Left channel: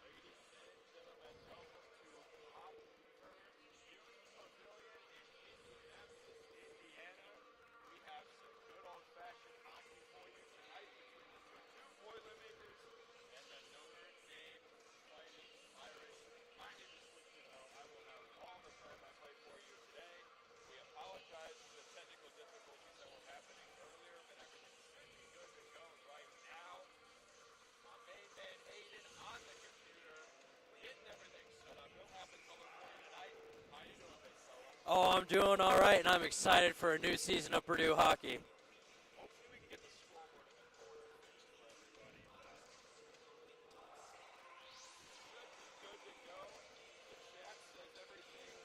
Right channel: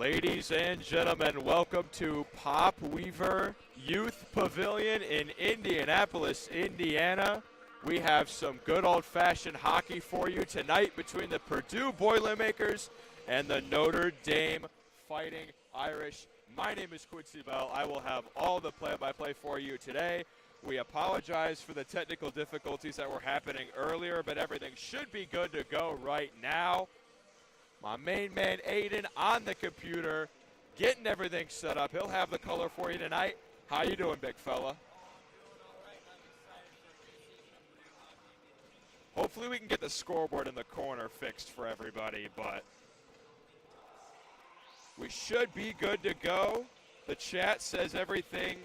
Ladies and gentlemen, welcome to Pop Weaver Youth Pavilion in Indianapolis, Indiana. We have some good old-fashioned hockey for you tonight between the Purdue Boilermakers and the Notre Dame Fighting Irish. My name is Quincy Bell. I will have all the play-by-play for you today. We apologize for the technical difficulties that were happening earlier, but everything should be good to go right now. My main man, Aiden, on the computer, getting everything set up. He'll have the color for you tonight. How you doing, big fella? Oh, I'm doing all right, and I'm excited for a new season of Purdue hockey. Hopefully we can get the scoreboard in the corner fixed for everybody, but we should be good to go. The chat says everything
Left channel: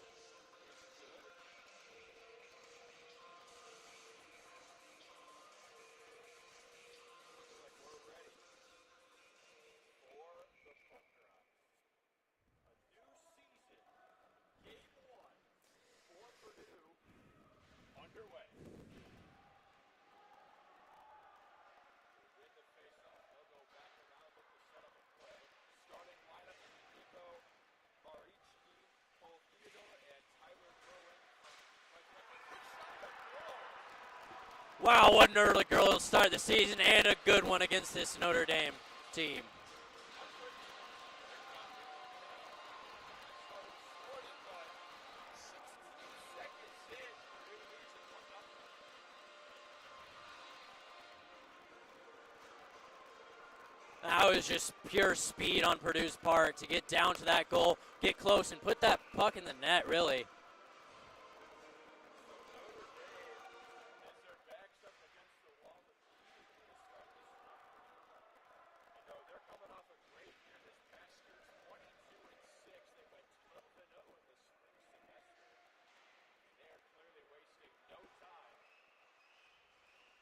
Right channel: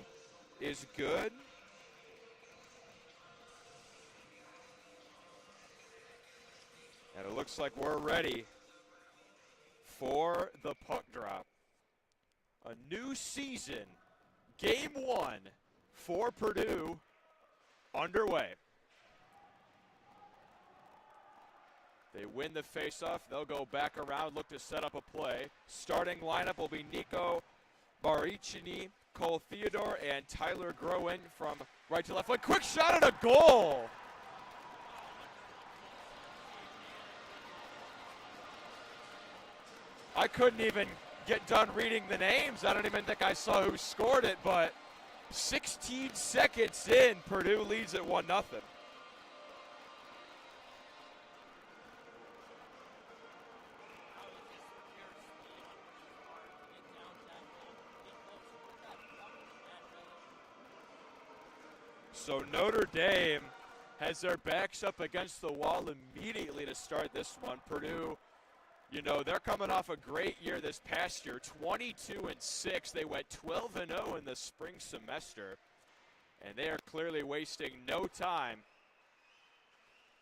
is good. And it looks like we're ready for the puck drop. A new season, game one for Purdue underway. They win the faceoff. They'll go back around, look to set up a play. Starting lineup will be Nico Baricini, Cole Theodore, and Tyler Groen from right to left. A quick shot and a goal. Wow, what an early goal to start the season, and a good one against this Notre Dame team. I couldn't even get done reading the names. I don't even think I saw who scored it, but 16 seconds in, Purdue leads at 1-0. That was just pure speed on Purdue's part to get down to that goal, get close, and put that puck in the net, really. So Notre Dame has their backs up against the wall immediately to start this one. Purdue, you know, they're coming off a great year this past year, 22-6. They went 12-0 in the spring semester, and they are clearly wasting no time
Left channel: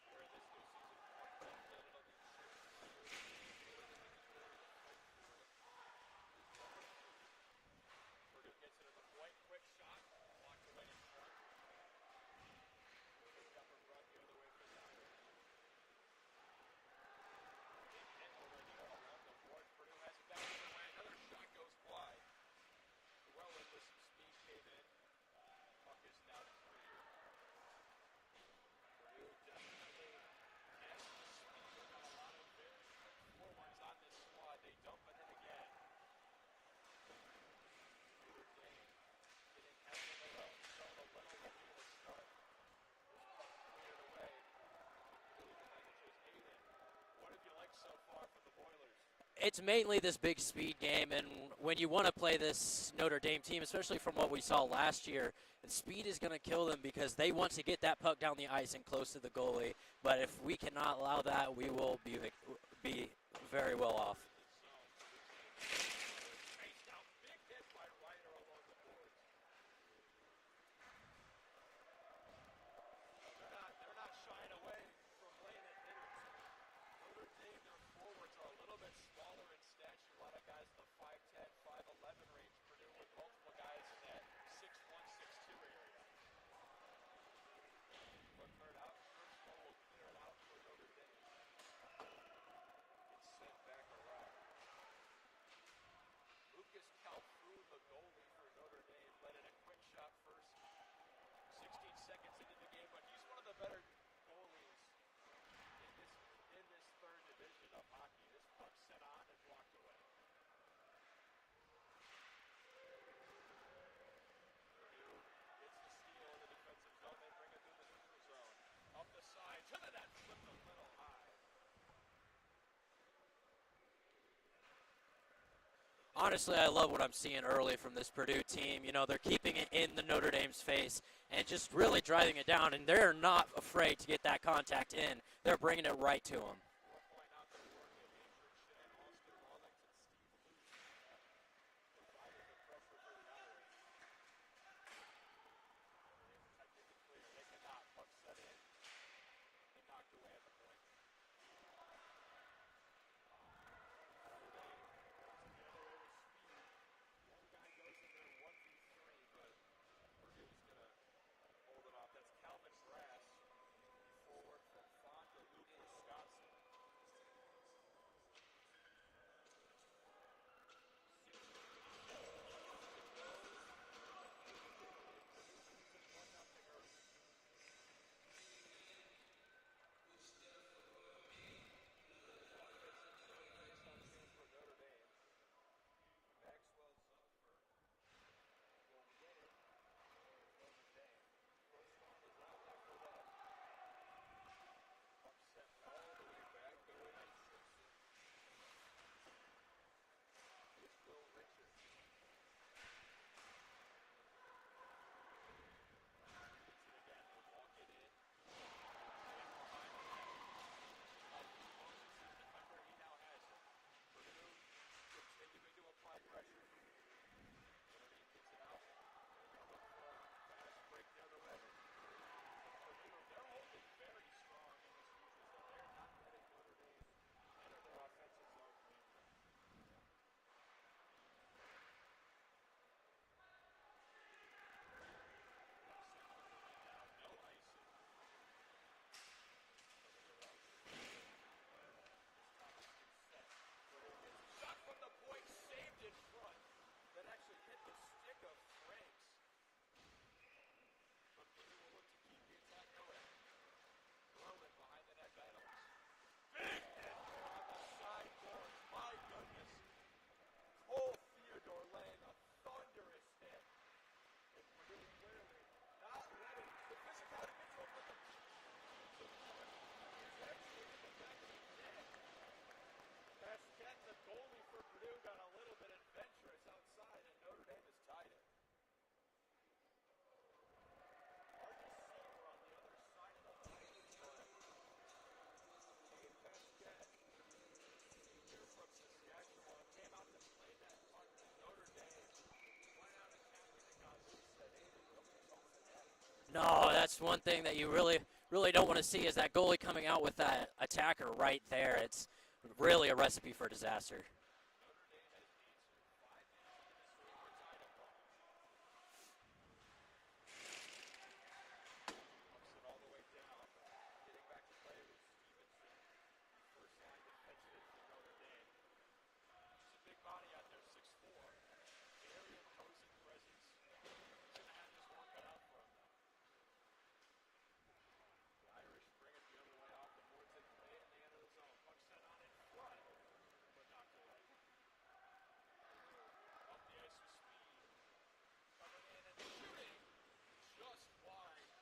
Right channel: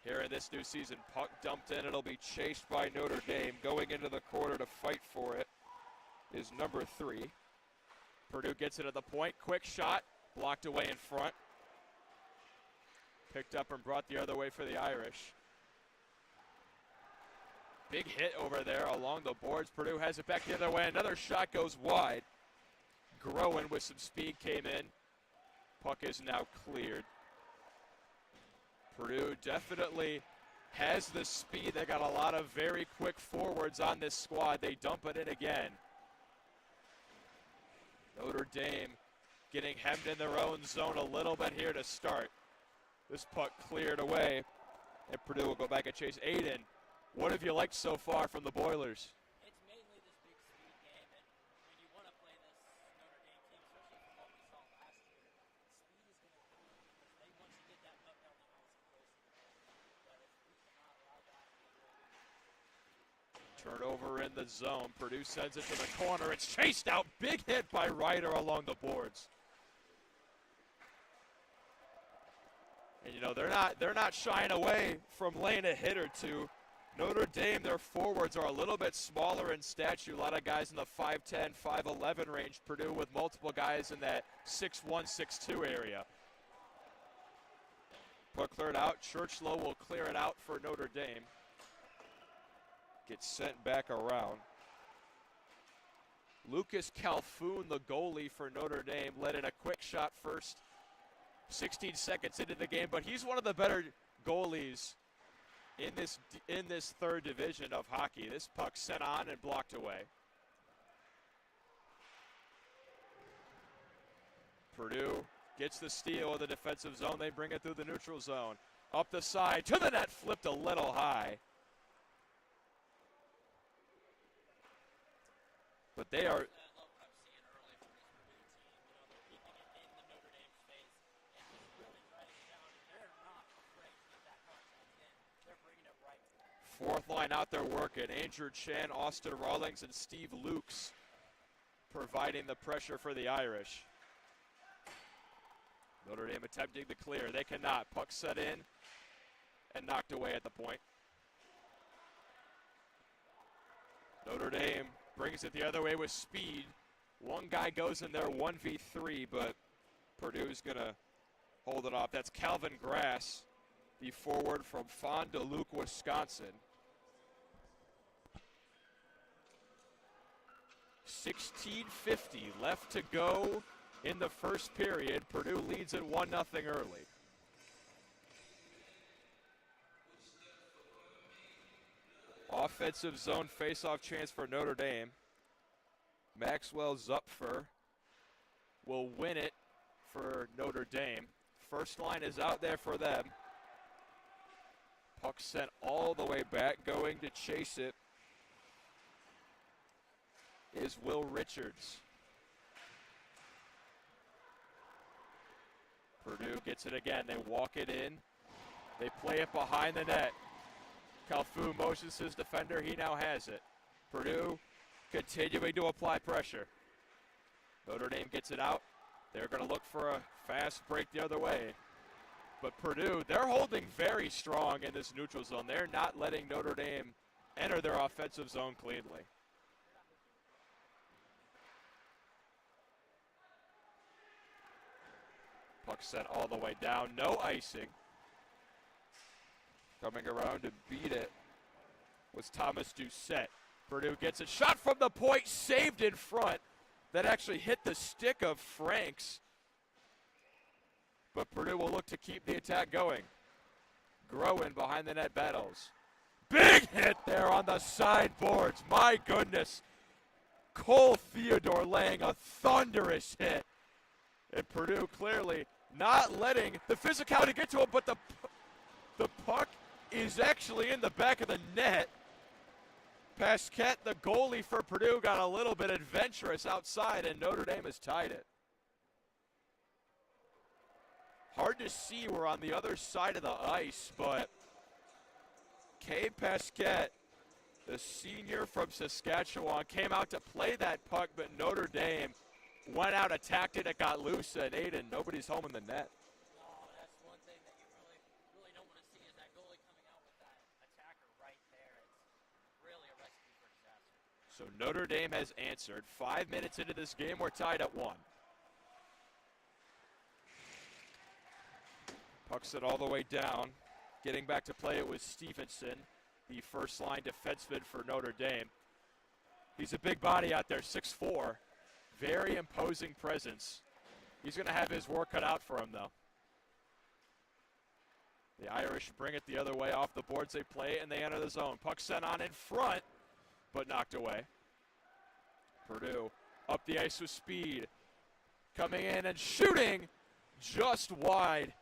here in this new season. Puck dumped in. It'll be chased by Notre Dame. Going into the corner to fight for it is number 3. Purdue gets it at the point. Quick shot, blocked away in front. Picked up and brought the other way for the Irish. Big hit over there along the boards. Purdue has it back the other way. Another shot goes wide. Groen with some speed came in. Puck is now cleared. Purdue definitely has the speed. They got a lot of very quick forwards on this squad. They dump it in again. Notre Dame getting hemmed in their own zone a little bit here to start. This puck cleared away, and Purdue will go back and chase. Aiden, what have you liked so far from the Boilers? It's mainly this big speed game, and when you want to play this Notre Dame team, especially from what we saw last year, the speed is going to kill them because they want to get that puck down the ice and close to the goalie. But if we cannot allow that, we will be very well off. Over in the zone, Purdue sends it to the corner. It's chased out. Big hit by Ryder along the boards. And, you know, they're not shying away from laying a hit or two. Notre Dame, their forwards are a little bit smaller in stature. A lot of guys in the 5'10", 5'11" range. Purdue with multiple guys in that 6'1", 6'2" area. Puck cleared out. Churchlow will clear it out for Notre Dame. Gets sent back around. Lucas Calhoun, the goalie for Notre Dame, let in a quick shot first. 16 seconds into the game, but he's one of the better goalies in this third division of hockey. This puck sent on and blocked away. Purdue gets the steal in the defensive zone. They bring it through the neutral zone. Up the side, to the net, flipped a little high. But honestly, I love what I'm seeing early from this Purdue team. You know, they're keeping it in the Notre Dame's face and just really driving it down, and they're not afraid to get that contact in. They're bringing it right to them. Fourth line out there working. Andrew Chan, Austin Rawlings, and Steve Lukes providing the pressure for the Irish. Notre Dame attempting to clear. They cannot. Puck set in and knocked away at the point. Notre Dame brings it the other way with speed. One guy goes in there 1v3, but Purdue's going to hold it off. That's Calvin Grass, the forward from Fond du Lac, Wisconsin. 16:50 left to go in the first period. Purdue leads it 1-0 early. Offensive zone face-off chance for Notre Dame. Maxwell Zupfer will win it for Notre Dame. First line is out there for them. Puck sent all the way back, going to chase it is Will Richards. Purdue gets it again. They walk it in. They play it behind the net. Calfu motions his defender. He now has it. Purdue continuing to apply pressure. Notre Dame gets it out. They're going to look for a fast break the other way. But Purdue, they're holding very strong in this neutral zone. They're not letting Notre Dame enter their offensive zone cleanly. Puck sent all the way down. No icing. Coming around to beat it was Thomas Doucette. Purdue gets it. Shot from the point, saved in front. That actually hit the stick of Franks. But Purdue will look to keep the attack going. Groen behind the net battles. Big hit there on the sideboards. My goodness. Cole Theodore laying a thunderous hit. And Purdue clearly not letting the physicality get to him, but the puck is actually in the back of the net. Pasquette, the goalie for Purdue, got a little bit adventurous outside, and Notre Dame has tied it. Hard to see, we're on the other side of the ice, but Cade Pasquette, the senior from Saskatchewan, came out to play that puck, but Notre Dame went out, attacked it, it got loose, and Aiden, nobody's home in the net. No, that's one thing that you really don't want to see is that goalie coming out with that attacker right there. It's really a recipe for disaster. So Notre Dame has answered. 5 minutes into this game, we're tied at 1. Pucks it all the way down. Getting back to play it was Stevenson, the first line defenseman for Notre Dame. He's a big body out there, 6'4". Very imposing presence. He's going to have his work cut out for him, though. The Irish bring it the other way off the boards. They play and they enter the zone. Puck sent on in front, but knocked away. Purdue up the ice with speed. Coming in and shooting just wide.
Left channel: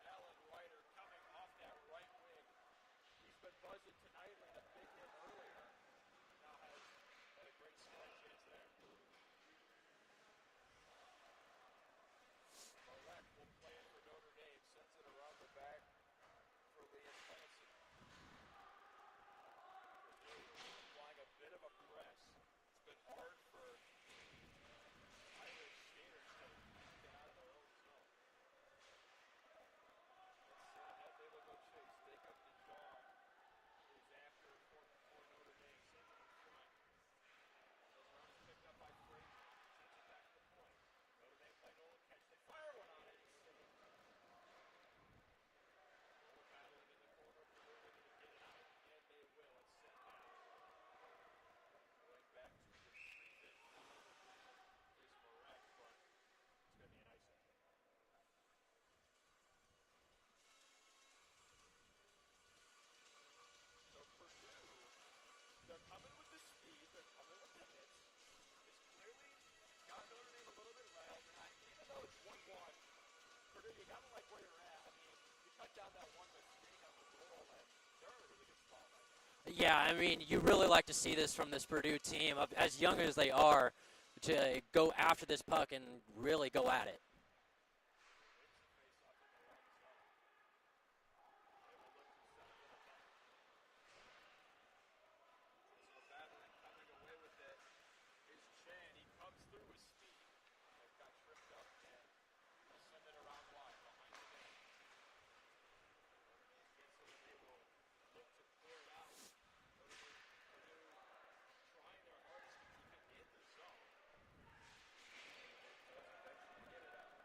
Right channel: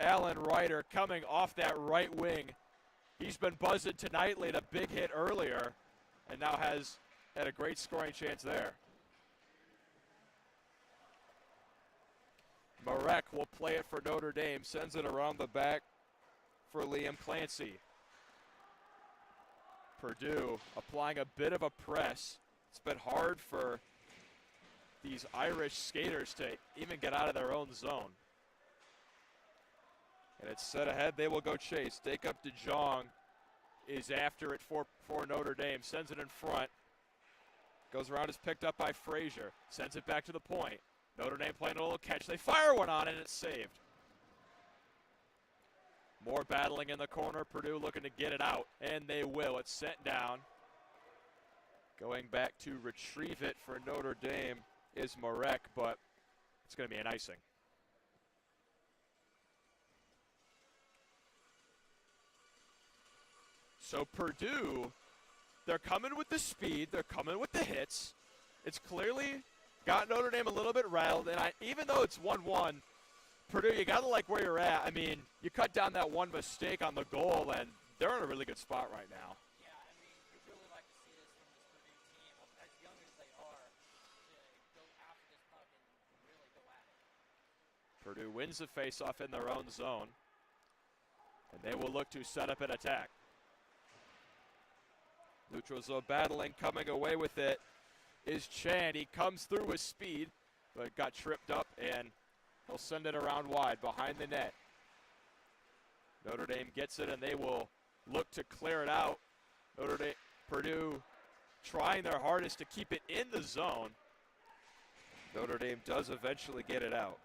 Alan Ryder coming off that right wing. He's been buzzing tonight, laid a big hit earlier, and now has had a great scoring chance there. Marek will play it for Notre Dame, sends it around the back for Liam Clancy. Purdue applying a bit of a press. It's been hard for these Irish skaters to even get out of their own zone. And it's set ahead, they will go chase. Jacob DeJong is after it for Notre Dame, sends it in front. Goes around, is picked up by Frazier, sends it back to the point. Notre Dame playing a little catch. They fire one on it, and it's saved. More battling in the corner. Purdue looking to get it out, and they will. It's sent down. Going back to retrieve it for Notre Dame is Marek, but it's going to be an icing. So Purdue, they're coming with the speed. They're coming with the hits. It's clearly got Notre Dame a little bit rattled, and even though it's 1-1, Purdue, you got to like where you're at. I mean, you cut down that one mistake on the goal, and they're in a really good spot right now. Yeah, I mean, you really like to see this from this Purdue team, as young as they are, to go after this puck and really go at it. Purdue wins the faceoff in their own zone, and they will look to set up an attack. Neutral zone battling, coming away with it is Chan. He comes through with speed, but got tripped up, and he'll send it around wide behind the net. Notre Dame gets it, and they will look to clear it out. Purdue trying their hardest to keep it in the zone. Notre Dame does eventually get it out.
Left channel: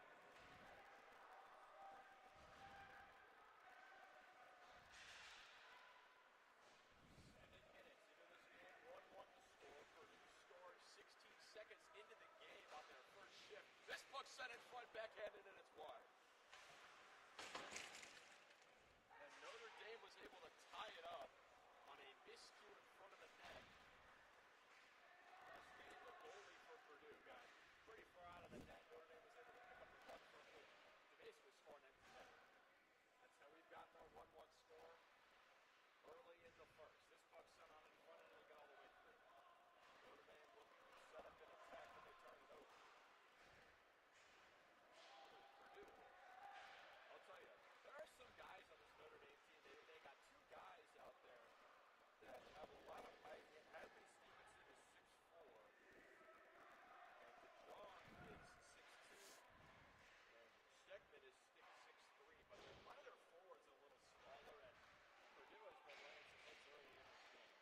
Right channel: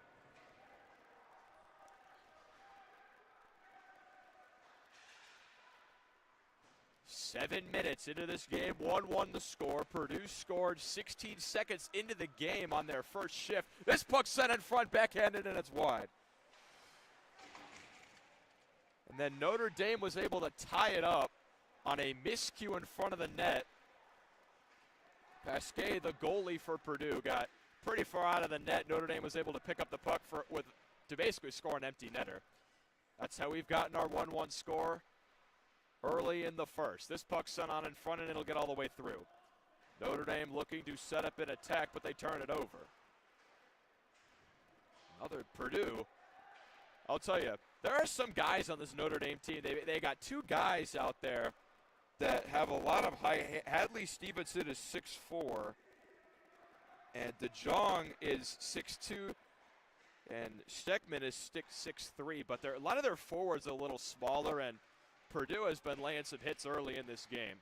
7 minutes into this game, 1-1 the score. Purdue scored 16 seconds into the game on their first shift. This puck sent in front, backhanded, and it's wide. And then Notre Dame was able to tie it up on a miscue in front of the net. Pasquet, the goalie for Purdue, got pretty far out of the net. Notre Dame was able to pick up the puck to basically score an empty netter. That's how we've gotten our 1-1 score early in the first. This puck sent on in front, and it'll get all the way through. Notre Dame looking to set up an attack, but they turn it over. Another Purdue. I'll tell you, there are some guys on this Notre Dame team. They got two guys out there that have a lot of height. Hadley Stevenson is 6'4", and DeJong is 6'2", and Steckman is 6'3", but a lot of their forwards are a little smaller, and Purdue has been laying some hits early in this game.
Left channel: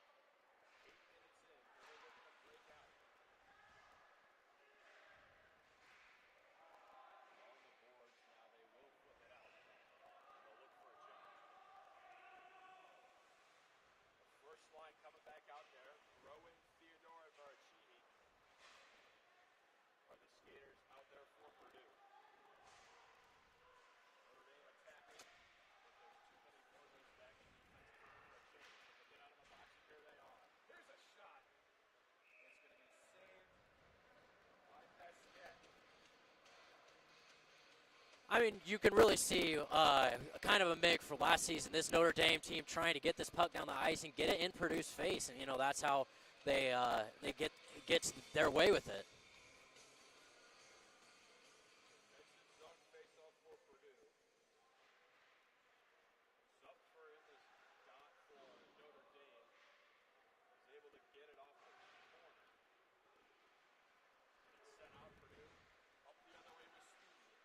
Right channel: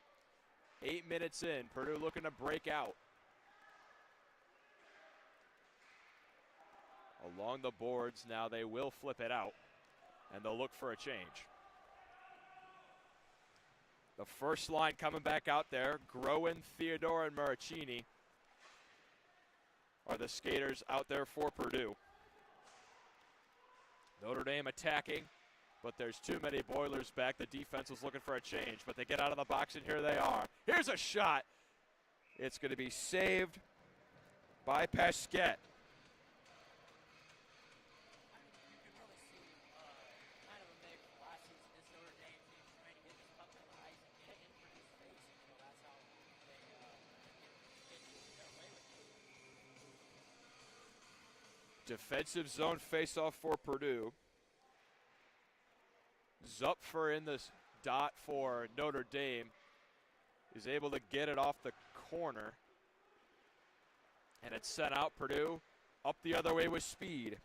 8 minutes in, Purdue looking to break out. Along the boards now, they will flip it out, and they'll look for a change. The first line coming back out there, Groen, Theodore, and Maricini are the skaters out there for Purdue. Notre Dame attacking, but there's too many Boilers back. The defense was looking for a change, but they get out of the box, and here they are. Here's a shot. It's going to be saved by Pasquet. I mean, you can really see kind of a make for last season. This Notre Dame team trying to get this puck down the ice and get it in Purdue's face, and that's how they get their way with it. Defensive zone faceoff for Purdue. Zupfer in this dot for Notre Dame is able to get it off the corner, and it's sent out. Purdue up the other way with speed.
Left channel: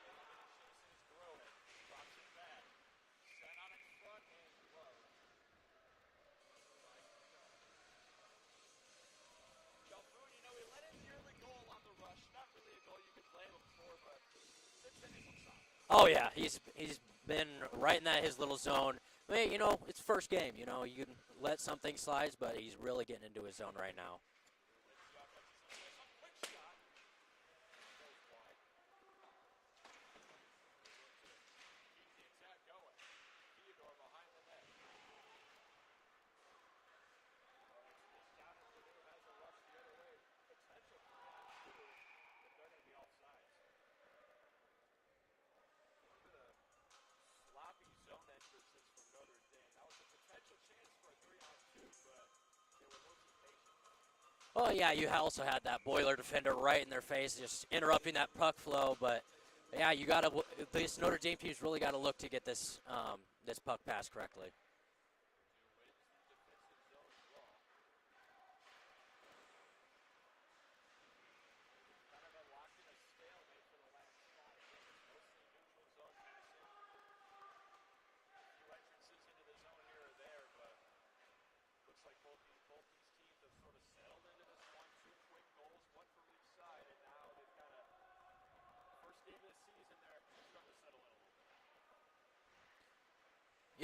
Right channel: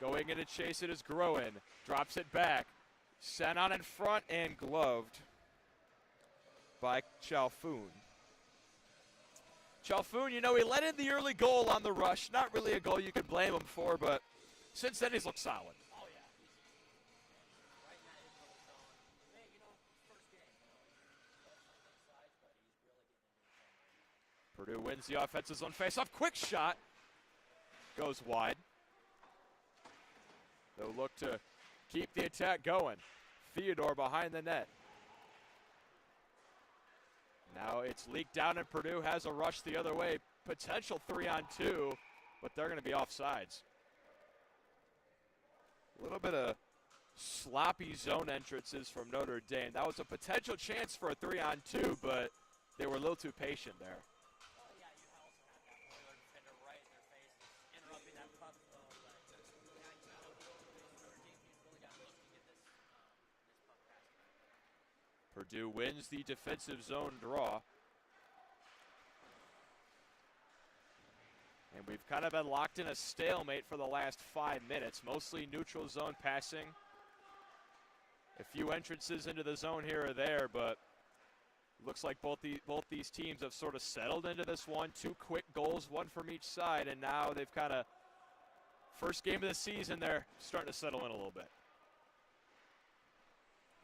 Going in to chase it is Groen. Drops it back. Sent on in front and gloved by Chalfoun. Chalfoun, he let in the early goal on the rush. Not really a goal you can blame him for, but since then he's looked solid. Oh, yeah. He's been right in his little zone. I mean, it's first game. You can let something slide, but he's really getting into his zone right now. Purdue wins the offensive zone faceoff. Quick shot. Goes wide. They'll look to keep the attack going. Theodore behind the net. Now it's leaked down, and Purdue has a rush the other way. Potential 3-on-2, but they're going to be offsides. A little bit of sloppy zone entrances from Notre Dame. That was a potential chance for a 3-on-2, but they were a little too patient there. Oh, yeah, you also had that Boiler defender right in their face, just interrupting that puck flow, but yeah, this Notre Dame team's really got to look to get this this puck passed correctly. Purdue wins the defensive zone draw. And we've kind of been locked in a stalemate for the last 5 minutes, mostly neutral zone passing. A few entrances into the zone here or there, but looks like both these teams have sort of settled into this one. 2 quick goals, one from each side, and now they've kind of, first game of the season, they're starting to settle in a little bit.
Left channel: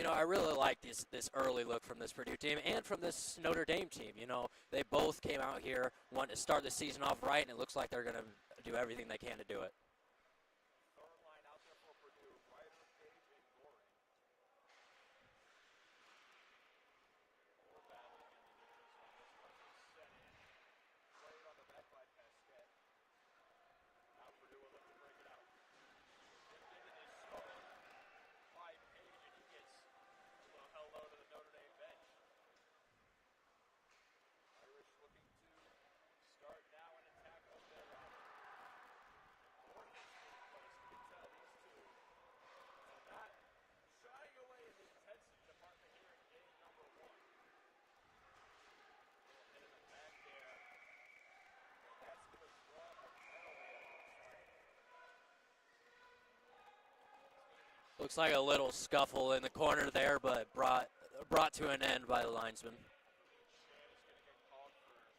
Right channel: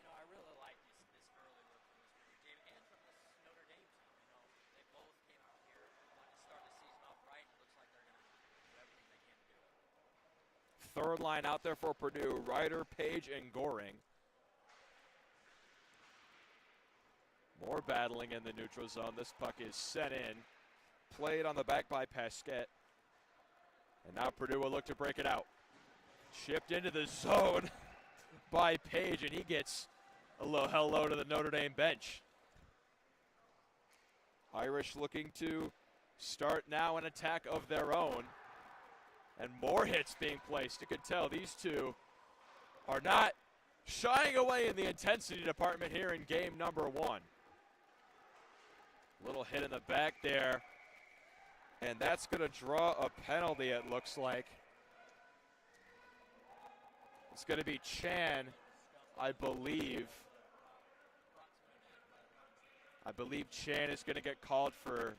I really like this early look from this Purdue team and from this Notre Dame team. They both came out here, wanting to start the season off right, and it looks like they're going to do everything they can to do it. Third line out there for Purdue, Ryder, Page, and Goring. More battling in the neutral zone. This puck is sent in, played on the back by Pasquet. And now Purdue will look to break it out. Shipped into the zone by Page, and he gets a little hello to the Notre Dame bench. Irish looking to start now an attack of their own. And more hits being placed. You can tell these two are not shying away in the intensity department here in game number 1. Little hit in the back there. And that's going to draw a penalty, it looks like. It's going to be Chan. Looks like a little scuffle in the corner there, but brought to an end by the linesman. I believe Chan is going to get called for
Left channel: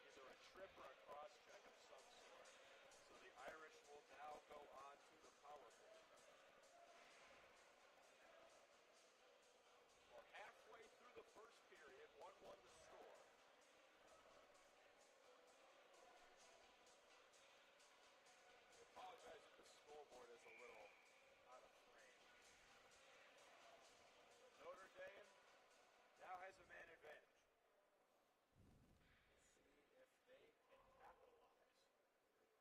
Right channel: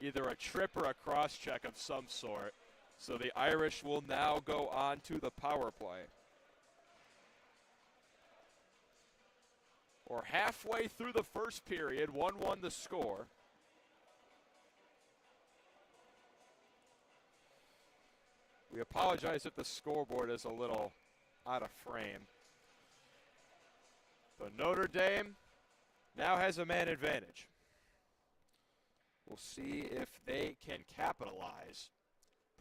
either a trip or a cross-check of some sort. So the Irish will now go on to the power play. We're halfway through the first period, 1-1 the score. We apologize if the scoreboard is a little out of frame. But Notre Dame now has a man advantage. We'll see if they can capitalize.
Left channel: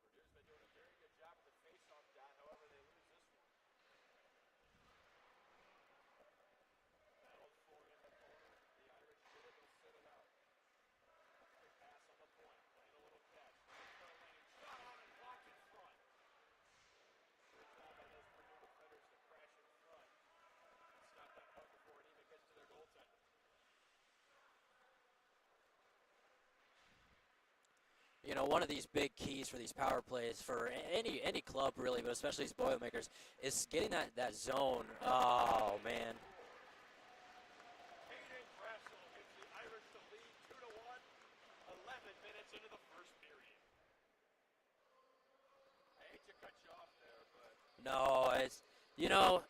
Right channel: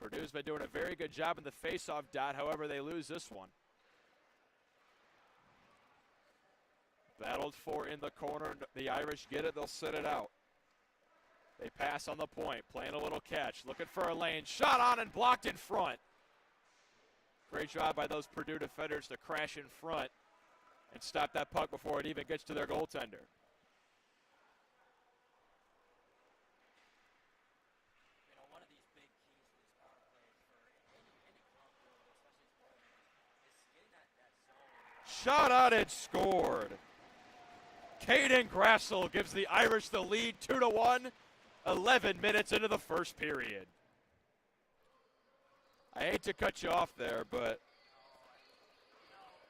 Purdue's been doing a very good job in the faceoff dot, however they lose this one. Battled for in the corner. The Irish get it, they'll sit it out. They pass on the point, playing a little catch, looking for a lane. Shot on and blocked in front. Great job by those Purdue defenders to crash in front and stop that puck before it even gets to their goaltender. You know, one of these big keys for these power plays for any club really, but especially these Boilermakers, is getting that zone. Shot on and scored. Caden Grassel gives the Irish the lead 2-1, 11 minutes into the first period. I hate to cut you off there, but no, it's, you know,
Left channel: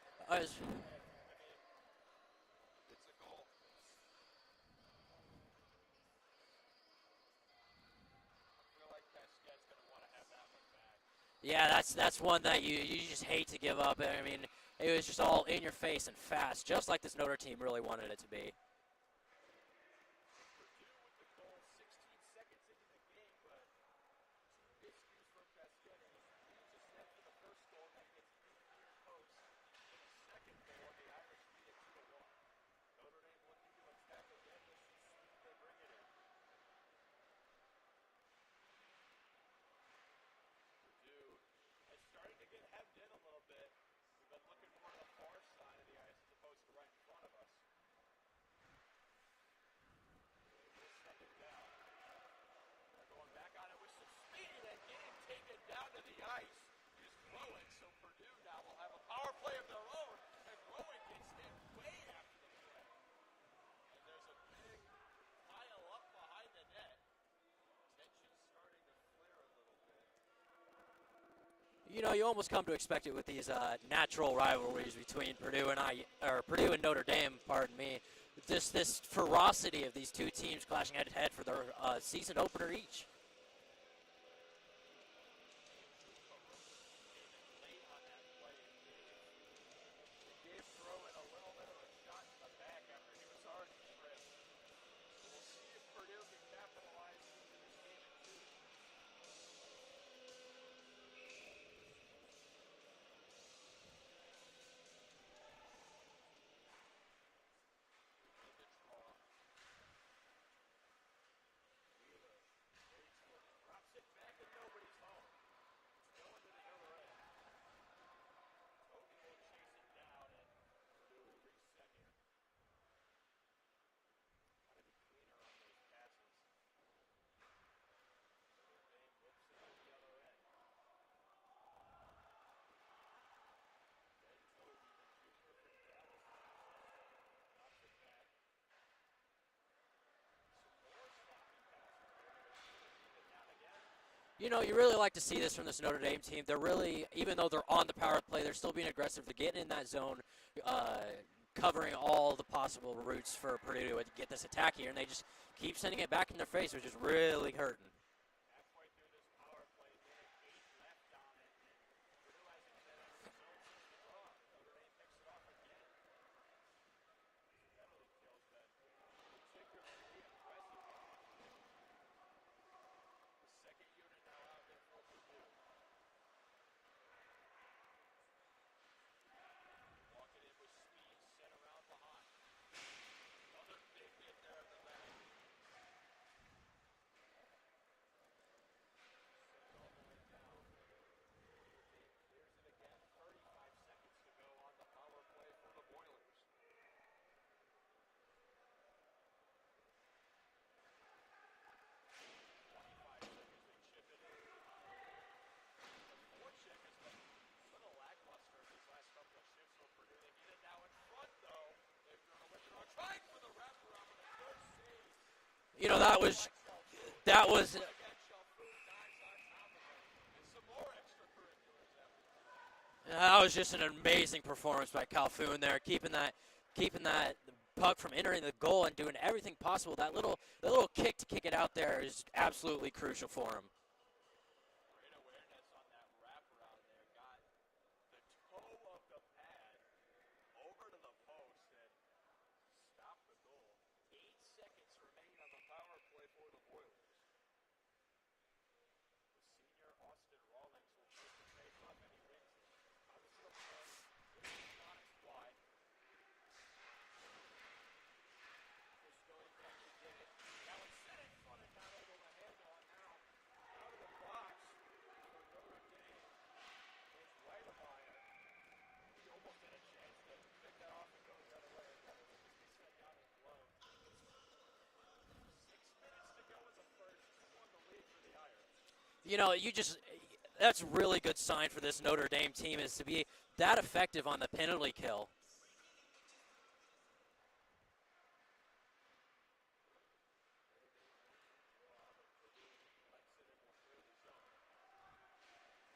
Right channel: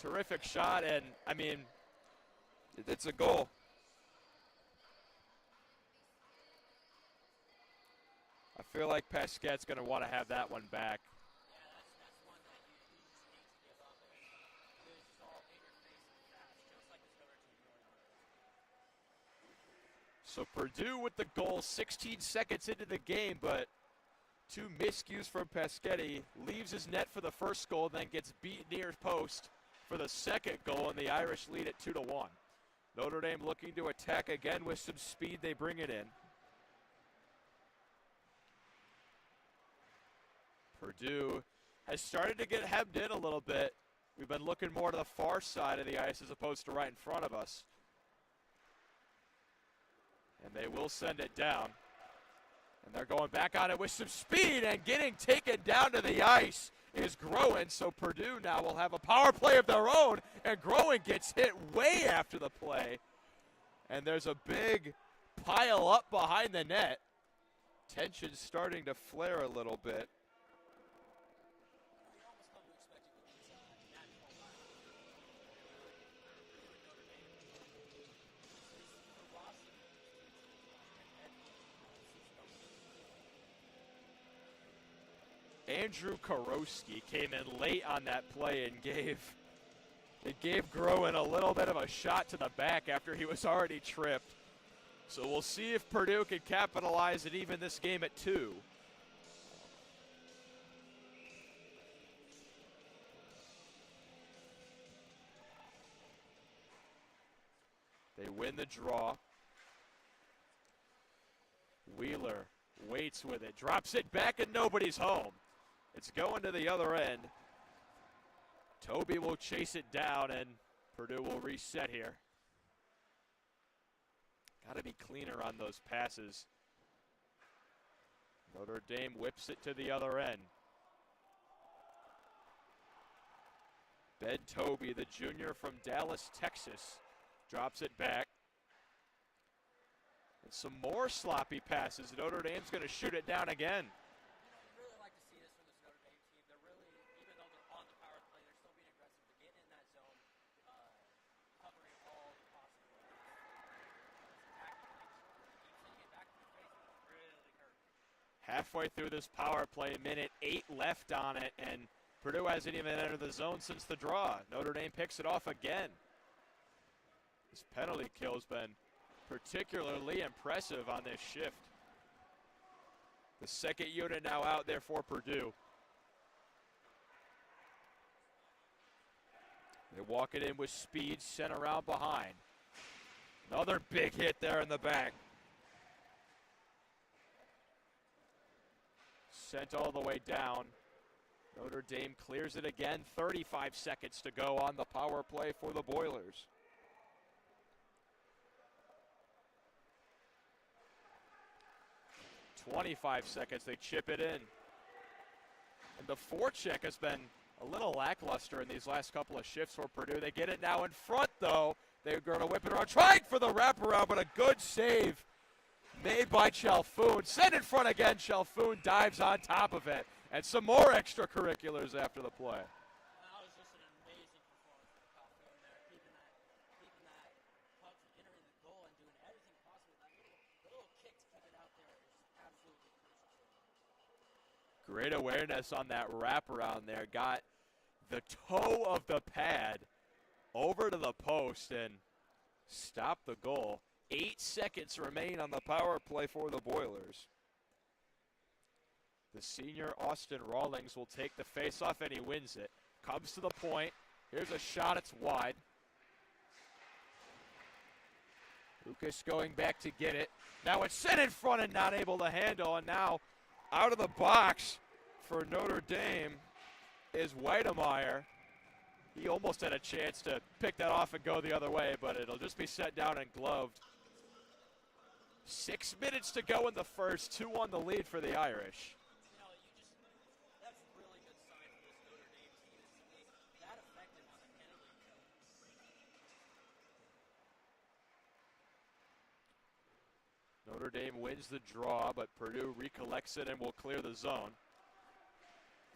terrific shot, and I mean, it's a goal. I feel like Pasquette's going to want to have that one back. Yeah, that's one that you just hate to give up. I mean, it was just all in your face and fast, just like this Notre team really wanted it to be. So Purdue with the goal 16 seconds into the game, but two miscues from Pasquette. Leaves his net for the first goal, then gets beat near post for the second goal, and the Irish lead at 2-1. Notre Dame looking to attack again with some speed. They bring it in. Purdue has started to get hemmed in a little bit. We've been looking more to the far side of the ice as opposed to right in front of us. And they will send it down. And they're going back on it with some speed, and getting taken down to the ice is Groen. So Purdue now will have a power play of their own, and Groen gets hit way after the play. And there's a big pile up behind the net. Tension's starting to flare a little bit. You know, you almost come to expect it with these natural rivalries between Purdue and Notre Dame, pardon me. Just this ferocity of these two teams clashing head-to-head for their season opener each. Andrew Karowski came in late on that play and gave Groen a little bit of a shot to the back after he was already tripped. So we'll see if Purdue can capitalize and even this game at 2. They win the draw. Wheeler waits with it, drops it back, and nobody's home. It's going to the other end. Toby will chase it down, and Purdue will reset here. Got to be cleaner on those passes. Notre Dame whips it to the other end. Ben Toby, the junior from Dallas, Texas, drops it back. And some more sloppy passes. Notre Dame's going to shoot it down again. You know, you really like to see this from this Notre Dame team. They're really, even though they're on the power play, they're still being aggressive. They're getting in that zone, covering all the possible routes for Purdue to get this attack here, and they just keep sending it back in their face, which is really hurting. Halfway through this power play, minute 8 left on it, and Purdue hasn't even entered the zone since the draw. Notre Dame picks it off again. This penalty kill's been particularly impressive on this shift. The second unit now out there for Purdue. They walk it in with speed, sent around behind. Another big hit there in the back. Sent all the way down. Notre Dame clears it again. 35 seconds to go on the power play for the Boilers. .25 seconds, they chip it in. And the forecheck has been a little lackluster in these last couple of shifts for Purdue. They get it now in front, though. They're going to whip it around, trying for the wraparound, but a good save. You know, that was by Chalfoun. That was in front again. Chalfoun dives on top of it, and some more extracurriculars after the play. That was just an amazing performance by Chalfoun there, keeping that keeping that puck from entering the goal and doing everything possible. That little kick to kick it out there is absolutely crucial for him. Great awareness on that wraparound there. Got the toe of the pad over to the post and stopped the goal. 8 seconds remain on the power play for the Boilers. The senior Austin Rawlings will take the faceoff and he wins it. Comes to the point. Here's a shot. It's wide. Lucas going back to get it. Now it's sent in front and not able to handle. And now out of the box for Notre Dame is Weidemeyer. He almost had a chance to pick that off and go the other way, but it'll just be set down and gloved. 6 minutes to go in the first. 2-1 the lead for the Irish. You know, that's a really good sign for this Notre Dame team, is to be that effective on the penalty kill. Notre Dame wins the draw, but Purdue recollects it and will clear the zone.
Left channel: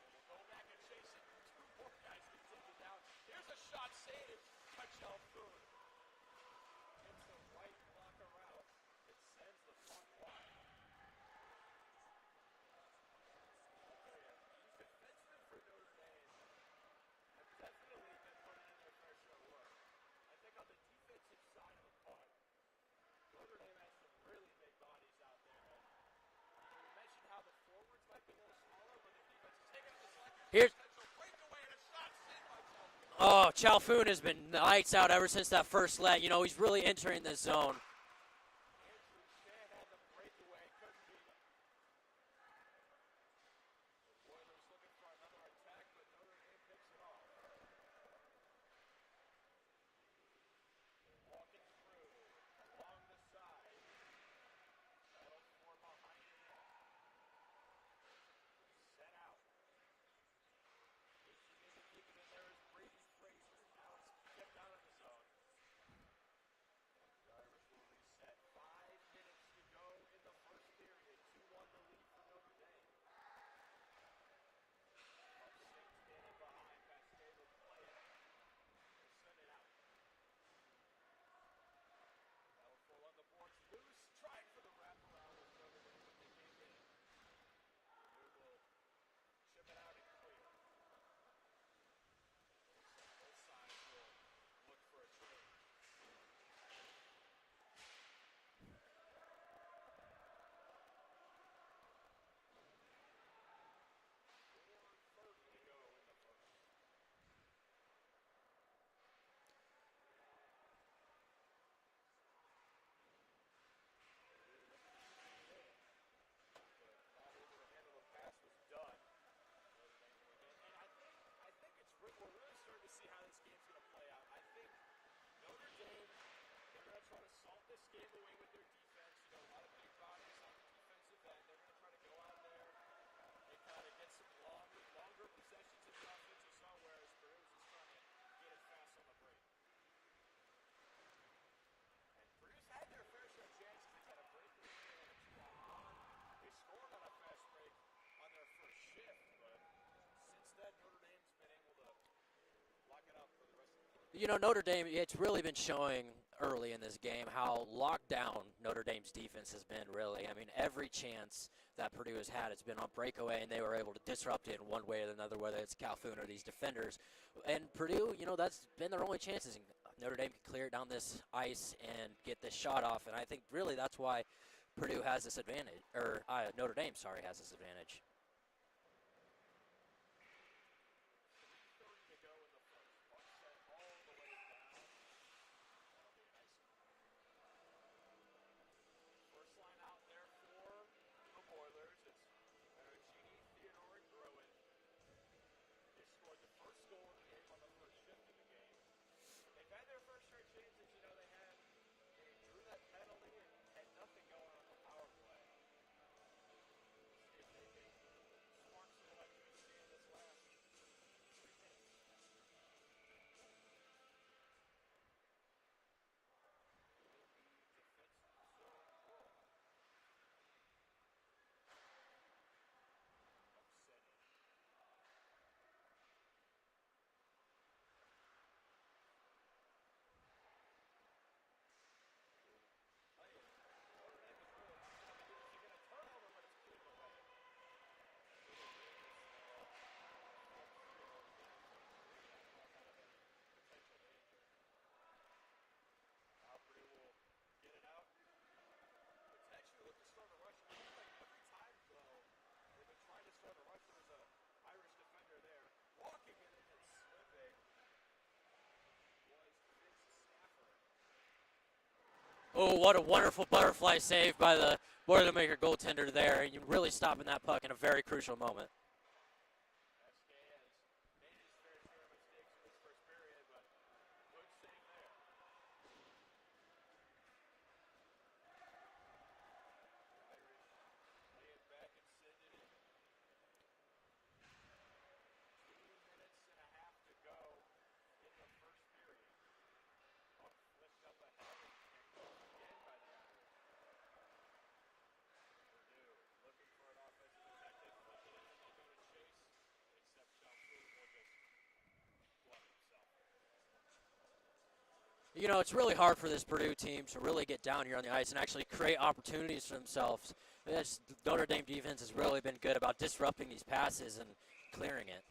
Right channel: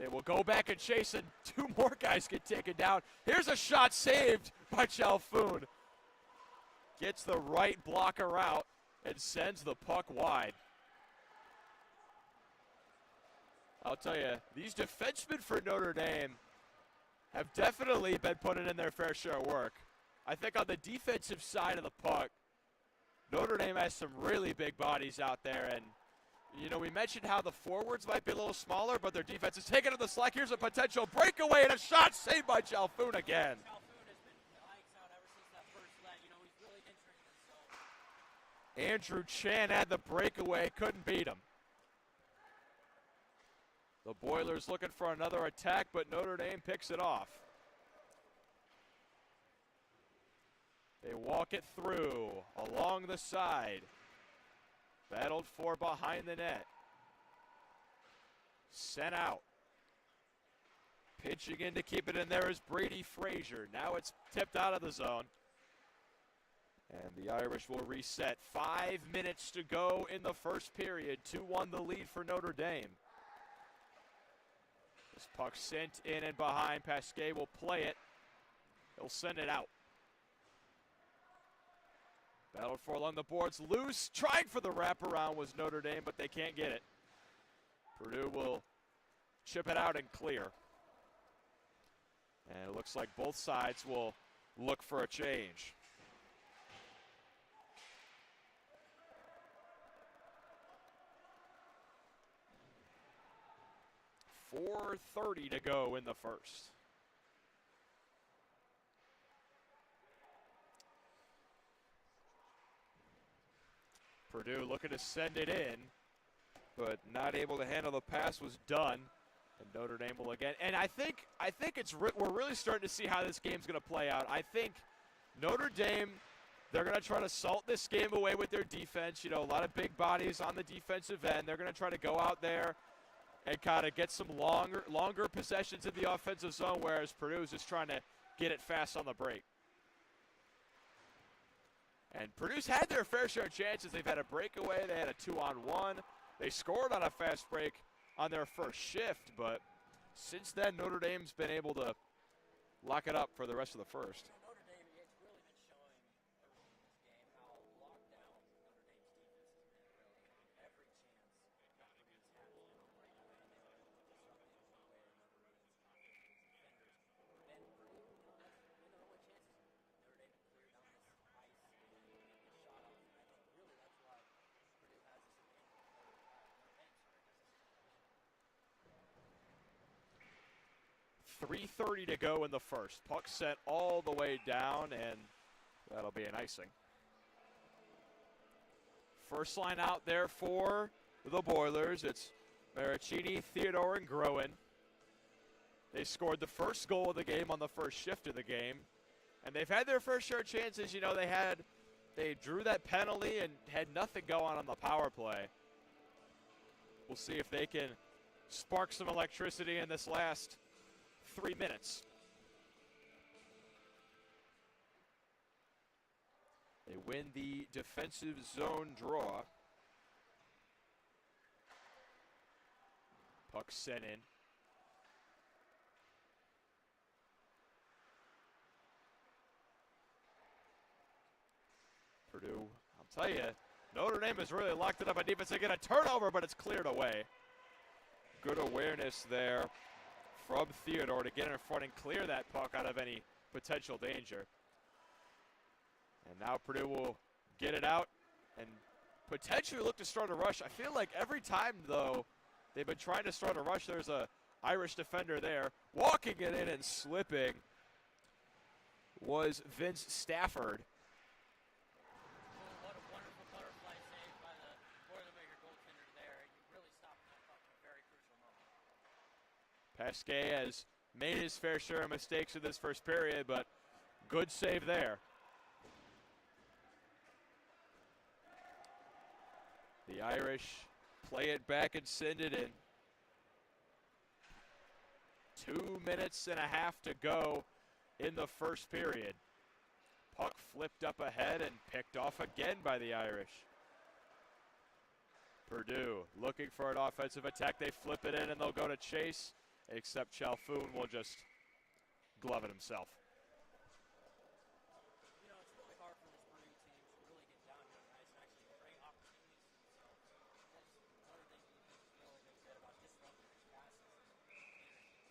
They will go back and chase, and 2 more guys get taken down. Here's a shot saved by Chalfoun. Gets the right blocker out and sends the puck wide. I'll tell you, these defensemen for Notre Dame have definitely been putting in their fair share of work. I think on the defensive side of the puck, Notre Dame has some really big bodies out there, and you know, we mentioned how the forwards might be a little smaller, but their defense is taking up the slack. Here's a potential breakaway and a shot saved by Chalfoun again. Oh, Chalfoun has been lights out ever since that first leg. You know, he's really entering the zone. Andrew Chan had the breakaway, couldn't beat him. The Boilers looking for another attack, but Notre Dame picks it off. They walk it through along the side. Battled for behind the net. Sent out. Pitching in to keep it in there is Brady Frazier. Now it's tipped out of the zone. And the Irish will reset. 5 minutes to go in the first period. 2-1 the lead for Notre Dame. This puck sent in and behind. Pasquet will play it. He'll send it out. Battled for along the boards. Loose. Trying for the wraparound was Notre Dame, but they can't get it. Purdue will chip it out and clear. And it looks like both sides will look for a change. .4:30 to go in the first. Purdue looking to send it in, but not able to handle the pass. Was done. And Notre Dame will again. And I think we're really starting to see how this game's going to play out. I think Notre Dame, they're going to try to salt this game away with their defense. You know, a lot of big bodies on the defensive end. They're going to try to go out there and kind of get some longer possessions in the offensive zone, whereas Purdue is just trying to get it fast on the break. And Purdue's had their fair share of chances. They've had a breakaway. They had a 2-on-1. They scored on a fast break on their first shift, but since then, Notre Dame's been able to lock it up for the rest of the first. You know, Notre Dame, it's really been showing early in this game how locked down Notre Dame's defense has been, really. I mean, every chance that Purdue has had, it's been on breakaway, and they were able to disrupt it in one way or another, whether it's Chalfoun or these defenders. And Purdue, you know, that's been their only chances. Notre Dame can clear it down this ice and get this shot off, and I think really that's why Purdue has this advantage, or Notre Dame, sorry, has this advantage. 3:30 to go in the first. Puck sent all the way down, and that'll be an icing. First line out there for the Boilers. It's Maricini, Theodore, and Groen. They scored the first goal of the game on the first shift of the game. And they've had their fair share of chances. You know, they drew that penalty and had nothing going on the power play. We'll see if they can spark some electricity in this last 3 minutes. They win the defensive zone draw. Puck sent in. Purdue, I'll tell you, Notre Dame has really locked it up on defense. They get a turnover, but it's cleared away. Good awareness there from Theodore to get in front and clear that puck out of any potential danger. And now Purdue will get it out and potentially look to start a rush. I feel like every time, though, they've been trying to start a rush, there's a Irish defender there. Walking it in and slipping was Vince Stafford. Oh, what a wonderful butterfly save by the Boilermaker goaltender there. And you really stopping that puck in a very crucial moment. Pasquet has made his fair share of mistakes in this first period, but good save there. The Irish play it back and send it in. 2 minutes and a half to go in the first period. Puck flipped up ahead and picked off again by the Irish. Purdue looking for an offensive attack. They flip it in and they'll go to chase, except Chalfoun will just glove it himself. You know, it's really hard for this Purdue team to really get down here on the ice and actually create opportunities for themselves. This Notre Dame defense has really been good about disrupting these passes and clearing it.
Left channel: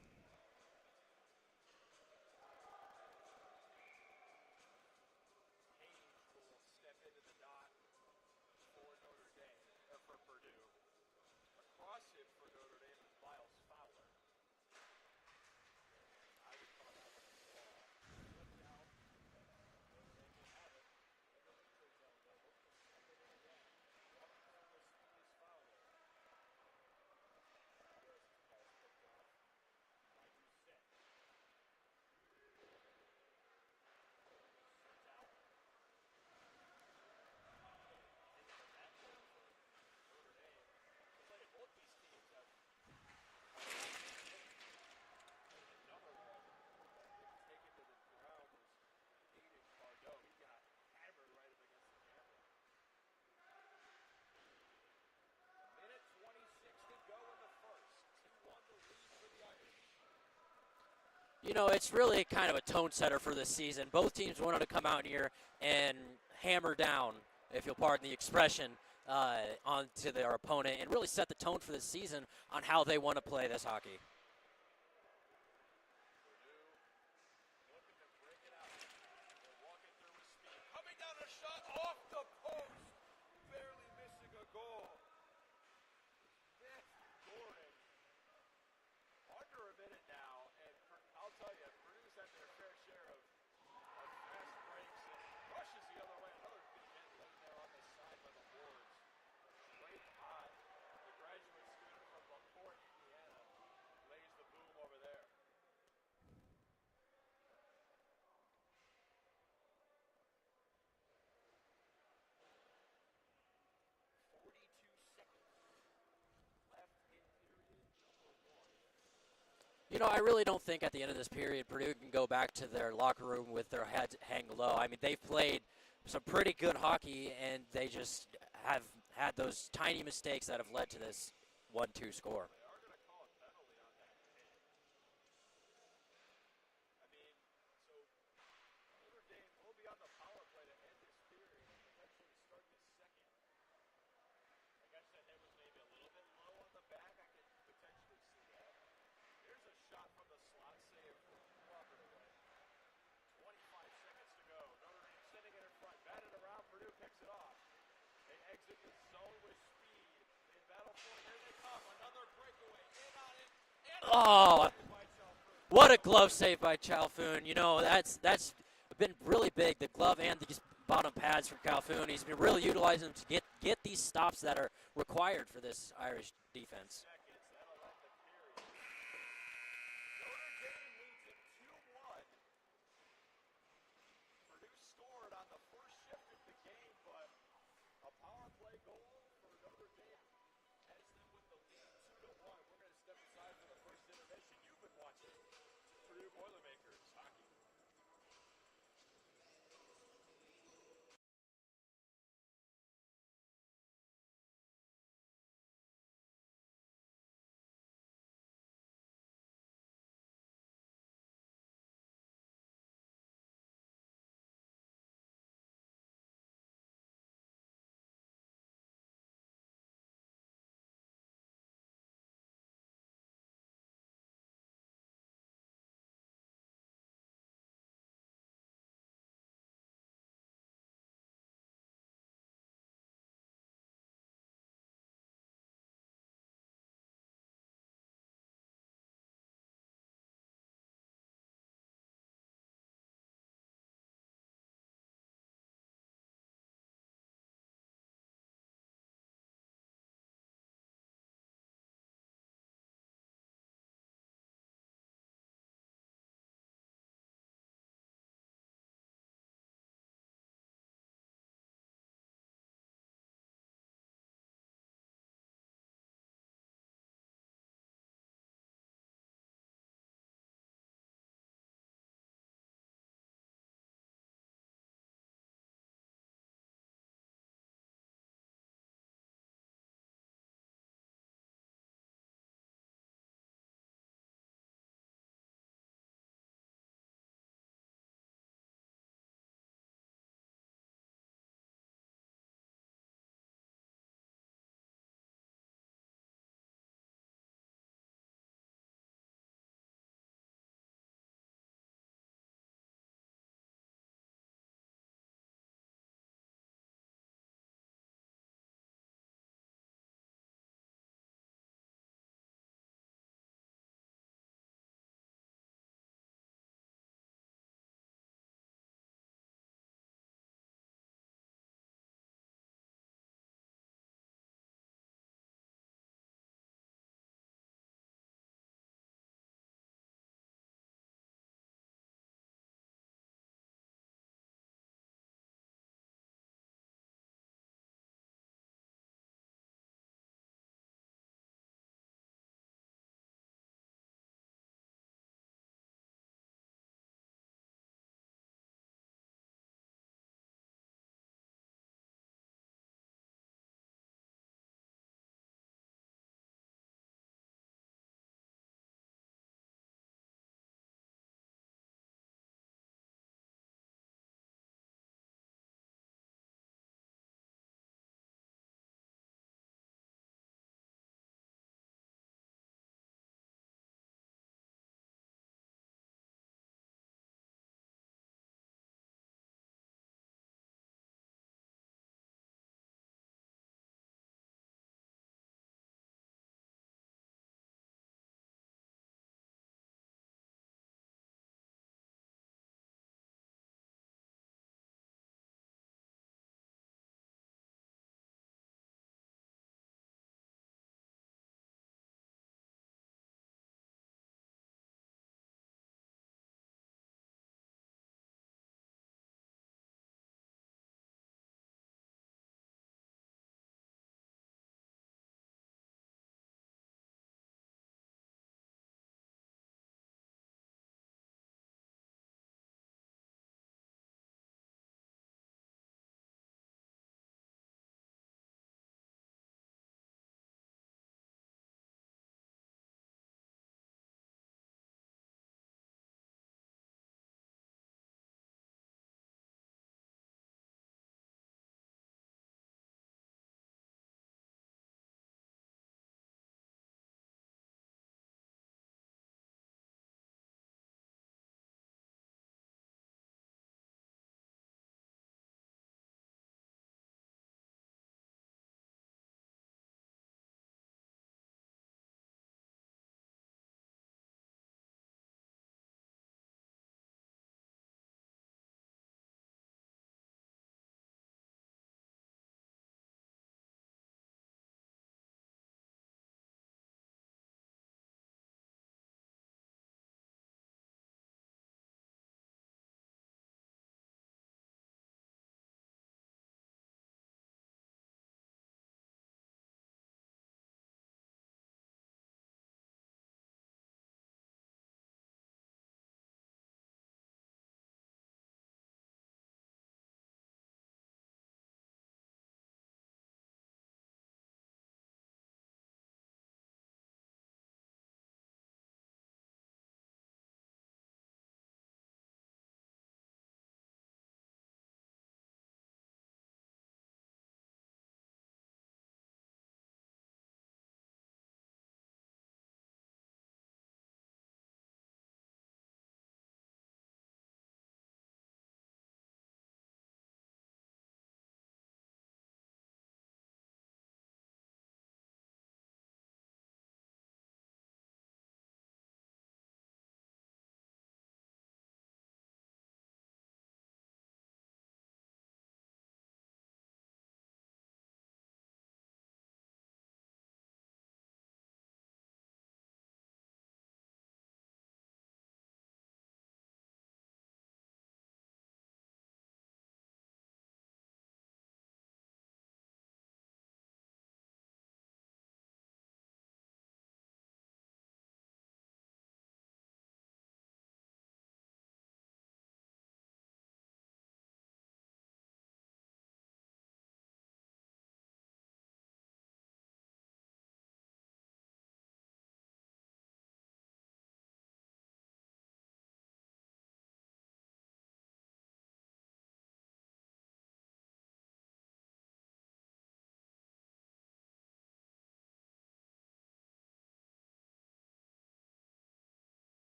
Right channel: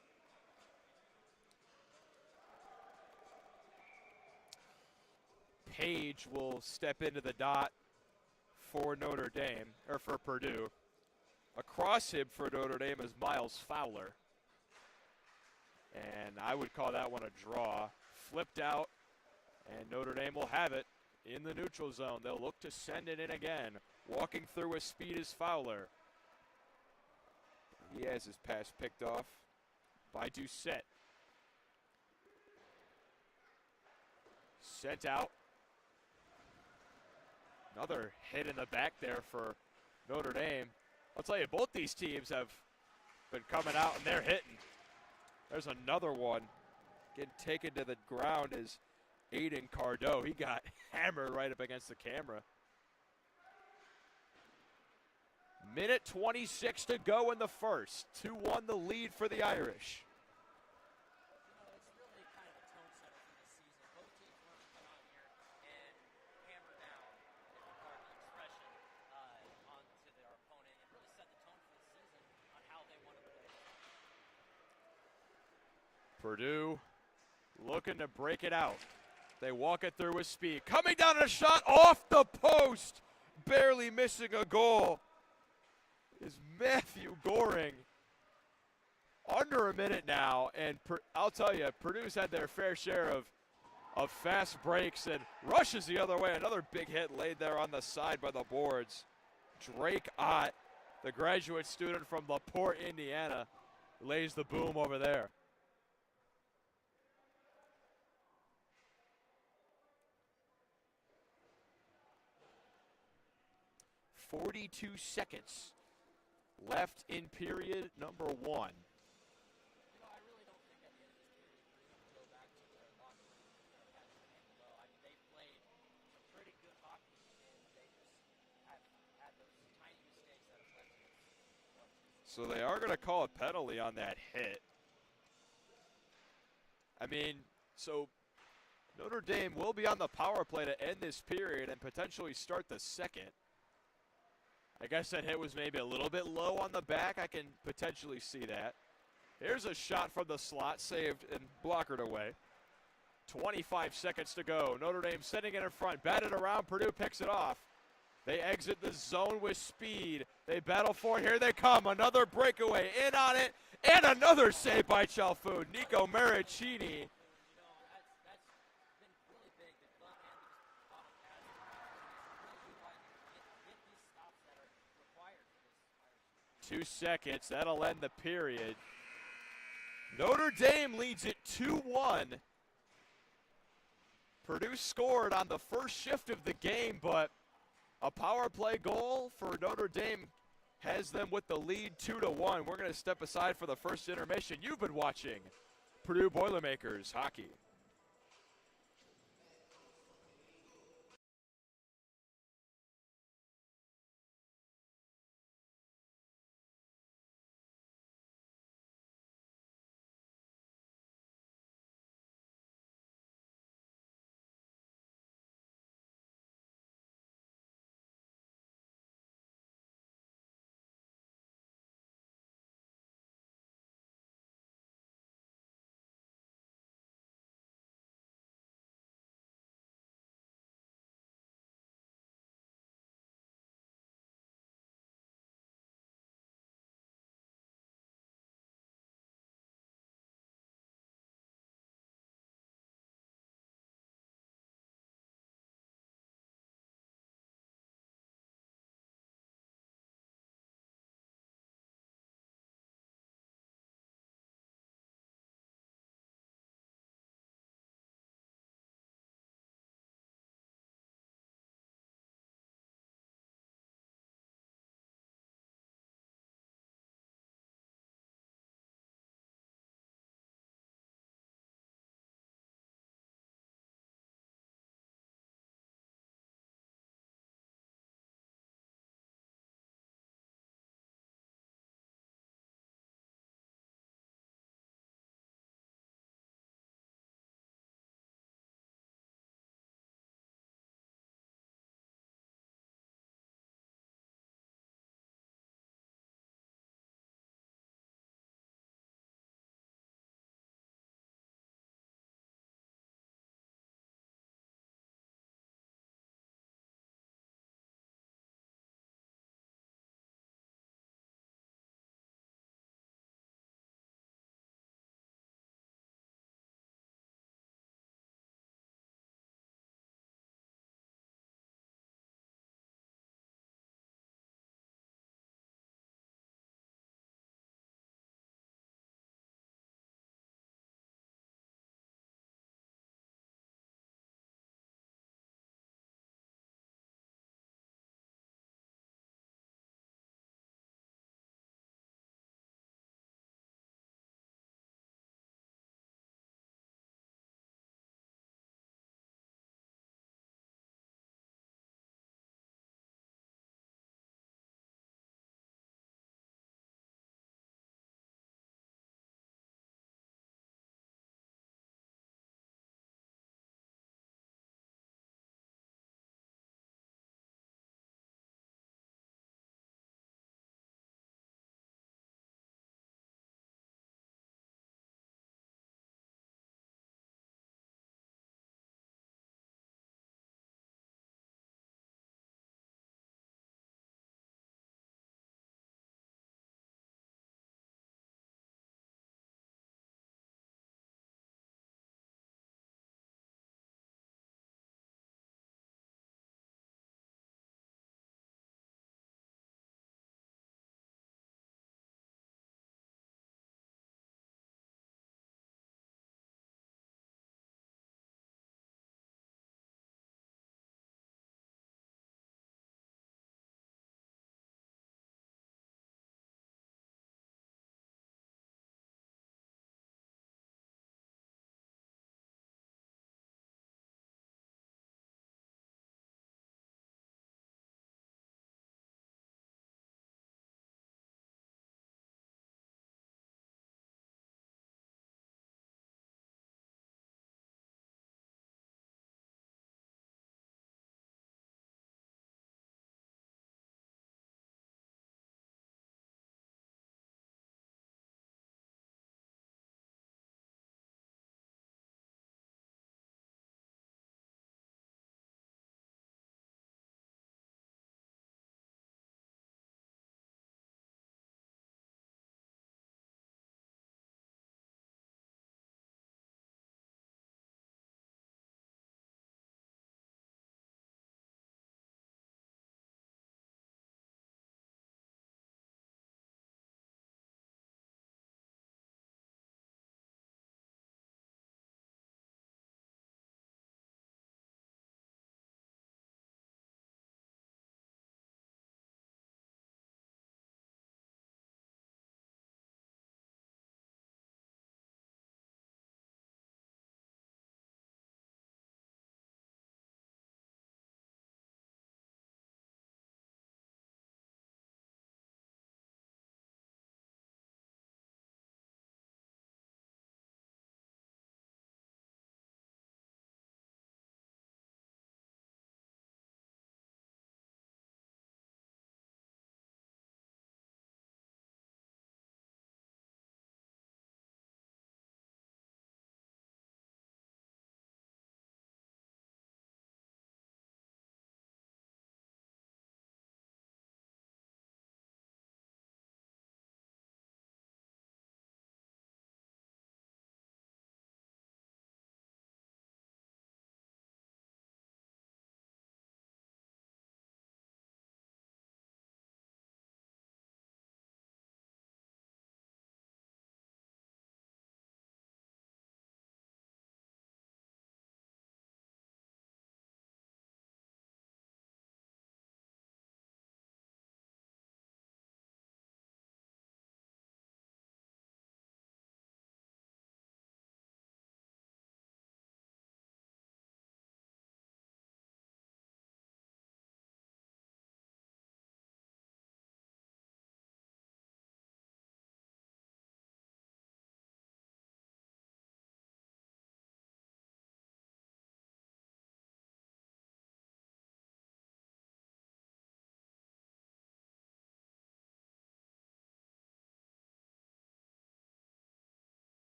Page will step into the dot for Notre Dame, or for Purdue. Across him for Notre Dame is Miles Fowler. And I would call that one a draw. Flipped out, and Notre Dame will have it in the neutral zone. They'll look to send it in again. Walking through with speed is Fowler. He has his pass picked off by Doucette. Sent out. Another hit in the back there for Notre Dame. I'll tell you, both these teams have been coming out and they're hitting. There's another one. Getting taken to the ground is Aiden Cardo. He got hammered right up against the camera. Minute 26 to go in the first. 2-1 the lead for the Irish. You know, it's really kind of a tone setter for this season. Both teams wanted to come out here and hammer down, if you'll pardon the expression, onto their opponent and really set the tone for the season on how they want to play this hockey. Purdue looking to break it out. They walk it through with speed. Coming down on a shot off the post. Barely missing a goal is Matthew Goring. Under a minute now, and I'll tell you, Purdue's had their fair share of fast breaks and rushes the other way. Another big hit laid there on the side by the boards. Drake Ott, the graduate student from LaPorte, Indiana, lays the boom over there. .42 seconds left in period number one. You know, I really don't think at the end of this period Purdue can go back to their locker room with their heads hang low. I mean, they've played some pretty good hockey, and they just have had those tiny mistakes that have led to this 1-2 score. So they are going to call a penalty on that hit. I mean, so Notre Dame will be on the power play to end this period and potentially start the second. I guess that hit was maybe a little bit low on the back. I can potentially see that. Here's a shot from the slot, saved and blockered away. 25 seconds to go. Notre Dame sending it in front, batted around. Purdue picks it off. They exit the zone with speed. They battle for it. Here they come. Another breakaway. In on it. And another save by Chalfoun. What a glove save by Chalfoun. You know, that's been really big. The glove and these bottom pads from Chalfoun. He's been really utilizing them to get these stops that are required for this Irish defense. 2 seconds. That'll end the period. Notre Dame leads it 2-1. Purdue scored on the first shift of the game, but a power play goal for Notre Dame has them with the lead 2-1. We're going to step aside for the first intermission. You've been watching Purdue Boilermakers hockey.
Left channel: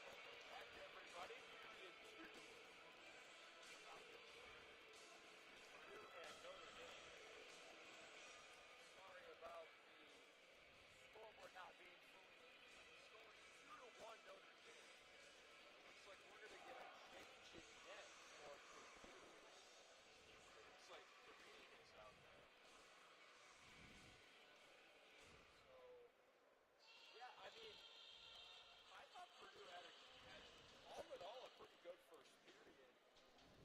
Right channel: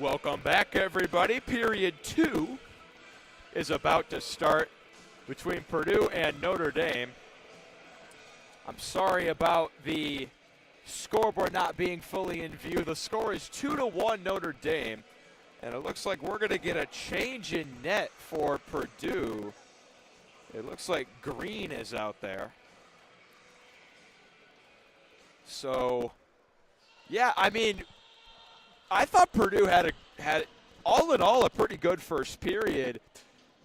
Welcome back, everybody. Period 2 is about to start between Purdue and Notre Dame. I'm sorry about the scoreboard not being fully in view. The score is 2-1 Notre Dame, and it looks like we're going to get a change in net for Purdue. It looks like Green is out there. So, yeah, I mean, I thought Purdue had all in all a pretty good first period.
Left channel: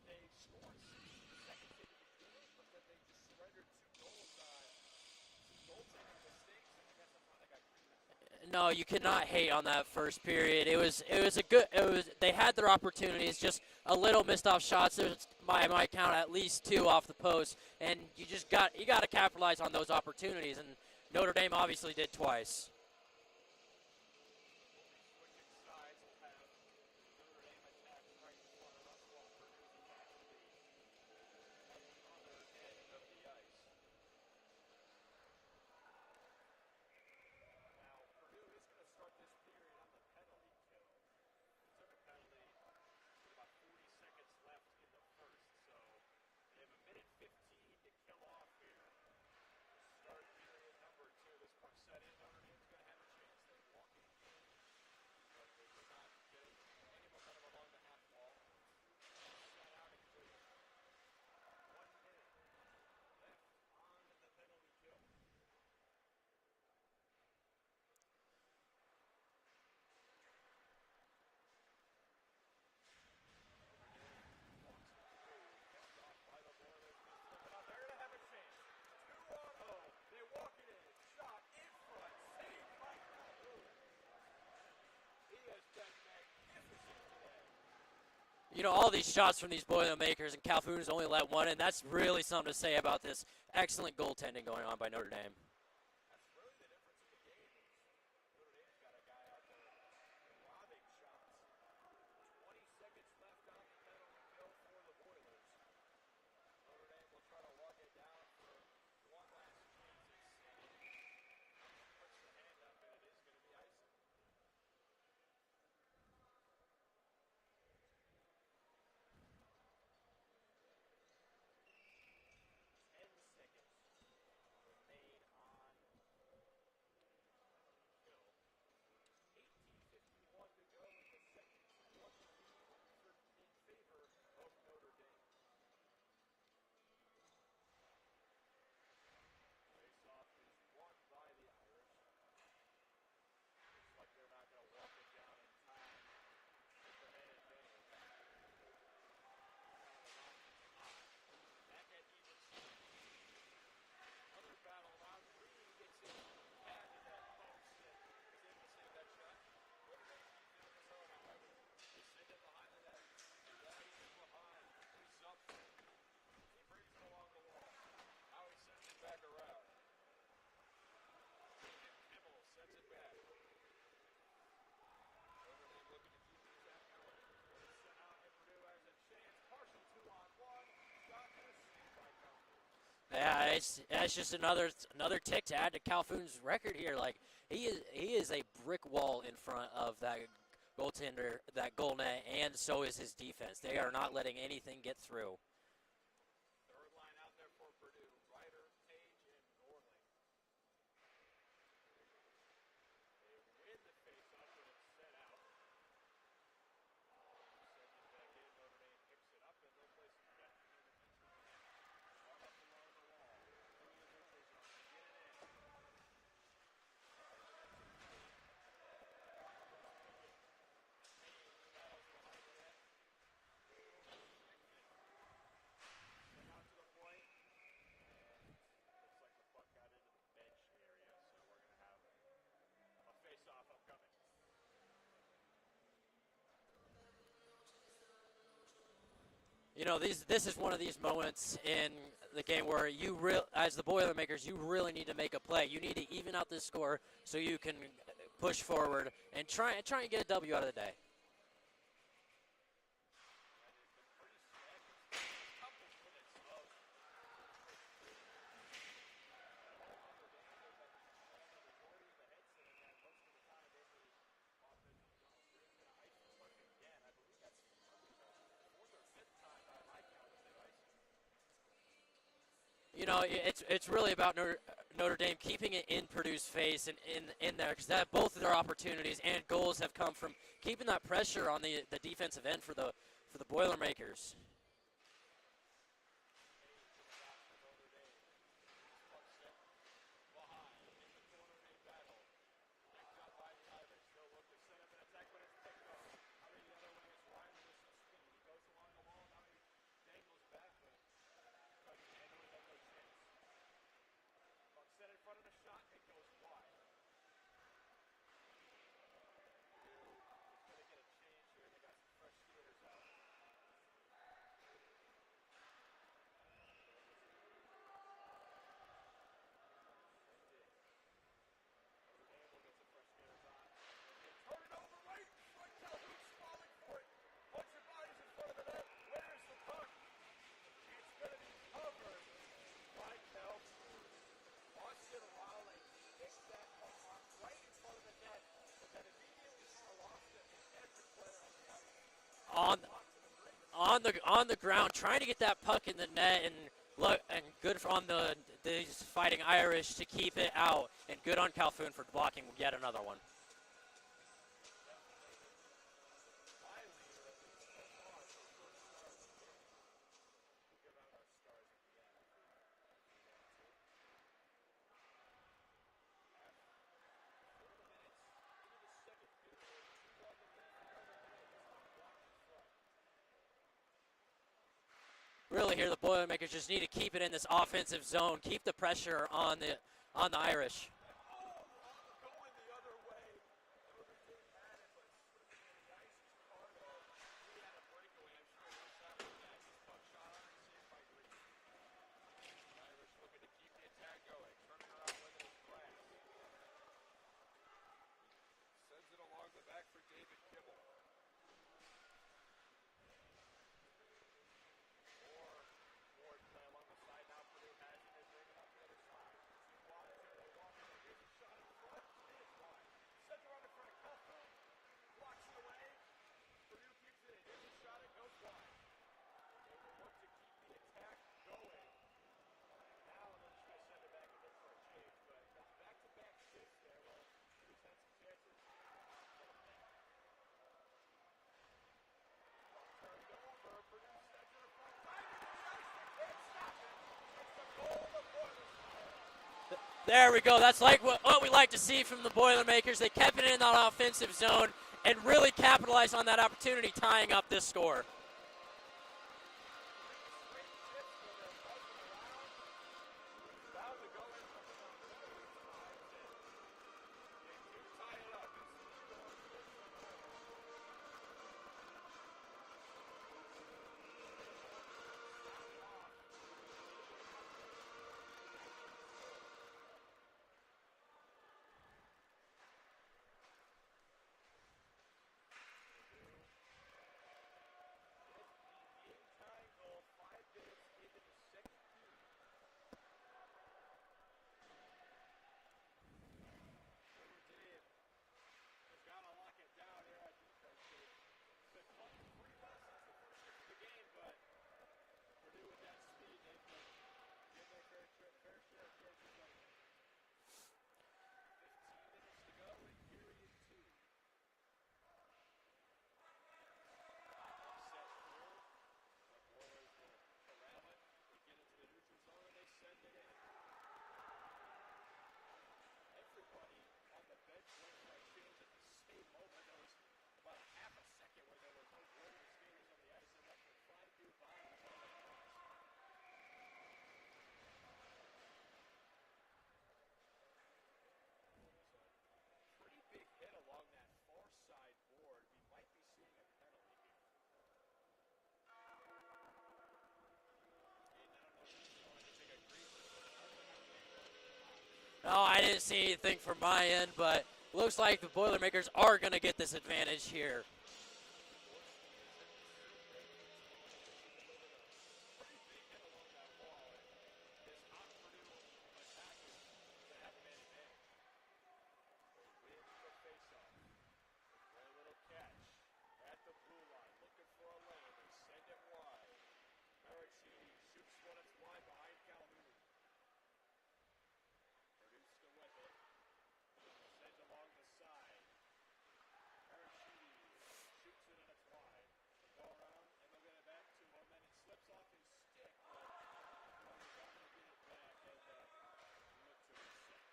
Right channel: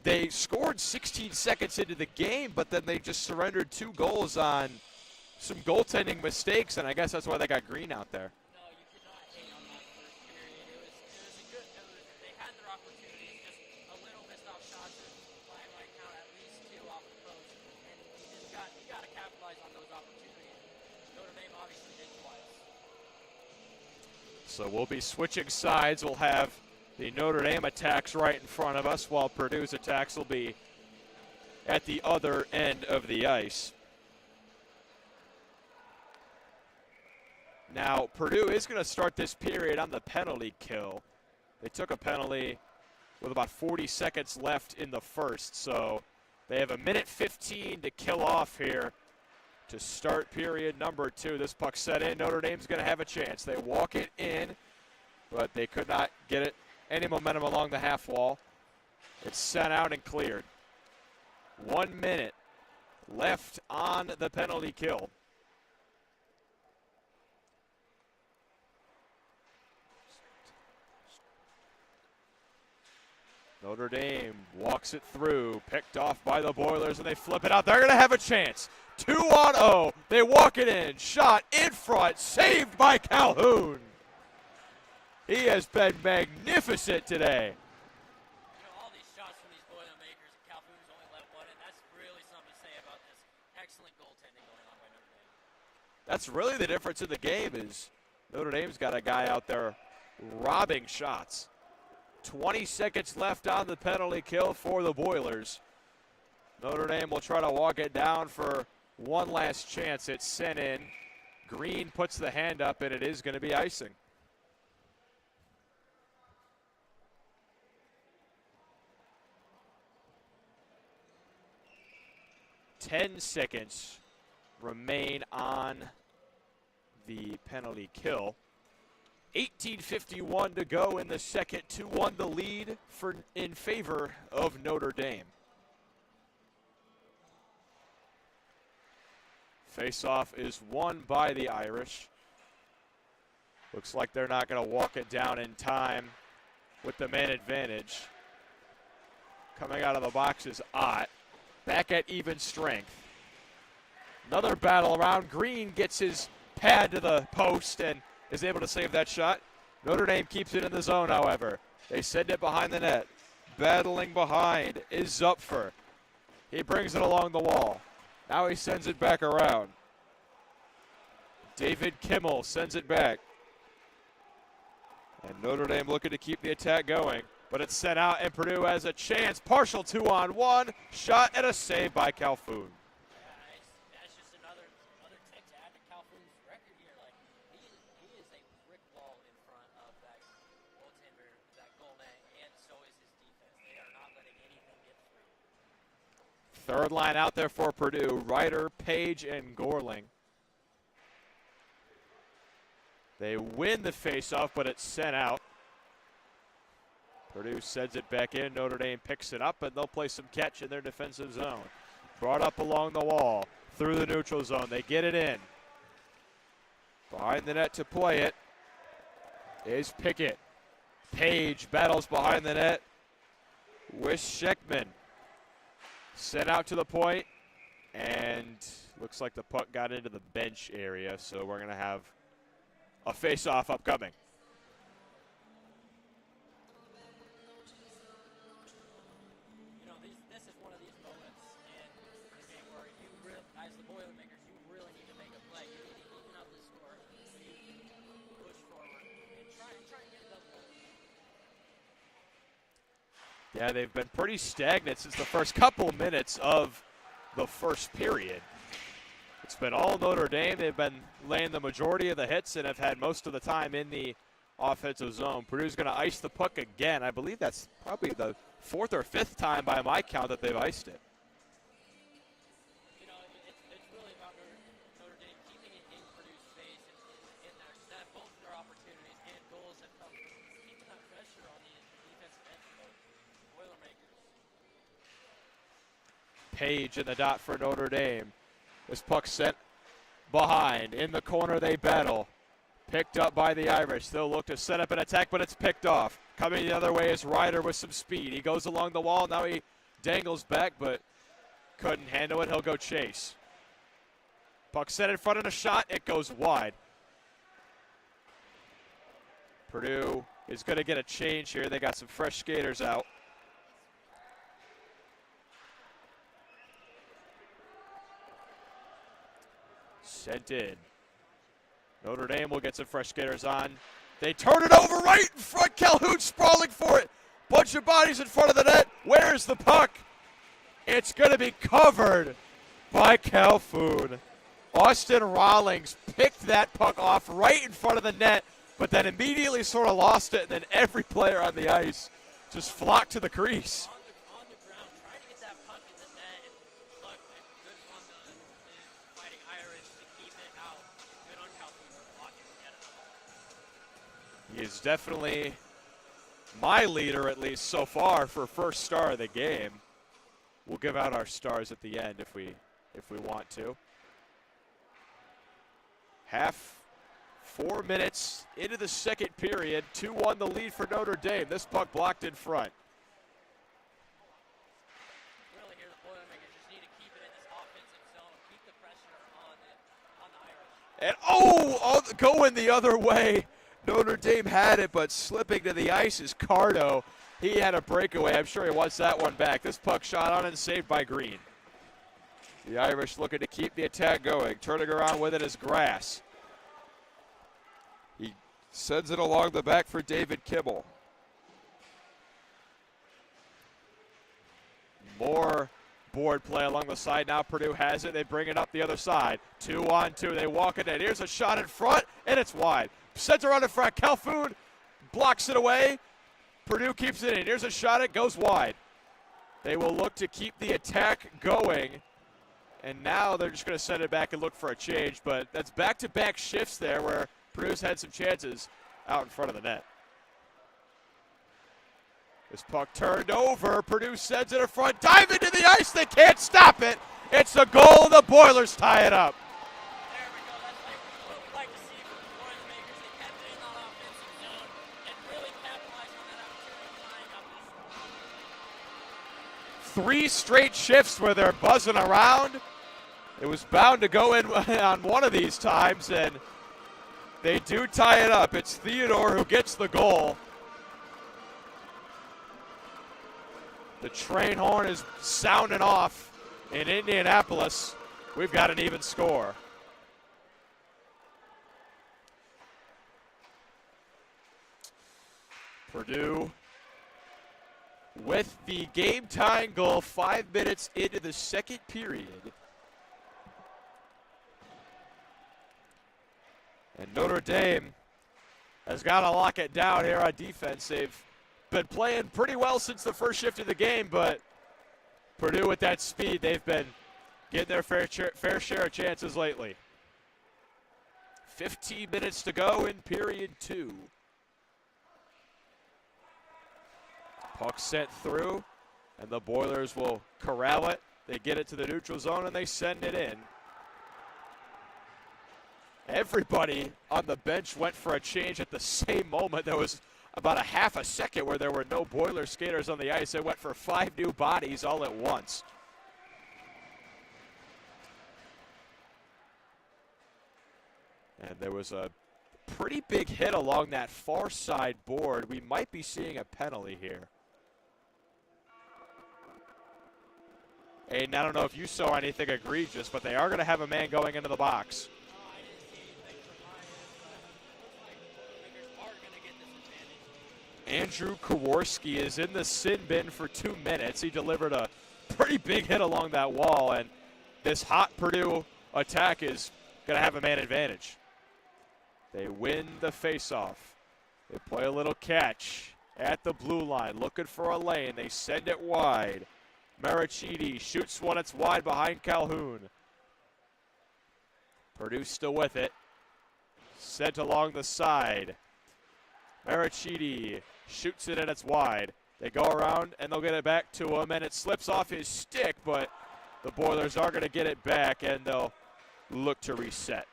They scored 16 seconds into the game, but then they just surrendered 2 goals on some goaltending mistakes, and I guess that's why they got Green out there. No, you cannot hate on that first period. They had their opportunities, just a little missed off shots. There's by my count at least 2 off the post, and you got to capitalize on those opportunities, and Notre Dame obviously did twice. So we'll be switching sides. We'll have the Notre Dame attacks right in front of us, while Purdue's attacks will be at the other end of the ice. Now, Purdue is going to start this period on the penalty kill. They took a penalty with about 40 seconds left in the first, so they have 1:15 to kill off here to start period number 2. This puck set in. Notre Dame's going to have a chance. They walk it in, but they could not get it any momentum along the half wall. It's sent out and cleared. 1 minute left on the penalty kill. Notre Dame walks it through, picked off by the Boilers, and they flip it out. They're going to have a chance. 2-on-0. They walk it in. Shot in front. Saved by Calhoun. He has been magnificent today. You know, all these shots from these Boilermakers, and Calhoun's only let one in. That's really something to say about this excellent goaltending going on by Notre Dame. That's really the difference in the game is Notre Dame's got a guy out there robbing shots. 20 seconds left on the penalty kill for the Boilers. Notre Dame will try to walk it down for one last chance. It's sent in. Green puts the hand up, and it is going to be icing. Ten seconds remain on the penalty kill. 18:51 to go in the second. 2-1 the lead in favor of Notre Dame. Face-off is won by the Irish. Looks like they're not going to walk it down in time with the man advantage. Coming out of the box is Ott. Back at even strength. Another battle around. Green gets his pad to the post and is able to save that shot. Notre Dame keeps it in the zone, however. They send it behind the net. Battling behind is Zupfer. He brings it along the wall. Now he sends it back around. David Kimmel sends it back. And Notre Dame looking to keep the attack going. But it's sent out, and Purdue has a chance. Partial 2-on-1. Shot and a save by Calhoun. Yeah, that's just another tick to add to Calhoun's record here. Like, he is a brick wall in front of that goaltender, that goal net, and so is his defense. They are not letting anything get through. Third line out there for Purdue. Ryder, Page, and Gorling. They win the faceoff, but it's sent out. Purdue sends it back in. Notre Dame picks it up, and they'll play some catch in their defensive zone. Brought up along the wall, through the neutral zone. They get it in. Behind the net to play it is Pickett. Page battles behind the net with Scheckman. Sent out to the point, and looks like the puck got into the bench area, so we're going to have a face-off upcoming. You know, this is one of these moments in the game where as the Boilermakers, you really need to make a play. You need to even out this score so you can push forward and try and get a W out of the day. Yeah, they've been pretty stagnant since the first couple minutes of the first period. It's been all Notre Dame. They've been laying the majority of the hits and have had most of the time in the offensive zone. Purdue's going to ice the puck again. I believe that's probably the 4th or 5th time by my count that they've iced it. You know, it's really about Notre Dame keeping it in Purdue's face and in there, because both of their opportunities and goals have come from keeping that pressure on the defensive end for the Boilermakers. Page in the dot for Notre Dame. This puck sent behind. In the corner they battle. Picked up by the Irish. They'll look to set up an attack, but it's picked off. Coming the other way is Ryder with some speed. He goes along the wall. Now he dangles back, but couldn't handle it. He'll go chase. Puck set in front of the shot. It goes wide. Purdue is going to get a change here. They got some fresh skaters out. Sent in. Notre Dame will get some fresh skaters on. They turn it over right in front. Calhoun sprawling for it. Bunch of bodies in front of the net. Where's the puck? It's going to be covered by Calhoun. Austin Rawlings picked that puck off right in front of the net, but then immediately sort of lost it, and then every player on the ice just flocked to the crease. On the ground, trying to get that puck in the net, and good on the Fighting Irish to keep it out, and good on Calhoun for blocking yet another one. He is definitely my leader, at least so far, for first star of the game. We'll give out our stars at the end if we want to. 4 minutes into the second period, 2-1 the lead for Notre Dame. This puck blocked in front. Really here, the Boilermakers just need to keep it in this offensive zone, keep the pressure on the Irish. And going the other way. Notre Dame had it, but slipping to the ice is Cardo. He had a breakaway. I'm sure he wants that one back. This puck shot on and saved by Green. The Irish looking to keep the attack going. Turning around with it is Grass. He sends it along the back for David Kibble. More board play along the side. Now Purdue has it. They bring it up the other side. 2-on-2. They walk it in. Here's a shot in front, and it's wide. Center on in front. Calhoun blocks it away. Purdue keeps it in. Here's a shot. It goes wide. They will look to keep the attack going. And now they're just going to send it back and look for a change. But that's back-to-back shifts there where Purdue's had some chances out in front of the net. This puck turned over. Purdue sends it in front. Dive into the ice. They can't stop it. It's a goal. The Boilers tie it up. There we go. That's like what we like to see from the Boilermakers. They kept it in that offensive zone and really capitalized on that opportunity, tying up this score. 3 straight shifts where they're buzzing around. It was bound to go in on one of these times, and they do tie it up. It's Theodore who gets the goal. The train horn is sounding off in Indianapolis. We've got an even score. Purdue with the game-tying goal 5 minutes into the second period. And Notre Dame has got to lock it down here on defense. They've been playing pretty well since the first shift of the game, but Purdue with that speed, they've been getting their fair share of chances lately. 15 minutes to go in period 2. Puck sent through, and the Boilers will corral it. They get it to the neutral zone, and they send it in. Everybody on the bench went for a change at the same moment. There was about a half a second where there were no Boiler skaters on the ice. They went for 5 new bodies all at once. And there was a pretty big hit along that far side board. We might be seeing a penalty here. Aiden, I don't know if you saw anything egregious, but they are going to have a man going into the box. No, I didn't see anything from my end, but looks like the Boilermakers are going to get this advantage here. Andrew Kowarski is in the sin bin for 2 minutes. He delivered a pretty big hit along that wall, and this hot Purdue attack is going to have a man advantage. They win the faceoff. They play a little catch at the blue line, looking for a lane. They send it wide. Marachidi shoots one. It's wide behind Calhoun. Purdue still with it. Sent along the side. Marachidi shoots it and it's wide. They go around and they'll get it back to him, and it slips off his stick, but the Boilers are going to get it back and they'll look to reset.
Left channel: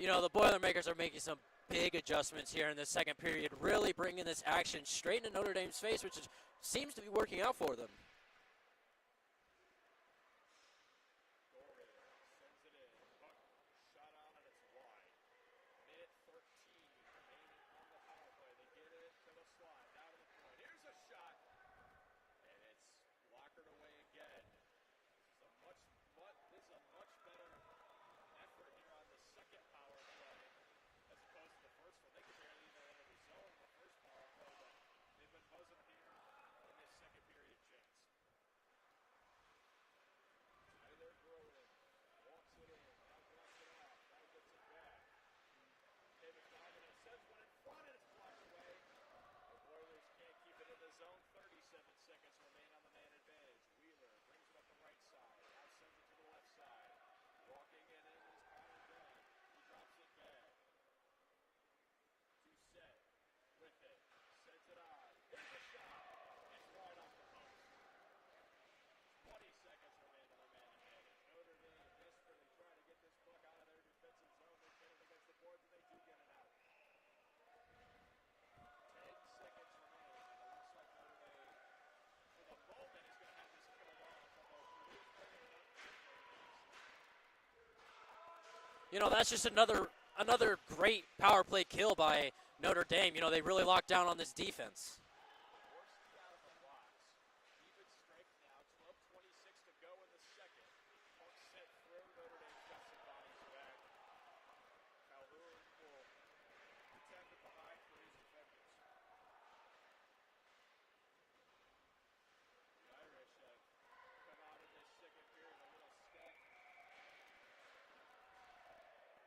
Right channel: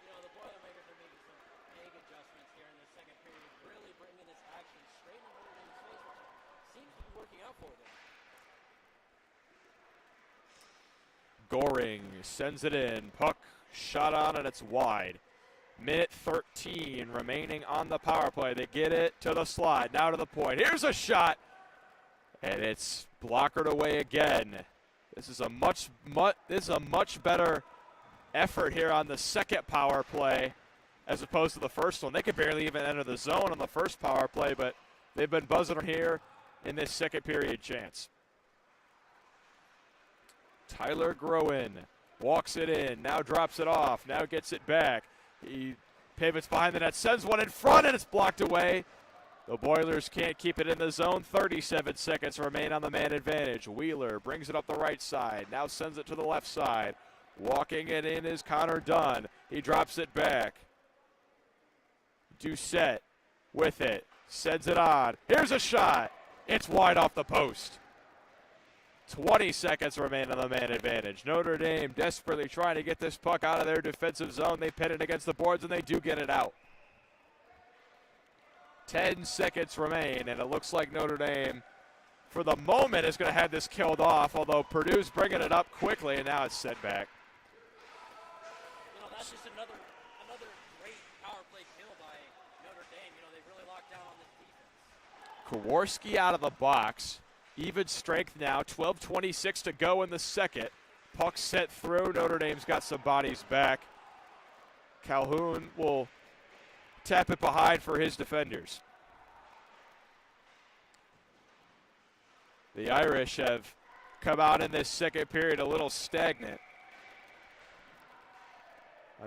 You know, the Boilermakers are making some big adjustments here in the second period, really bringing this action straight into Notre Dame's face, which seems to be working out for them. Goring sends it in. Puck shot on and it's wide. Minute 13 remaining on the power play. They get it to the slide, now to the point. Here's a shot, and it's blockered away again. This is a much better effort here on the second power play as opposed to the first one. They could barely even enter the zone on the first power play, but they've been buzzing here in this second period chance. Tyler Groen walks it in, now drops it off, now gets it back. He pivots behind the net, sends one in front, and it's blocked away. The Boilers can't keep it in the zone. 37 seconds remain on the man advantage. Wheeler brings it up the right side, now sends it to the left side. Walking it in is Connor Dunn. He drops it back. Doucette with it, sends it on. Here's a shot. It's wide off the post. 20 seconds remain on the man advantage. Notre Dame desperately trying to get this puck out of their defensive zone. They pin it against the boards, and they do get it out. 10 seconds remain, and it looks like Notre Dame, for the moment, is going to have this killed off, although Purdue's bringing it up quickly, and now it's set back. You know, that's just another great power play kill by Notre Dame. You know, they really locked down on this defense. Kowarski out of the box. Even strength now, 12:26 to go in the second. Puck set through. Notre Dame's got some bodies back. Calhoun will tap it behind for his defenders. The Irish have come out in this second period a little stagnant.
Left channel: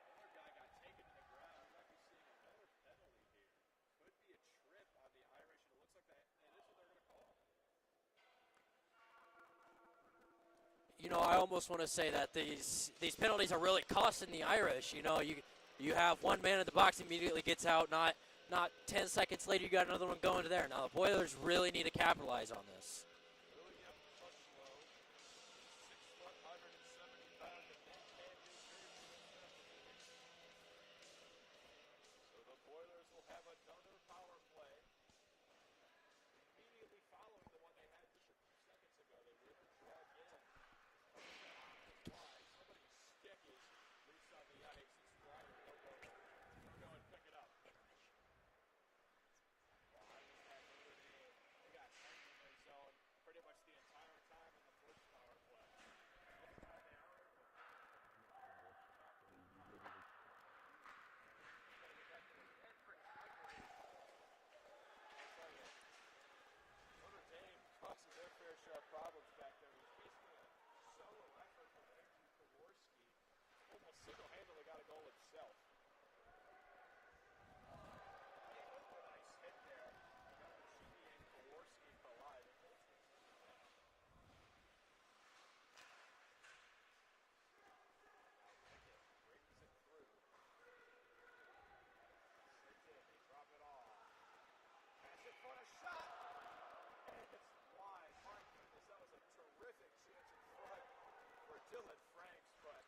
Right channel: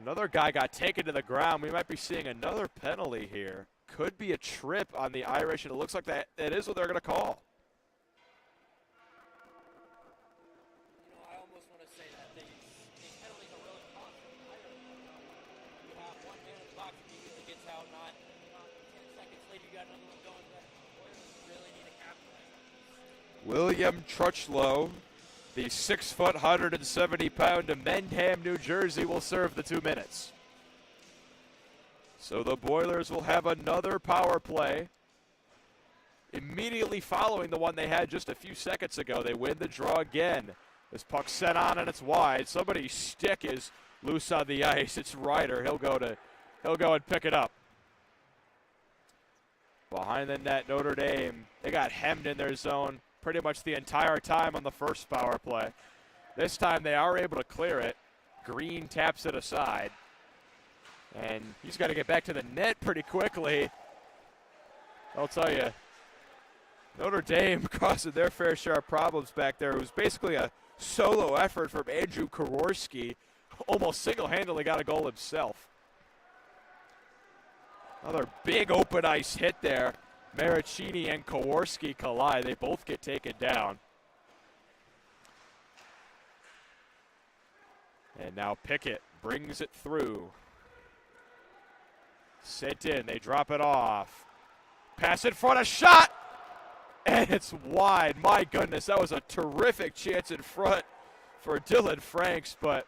Another guy got taken to the ground. We might be seeing another penalty here. Could be a trip on the Irish, and it looks like that is what they're going to call. You know, I almost want to say that these penalties are really costing the Irish. You know, you have one man in the box, immediately gets out. Not 10 seconds later, you got another one going to there. Now the Boilers really need to capitalize on this. William Truchlow, the 6-foot, 170-pound of Mendham, New Jersey, will serve the 2 minutes. So the Boilers will have another power play immediately following the one they had just a few seconds ago. They win the draw again. This puck set on and it's wide. Somebody's stick is loose on the ice. It's Ryder. He'll go and pick it up. Behind the net, Notre Dame, they got hemmed in their zone pretty much the entire time on the first power play. This time they are able to clear it. Green taps it aside. And he's got to get back to the net pretty quickly. I'll tell you, Notre Dame causing their fair share of problems back there. It was basically a solo effort from Andrew Kowarski. Almost single-handedly got a goal himself. Another big open ice hit there. Marachini and Kowarski collide. They both get taken down. And now Pickett brings it through. Sent in. They drop it off. Pass in front, a shot! And it's wide. My goodness, that was a terrific chance in front for Dylan Franks, but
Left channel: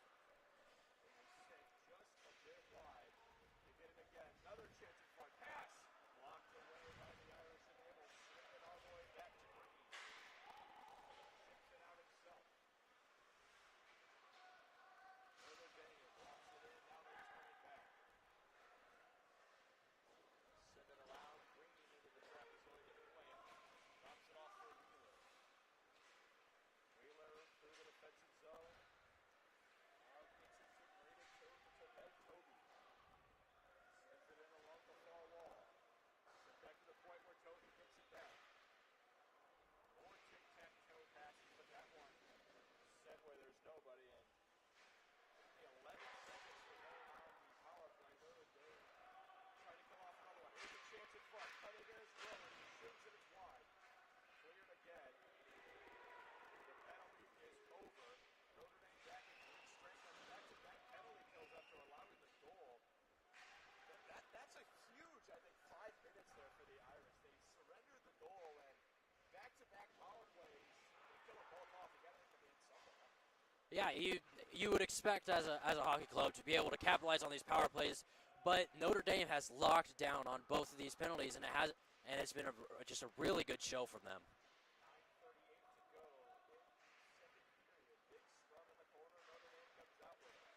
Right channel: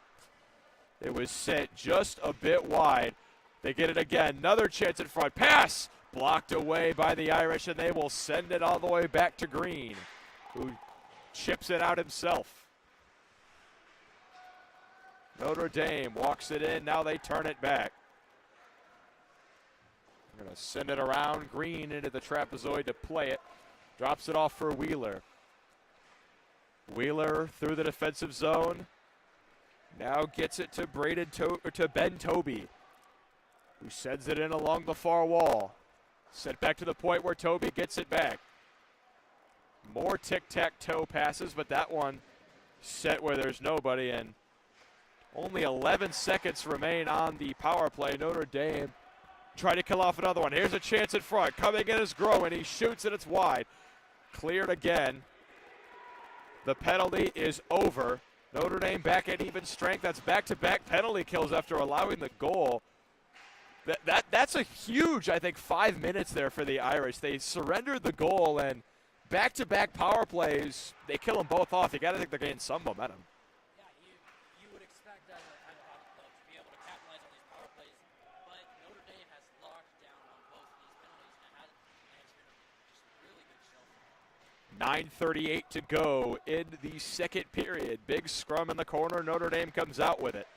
it was sent just a bit wide. They get it again. Another chance in front. Pass! Blocked away by the Irish, and they will send it all the way back to Green, who chips it out himself. Notre Dame walks it in. Now they turn it back. They're going to send it around. Green into the trapezoid to play it. Drops it off for Wheeler. Wheeler through the defensive zone. Now gets it to Ben Toby, who sends it in along the far wall. Sent back to the point where Toby gets it back. More tic-tac-toe passes, but that one set where there's nobody, and only 11 seconds remain on the power play. Notre Dame try to kill off another one. Here's a chance in front. Coming in is Grow, and he shoots, and it's wide. Cleared again. The penalty is over. Notre Dame back at even strength. That's back-to-back penalty kills after allowing the goal. That's a huge, I think, 5 minutes there for the Irish. They surrendered the goal, and back-to-back power plays, they kill them both off. You got to think they're getting some momentum. Yeah, you would expect as a hockey club to be able to capitalize on these power plays, but Notre Dame has locked down on both of these penalties, and it's been just a really good show from them. 9:38 to go in the second period. Big scrum in the corner. Notre Dame comes out with it.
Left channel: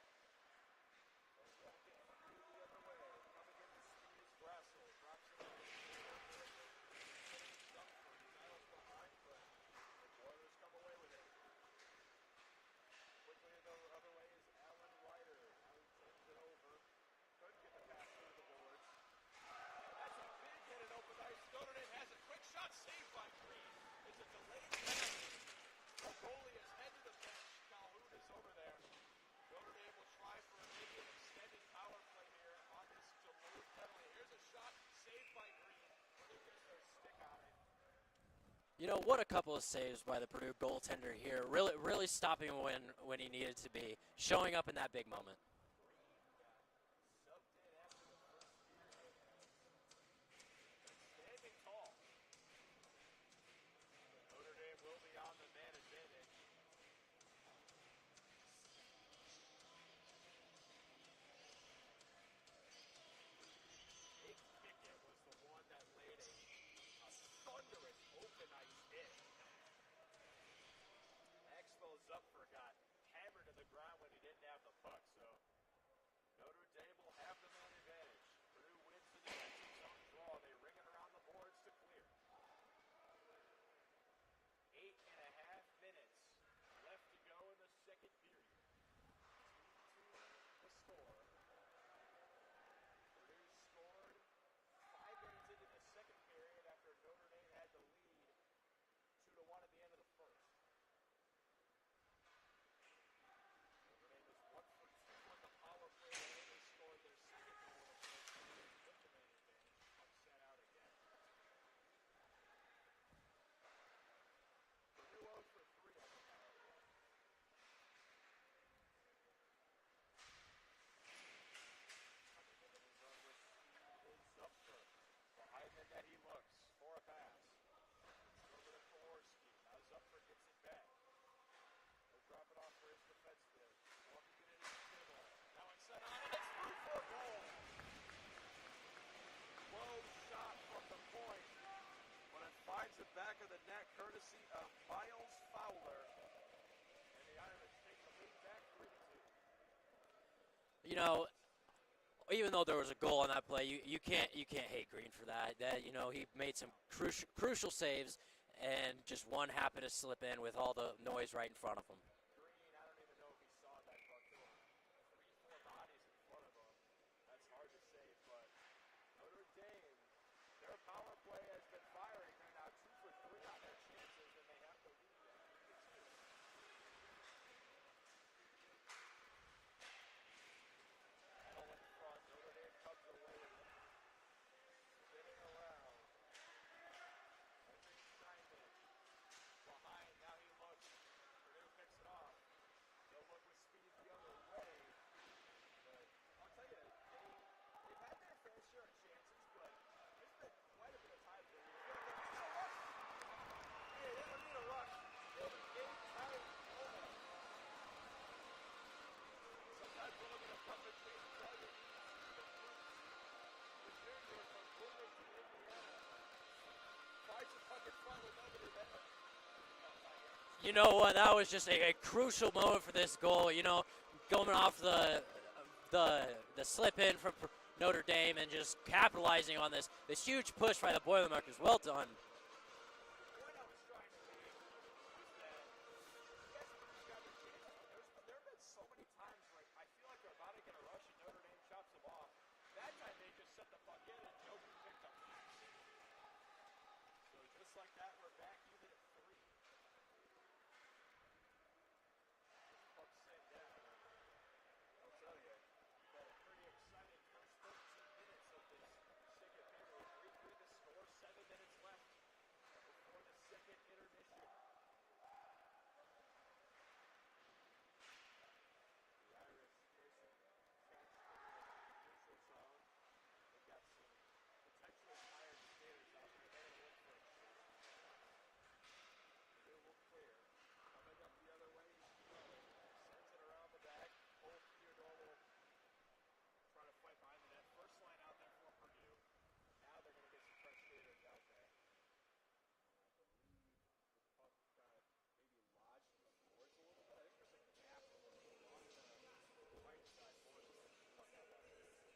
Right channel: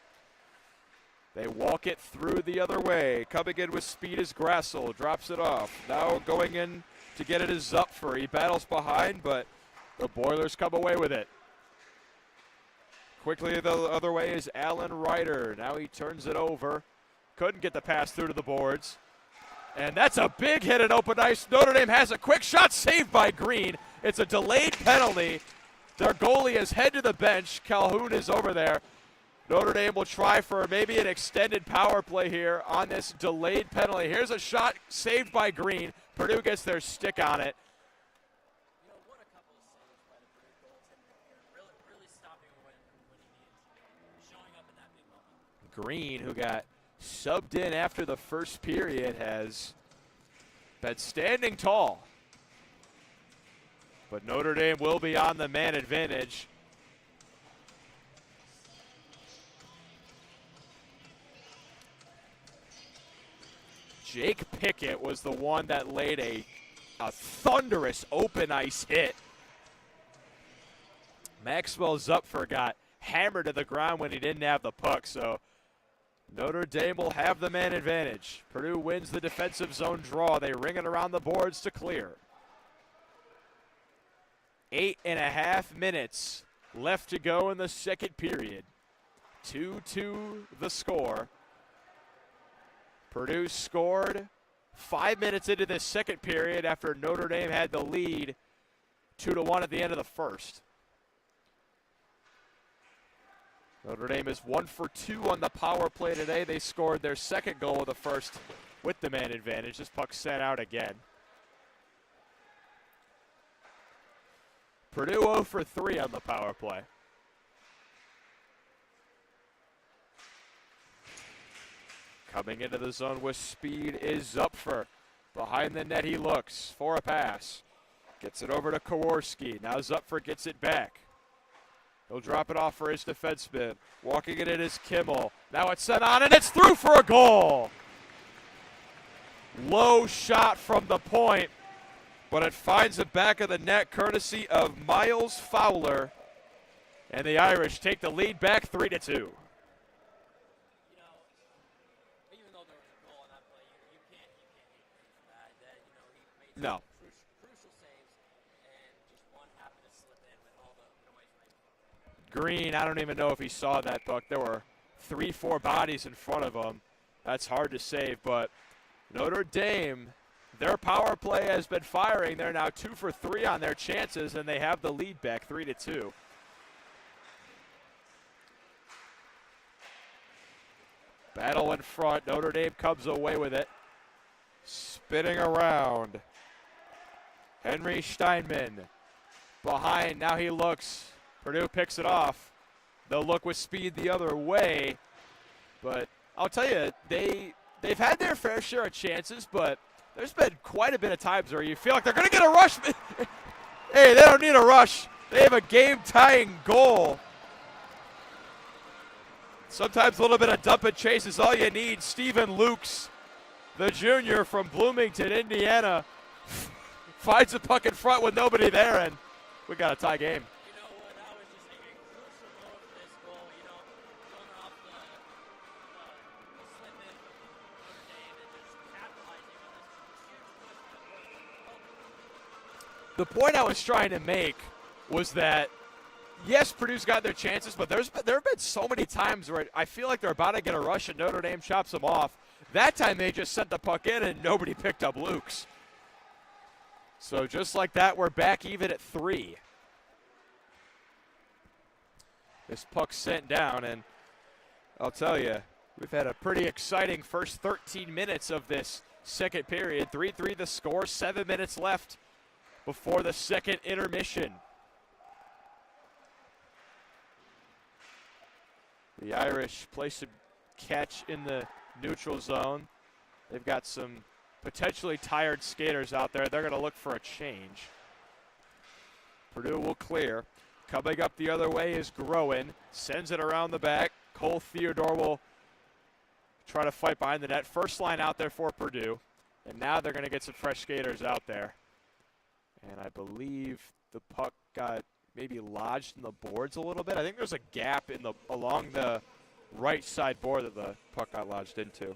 They walk it through the other way. Coming in with speed is Grassel. Drops it off. Now going in to get it is Zupfer. He battles behind, but the Boilers come away with it. Quickly the other way is Allen Ryder. Now he turns it over. Couldn't get the pass through to the boards. And that's a big hit at open ice. Notre Dame has a quick shot saved by Green. It's a delayed penalty. Their goalie is head to the bench. Calhoun is over there. Notre Dame will try for maybe an extended power play here on this delayed penalty. Here's a shot saved by Green. Purdue gets their stick on it. You know, what a couple of saves by the Purdue goaltender here. Really stopping when he needed to be. Showing up in that big moment. Green, who got subbed in after the first period, has been standing tall. But Notre Dame will be on the man advantage. Jake Pickett was the one that laid a thunderous open ice hit. Maxwell Zupfer got hammered to the ground when he didn't have the puck, so Notre Dame will have the man advantage. Purdue wins the defensive zone draw. They ring it around the boards to clear. 8.5 minutes left to go in the second period. 2-2 the score. Purdue scored 5 minutes into the second period after Notre Dame had the lead 2-1 at the end of the first. Notre Dame is 1 for 2 on the power play today. They scored their second goal of the first with the man advantage. This puck sent out again. Purdue 0 for 3 on the power play. Coming into the zone with speed is Zupfer. Behind the net he looks for a pass. Gets it over to Kowarski. Now Zupfer gets it back. He'll drop it off for his defenseman. Walking it in is Kimmel. Now it's sent on and it's through for a goal. Low shot from the point, but it finds the back of the net courtesy of Miles Fowler. And the Irish take the lead back 3-2. You know, even though there was a goal on that play, you can't hate Green for that. You know, he made some crucial saves, and just one happened to slip in with all the noise right in front of him. Green, I don't even know if he saw that puck. There were 3-4 bodies in front of him. That's hard to save, but Notre Dame, their power play has been firing. They're now 2 for 3 on their chances, and they have the lead back 3-2. Battle in front. Notre Dame comes away with it. Spinning around. Henry Steinman behind. Now he looks. Purdue picks it off. They'll look with speed the other way. But I'll tell you, they've had their fair share of chances, but there's been quite a bit of times where you feel like they're going to get a rush. Hey, they don't need a rush. They have a game-tying goal. Sometimes a little bit of dump and chase is all you need. Stephen Lukes, the junior from Bloomington, Indiana, finds the puck in front with nobody there, and we got a tie game. You know what? That was just a crucial moment for this goal. You know, going off the slip in from Notre Dame and just capitalizing on this huge push by the Boilermakers. Well done. The point I was trying to make was that, yes, Purdue's got their chances, but there have been so many times where I feel like they're about to get a rush and Notre Dame chops them off. That time they just sent the puck in and nobody picked up Lukes. So just like that, we're back even at 3. This puck sent down, and I'll tell you, We've had a pretty exciting first 13 minutes of this second period. 3-3 the score, 7 minutes left before the second intermission. The Irish place a catch in the neutral zone. They've got some potentially tired skaters out there. They're going to look for a change. Purdue will clear. Coming up the other way is Groen. Sends it around the back. Cole Theodore will try to fight behind the net. First line out there for Purdue. And now they're going to get some fresh skaters out there. And I believe the puck got maybe lodged in the boards a little bit. I think there's a gap in along the right side board that the puck got lodged into.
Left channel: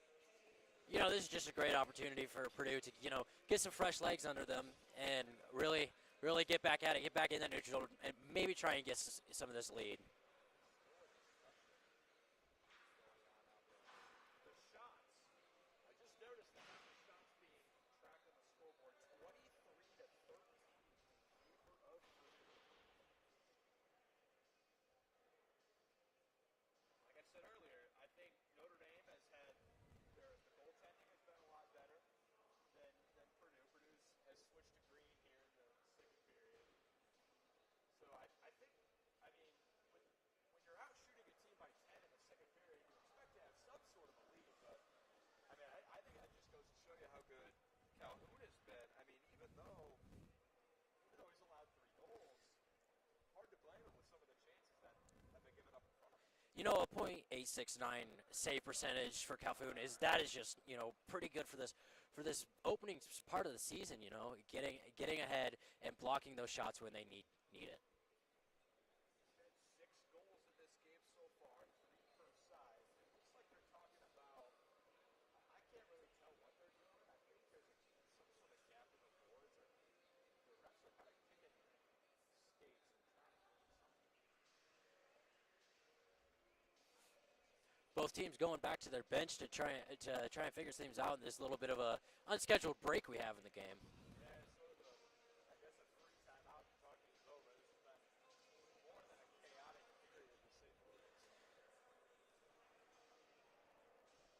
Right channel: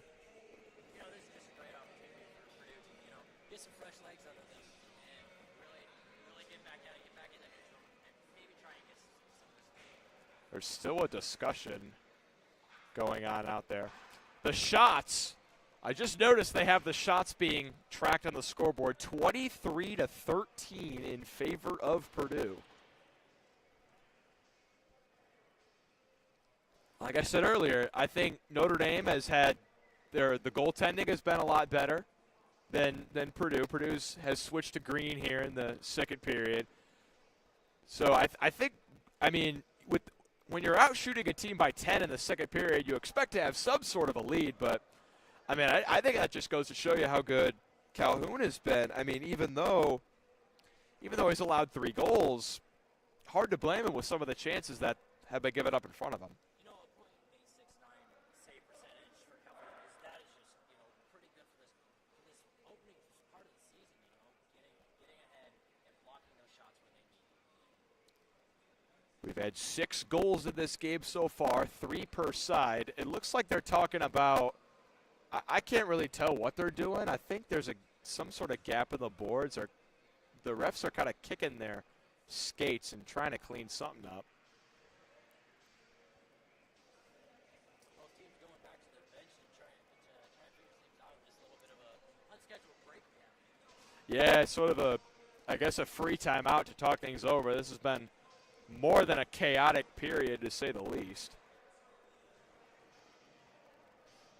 You know, this is just a great opportunity for Purdue to, get some fresh legs under them and really get back at it, get back in the neutral, and maybe try and get some of this lead. There's still a discussion going on out there. The shots, I just noticed they have the shots being tracked on the scoreboard, 23-13 in favor of Purdue. Like I said earlier, I think Notre Dame has had the goaltending has been a lot better than Purdue. Purdue has switched to green here in the second period. So I think, when you're out shooting a team by 10 in the second period, you expect to have some sort of a lead. But, I think that just goes to show you how good Calhoun has been. Even though he's allowed 3 goals, hard to blame him with some of the chances that have been given up in front of him. A .869 save percentage for Calhoun is just, pretty good for this opening part of the season, getting ahead and blocking those shots when they need it. We've had 6 goals in this game so far, 3 per side. It looks like they're talking about, I can't really tell what they're doing. I think there's some sort of gap in the boards, or the refs are kind of kicking their skates and trying to clean something up. Both teams going back to their bench to try and figure things out in this little bit of a unscheduled break we have in the game. Yeah, sort of a free time out to talk things over. This has been more than a chaotic period, to say the least.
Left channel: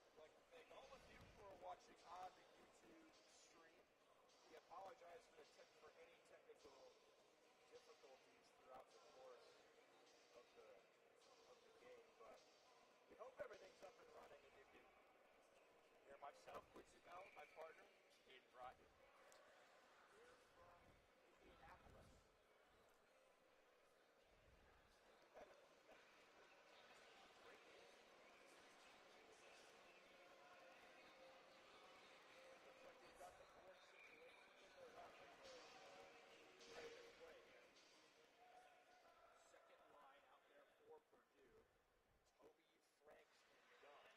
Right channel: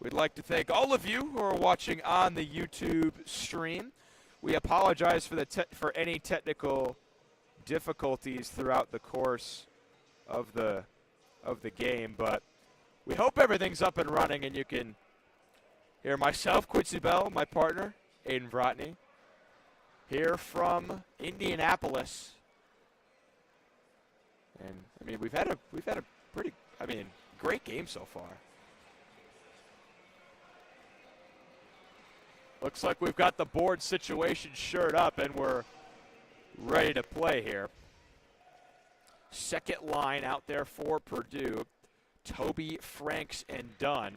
We'd like to thank all of you who are watching on the YouTube stream. We apologize for any technical difficulties throughout the course of the game, but we hope everything's up and running and you can hear myself, Quincy Bell, my partner, Aiden Vrotny, here from Indianapolis. And we've had a pretty great game so far. Looks like we've got the board situation shored up and we're ready to play here. Second line out there for Purdue. Toby, Franks, and Dunn.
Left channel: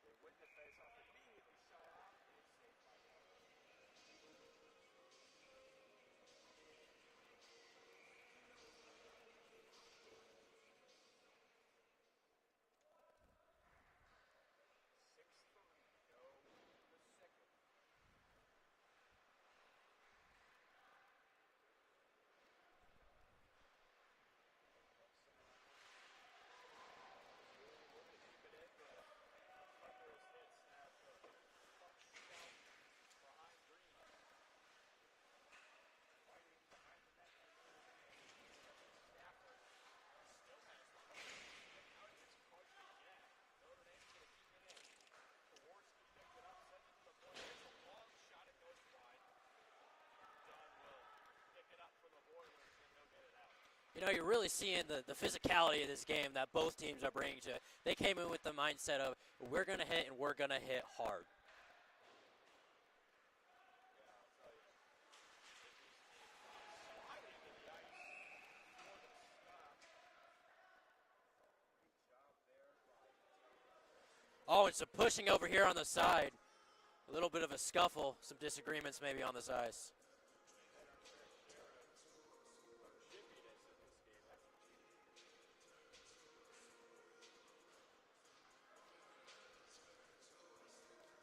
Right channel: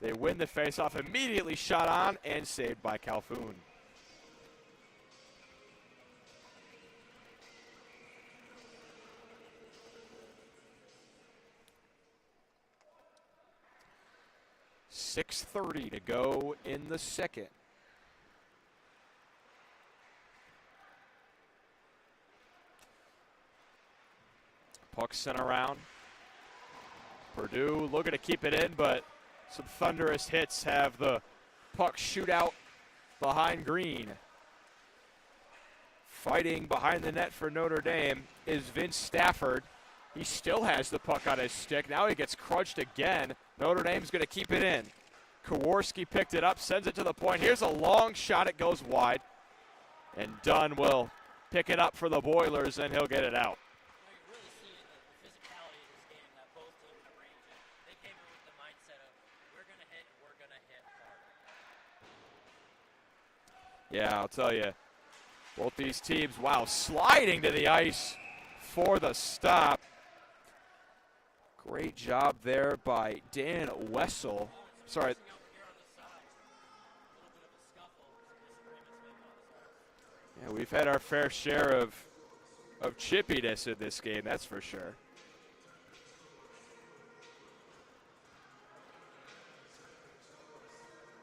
They win the faceoff, immediately shot on and saved by Calhoun. .6:30 to go in the second. Puck sent around. Purdue looking to keep it in, but some thunderous hits have the puck shoot out behind green. Fighting behind the net for Notre Dame is Vince Stafford. He still has the puck on his stick. Now he gets crunched again. Notre Dame's going to keep it in. Kowarski picked it up, sends it to the point. Here's a long shot. It goes wide. And Dunn will pick it up for the Boilers, and he'll get it out. You're really seeing the physicality of this game that both teams are bringing to it. They came in with the mindset of, we're going to hit and we're going to hit hard. Yeah, I'll tell you, both these teams, wow, sliding to the ice for the stop. Great job there by Dan Wessel. Oh, and some pushing over here on the side. A little bit of a scuffle, some disagreements maybe on the sides. Yeah, we've had our fair share of chippiness in this game, that's for sure.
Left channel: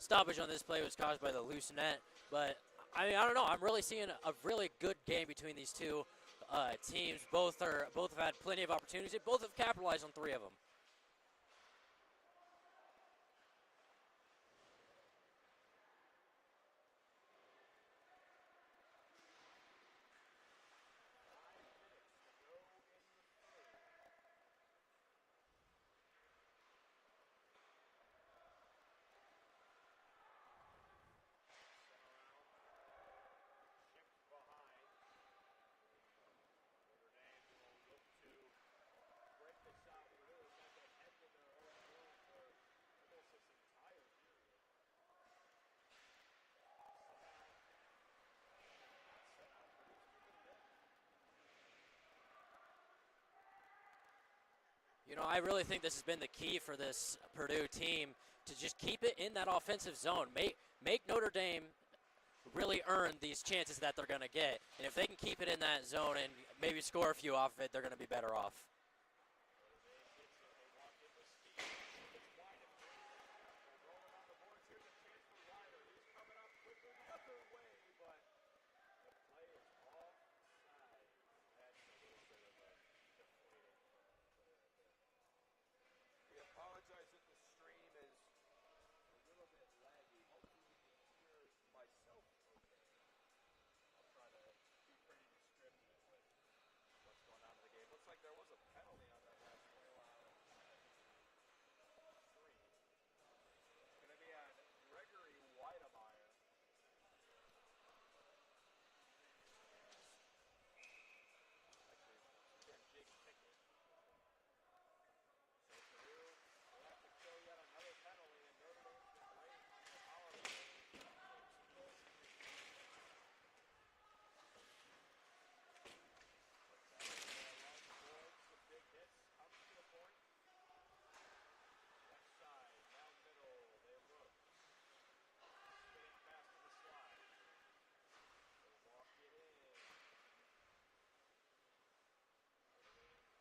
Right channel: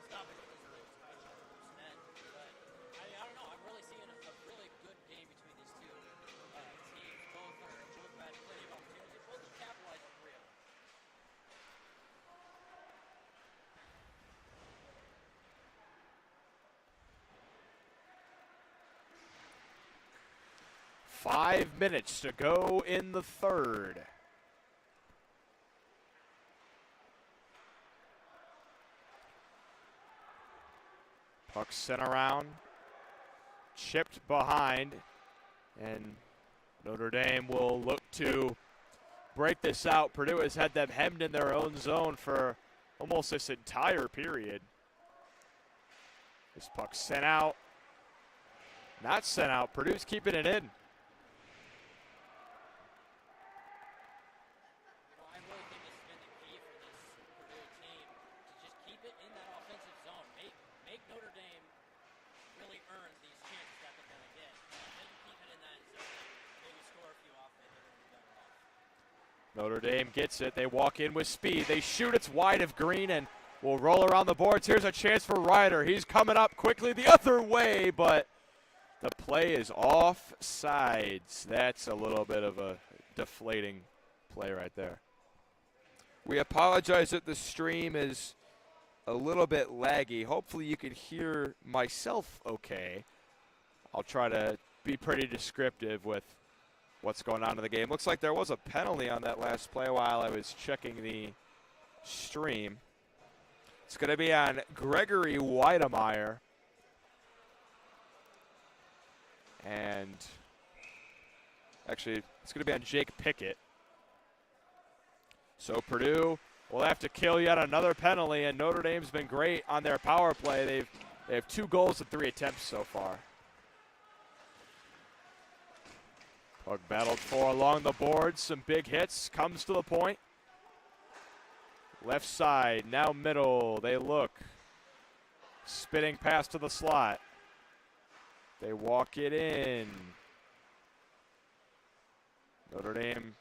Stoppage on this play was caused by the loose net, but I don't know. I'm really seeing a really good game between these two teams. Both have had plenty of opportunities. Both have capitalized on 3 of them. 5 minutes to go in the third. Puck sent around, chipped behind, and Notre Dame will look to break this out. Purdue has had them hemmed in their own zone for almost this entire period. This puck sent out, not sent out. Purdue's keeping it in. You know, I really think this has been the key for this Purdue team to just keep it in that offensive zone. Make Notre Dame really earn these chances that they're going to get. And if they can keep it in that zone and maybe score a few off of it, they're going to be better off. Notre Dame gets it. They walk in with speed. They shoot. It's wide of Green and will roll around the boards. Here's a chance for Ryder. He's coming up quickly the other way, but the play is off sides. That's a little bit of a deflating play right there. We apologize that the stream is a little bit laggy. Hopefully you can hear Myself okay. I'll try to be pretty descriptive with what's going on in the game. Looks like there was a penalty on that last play while I was checking the stream. It's going to be on Gregory Weidemeyer. And actually, it's going to be on Jake Pickett. So Purdue will have to kill yet another penalty, and Notre Dame's been great on their power play. They have 2 goals in 3 attempts so far. Puck battled for along the boards. Some big hits. Comes to the point. Left side, now middle. They look. Spinning pass to the slot. They walk it in. Notre Dame,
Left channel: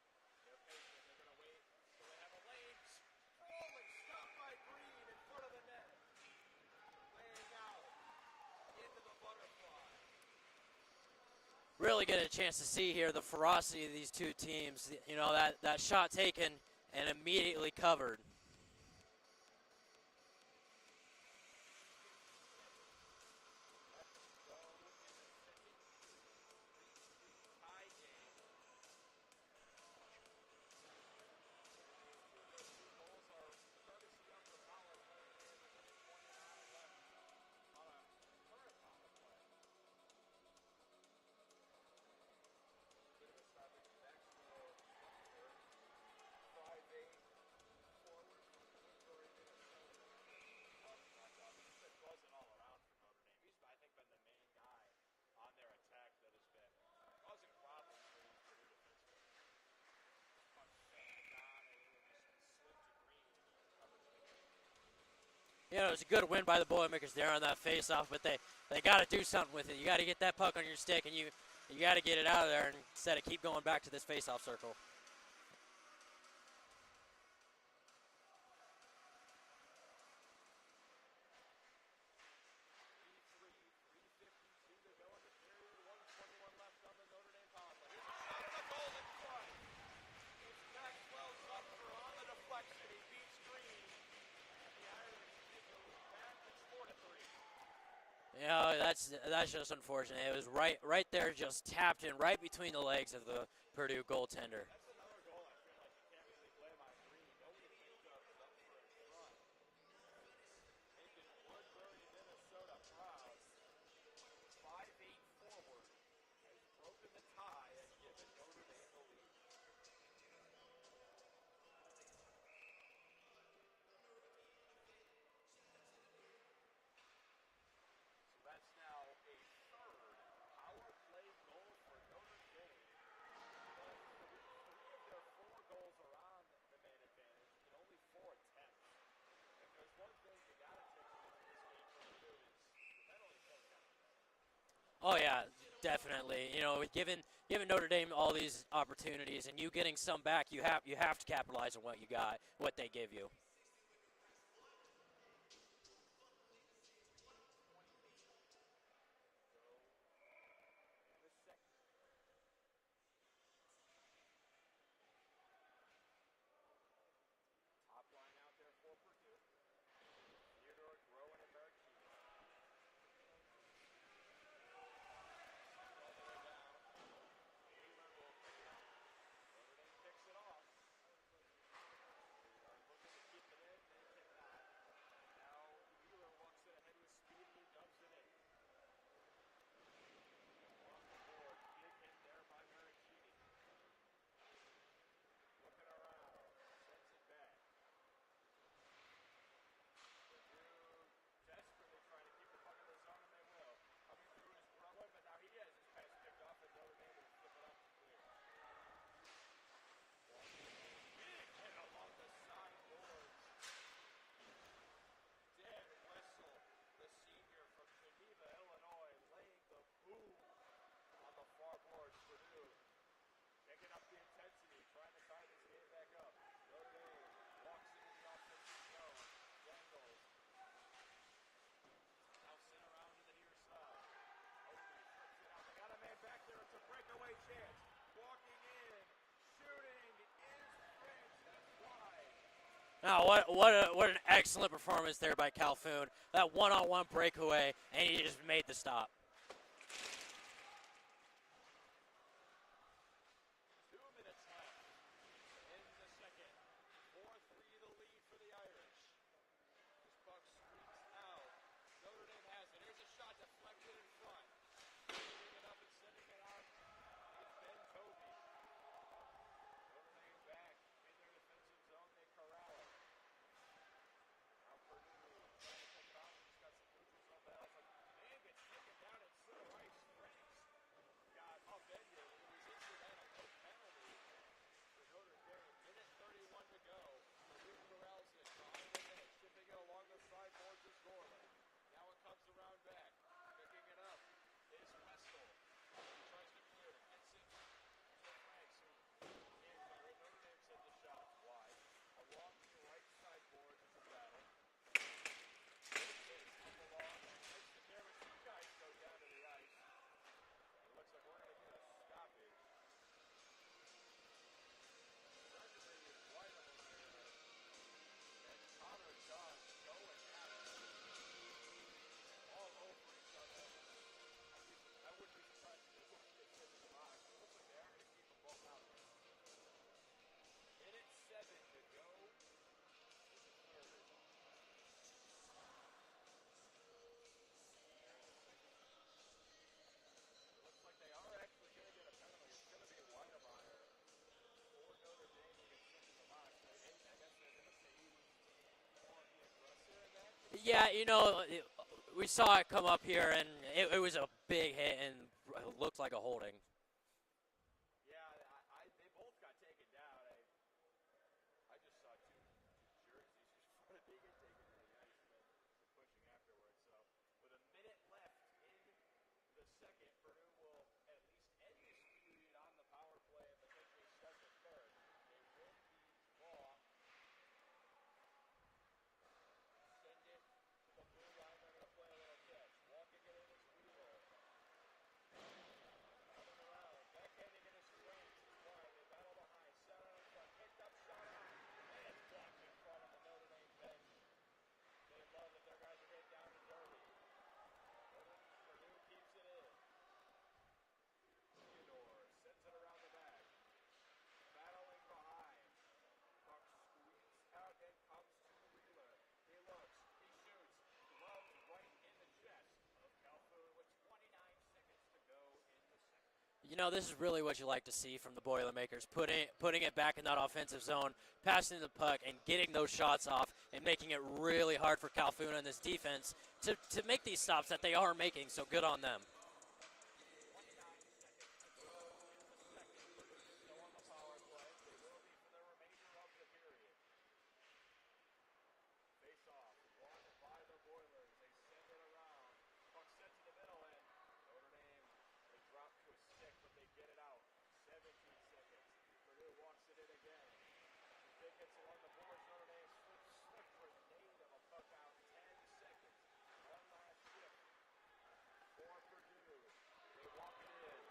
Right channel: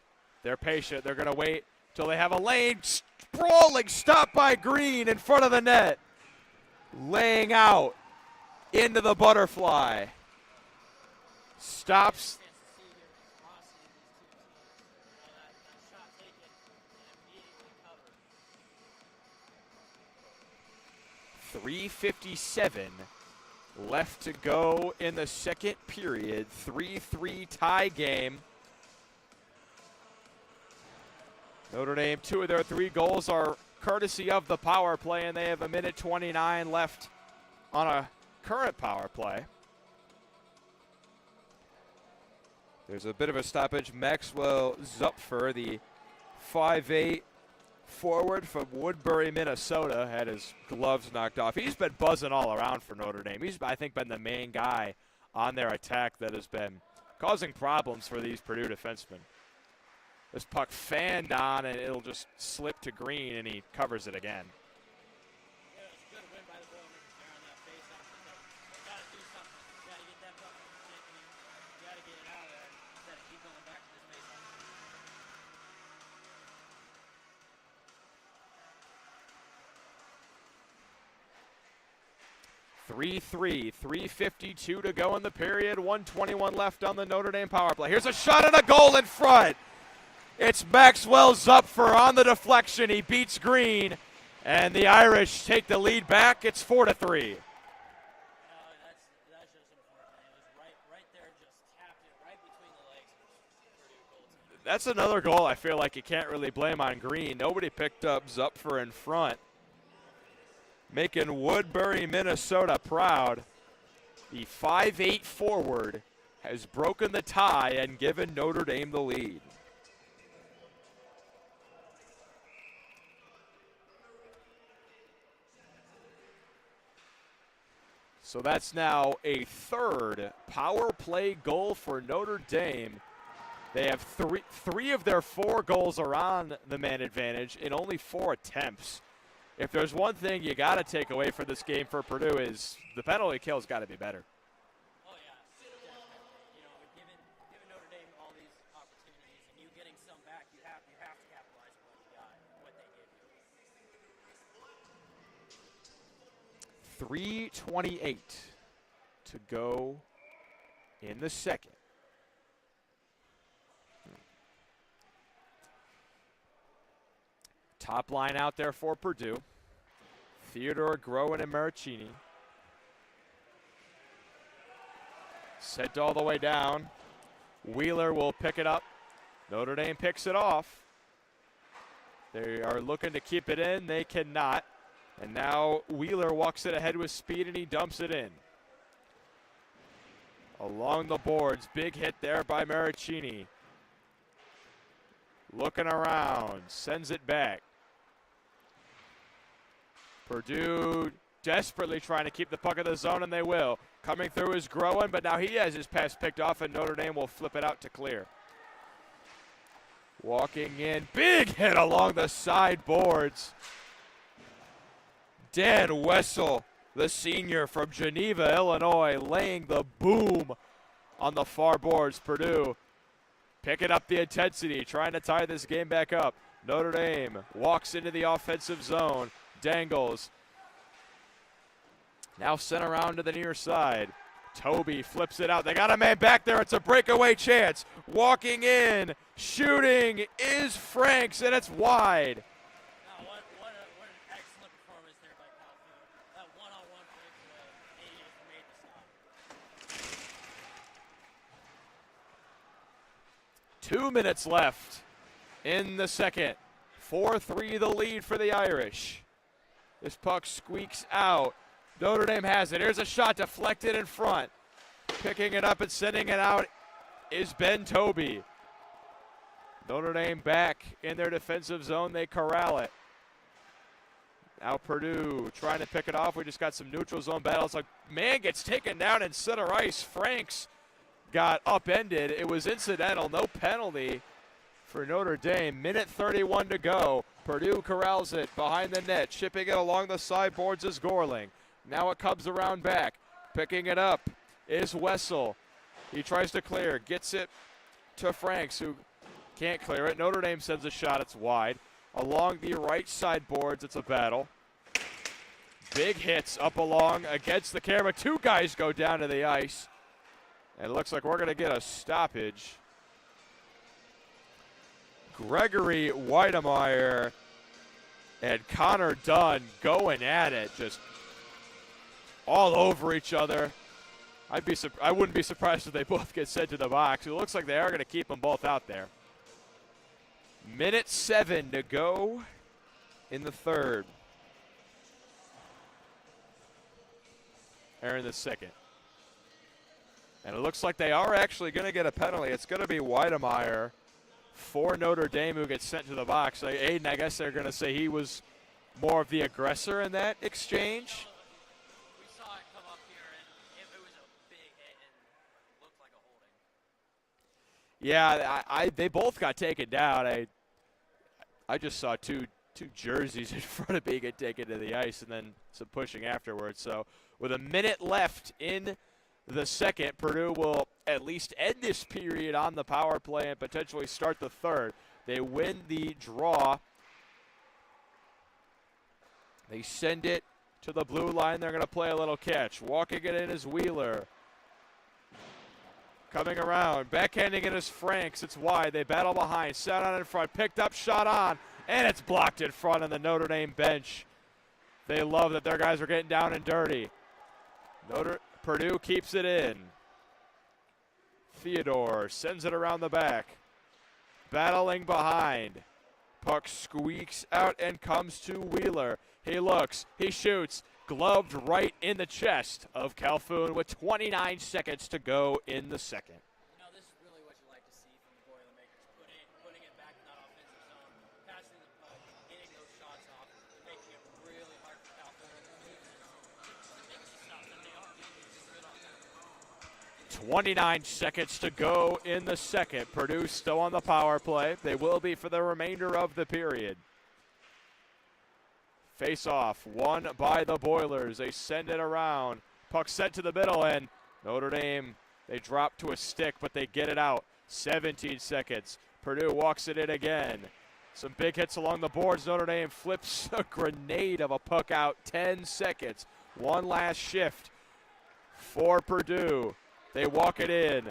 they're patient. They're going to wait till they have a lane. Sprawling, stopped by Green in front of the net. Laying out into the butterfly. Stops. Really get a chance to see here the ferocity of these two teams. You know, that shot taken and immediately covered. 3:57 left to go in the second period. 3-3 tie game. Notre Dame, 2 of their 3 goals are courtesy of the power play, and they have 1:29 left on a current power play. there's a bit of a stoppage. Maxwell Zupfer, the 5'8" forward from Woodbury, Minnesota, had his gloves knocked off. He's been buzzing all around for Notre Dame. He's, I think, been the main guy on their attack that has been causing problems for these Purdue defensemen. This puck fanned on, and it'll just slip to Green, and he covers it again. Yeah, it was a good win by the Boilermakers there on that face-off, but they got to do something with it. You got to get that puck on your stick, and you got to get it out of there instead of keep going back to this face-off circle. .352 to go in the period. 1:21 left on the Notre Dame power play. Here's a shot and a goal in front. It's Maxwell Zupfer on the deflection. He beats Green, and the Irish take the lead back. It's 4-3. You know, that's just unfortunate. It was right there, just tapped in right between the legs of the Purdue goaltender. That's another goal I feel like you can't really blame on Green. Nobody picked up Zupfer in front, making Woodbury, Minnesota proud. The 5'8" forward has broken the tie and given Notre Dame the lead. So that's now a third power play goal for Notre Dame. They have three of their 4 goals are on the man advantage in only 4 attempts. If there's one thing you got to take away from this game for Purdue is the penalty kill's got to be better. Oh yeah, definitely. You know, giving Notre Dame all these opportunities and you getting some back, you have to capitalize on what you got, what they give you. 3:28 to go in the second. Top line out there for Purdue. Theodore, Groen, and Maricini. Sent all the way down. Wheeler will pick it up. Notre Dame picks it off. They are looking to keep it in. They cannot. And now Wheeler walks it ahead with speed, and he dumps it in. Along the boards, big hit there by Maricini. Looking around, sends it back. Purdue desperately trying to keep the puck in the zone, and they will. Coming through is Groen, but now he has his pass picked off, and Notre Dame will flip it out to clear. Walking in, big hit along the side boards. Dan Wessel, the senior from Geneva, Illinois, laying the boom on the far boards. Purdue picking up the intensity, trying to tie this game back up. Notre Dame walks into the offensive zone, dangles. Now sent around to the near side. Toby flips it out. They got a man back there. It's a breakaway chance. Walking in, shooting is Franks, and it's wide. Now, what an excellent performance there by Calhoun. That one-on-one breakaway, and he just made the stop. 2 minutes left in the second. 4-3 the lead for the Irish. This puck squeaks out. Notre Dame has it. Here's a shot deflected in front. Picking it up and sending it out is Ben Toby. Notre Dame back in their defensive zone. They corral it. Now Purdue trying to pick it off. We just got some neutral zone battles. A man gets taken down in center ice. Franks got upended. It was incidental. No penalty for Notre Dame. Minute 31 to go. Purdue corrals it behind the net. Chipping it along the sideboards is Gorling. Now it comes around back. Picking it up is Wessel. He tries to clear. Gets it to Franks, who can't clear it. Notre Dame sends a shot. It's wide. Along the right side boards, it's a battle. Big hits up along against the camera. Two guys go down to the ice. And it looks like we're going to get a stoppage. Gregory Weidemeyer and Connor Dunn going at it, just all over each other. I wouldn't be surprised if they both get sent to the box. It looks like they are going to keep them both out there. Minute 7 to go in the third. Or in the second. And it looks like they are actually going to get a penalty. It's going to be Weidemeyer for Notre Dame who gets sent to the box. Aiden, I guess they're going to say he was more of the aggressor in that exchange. Yeah, you know, we saw it come up here, and it was a big hit and it looked like a holding. Yeah, they both got taken down. I just saw two jerseys in front of me get taken to the ice and then some pushing afterwards. So with a minute left in the second, Purdue will at least end this period on the power play and potentially start the third. They win the draw. They send it to the blue line. They're going to play a little catch. Walking it in is Wheeler. Coming around. Backhanding it is Franks. It's wide. They battle behind. Set on in front. Picked up, shot on. And it's blocked in front of the Notre Dame bench. They love that their guys are getting down and dirty. Purdue keeps it in. Theodore sends it around the back. Battling behind. Puck squeaks out and comes to Wheeler. He looks, he shoots, gloved right in the chest of Calhoun with 29 seconds to go in the second. You know, this is really what you like to see from the Boilermakers, putting it back in that offensive zone, passing the puck, and getting those shots off, and making it really hard for Calhoun and this defense to make these stops that they are making, so good on them. 29 seconds to go in the second. Purdue still on the power play. They will be for the remainder of the period. Face off, won by the Boilers. They send it around. Puck sent to the middle, and Notre Dame, they drop to a stick, but they get it out. 17 seconds. Purdue walks it in again. Some big hits along the boards. Notre Dame flips a grenade of a puck out. 10 seconds. One last shift for Purdue. They walk it in.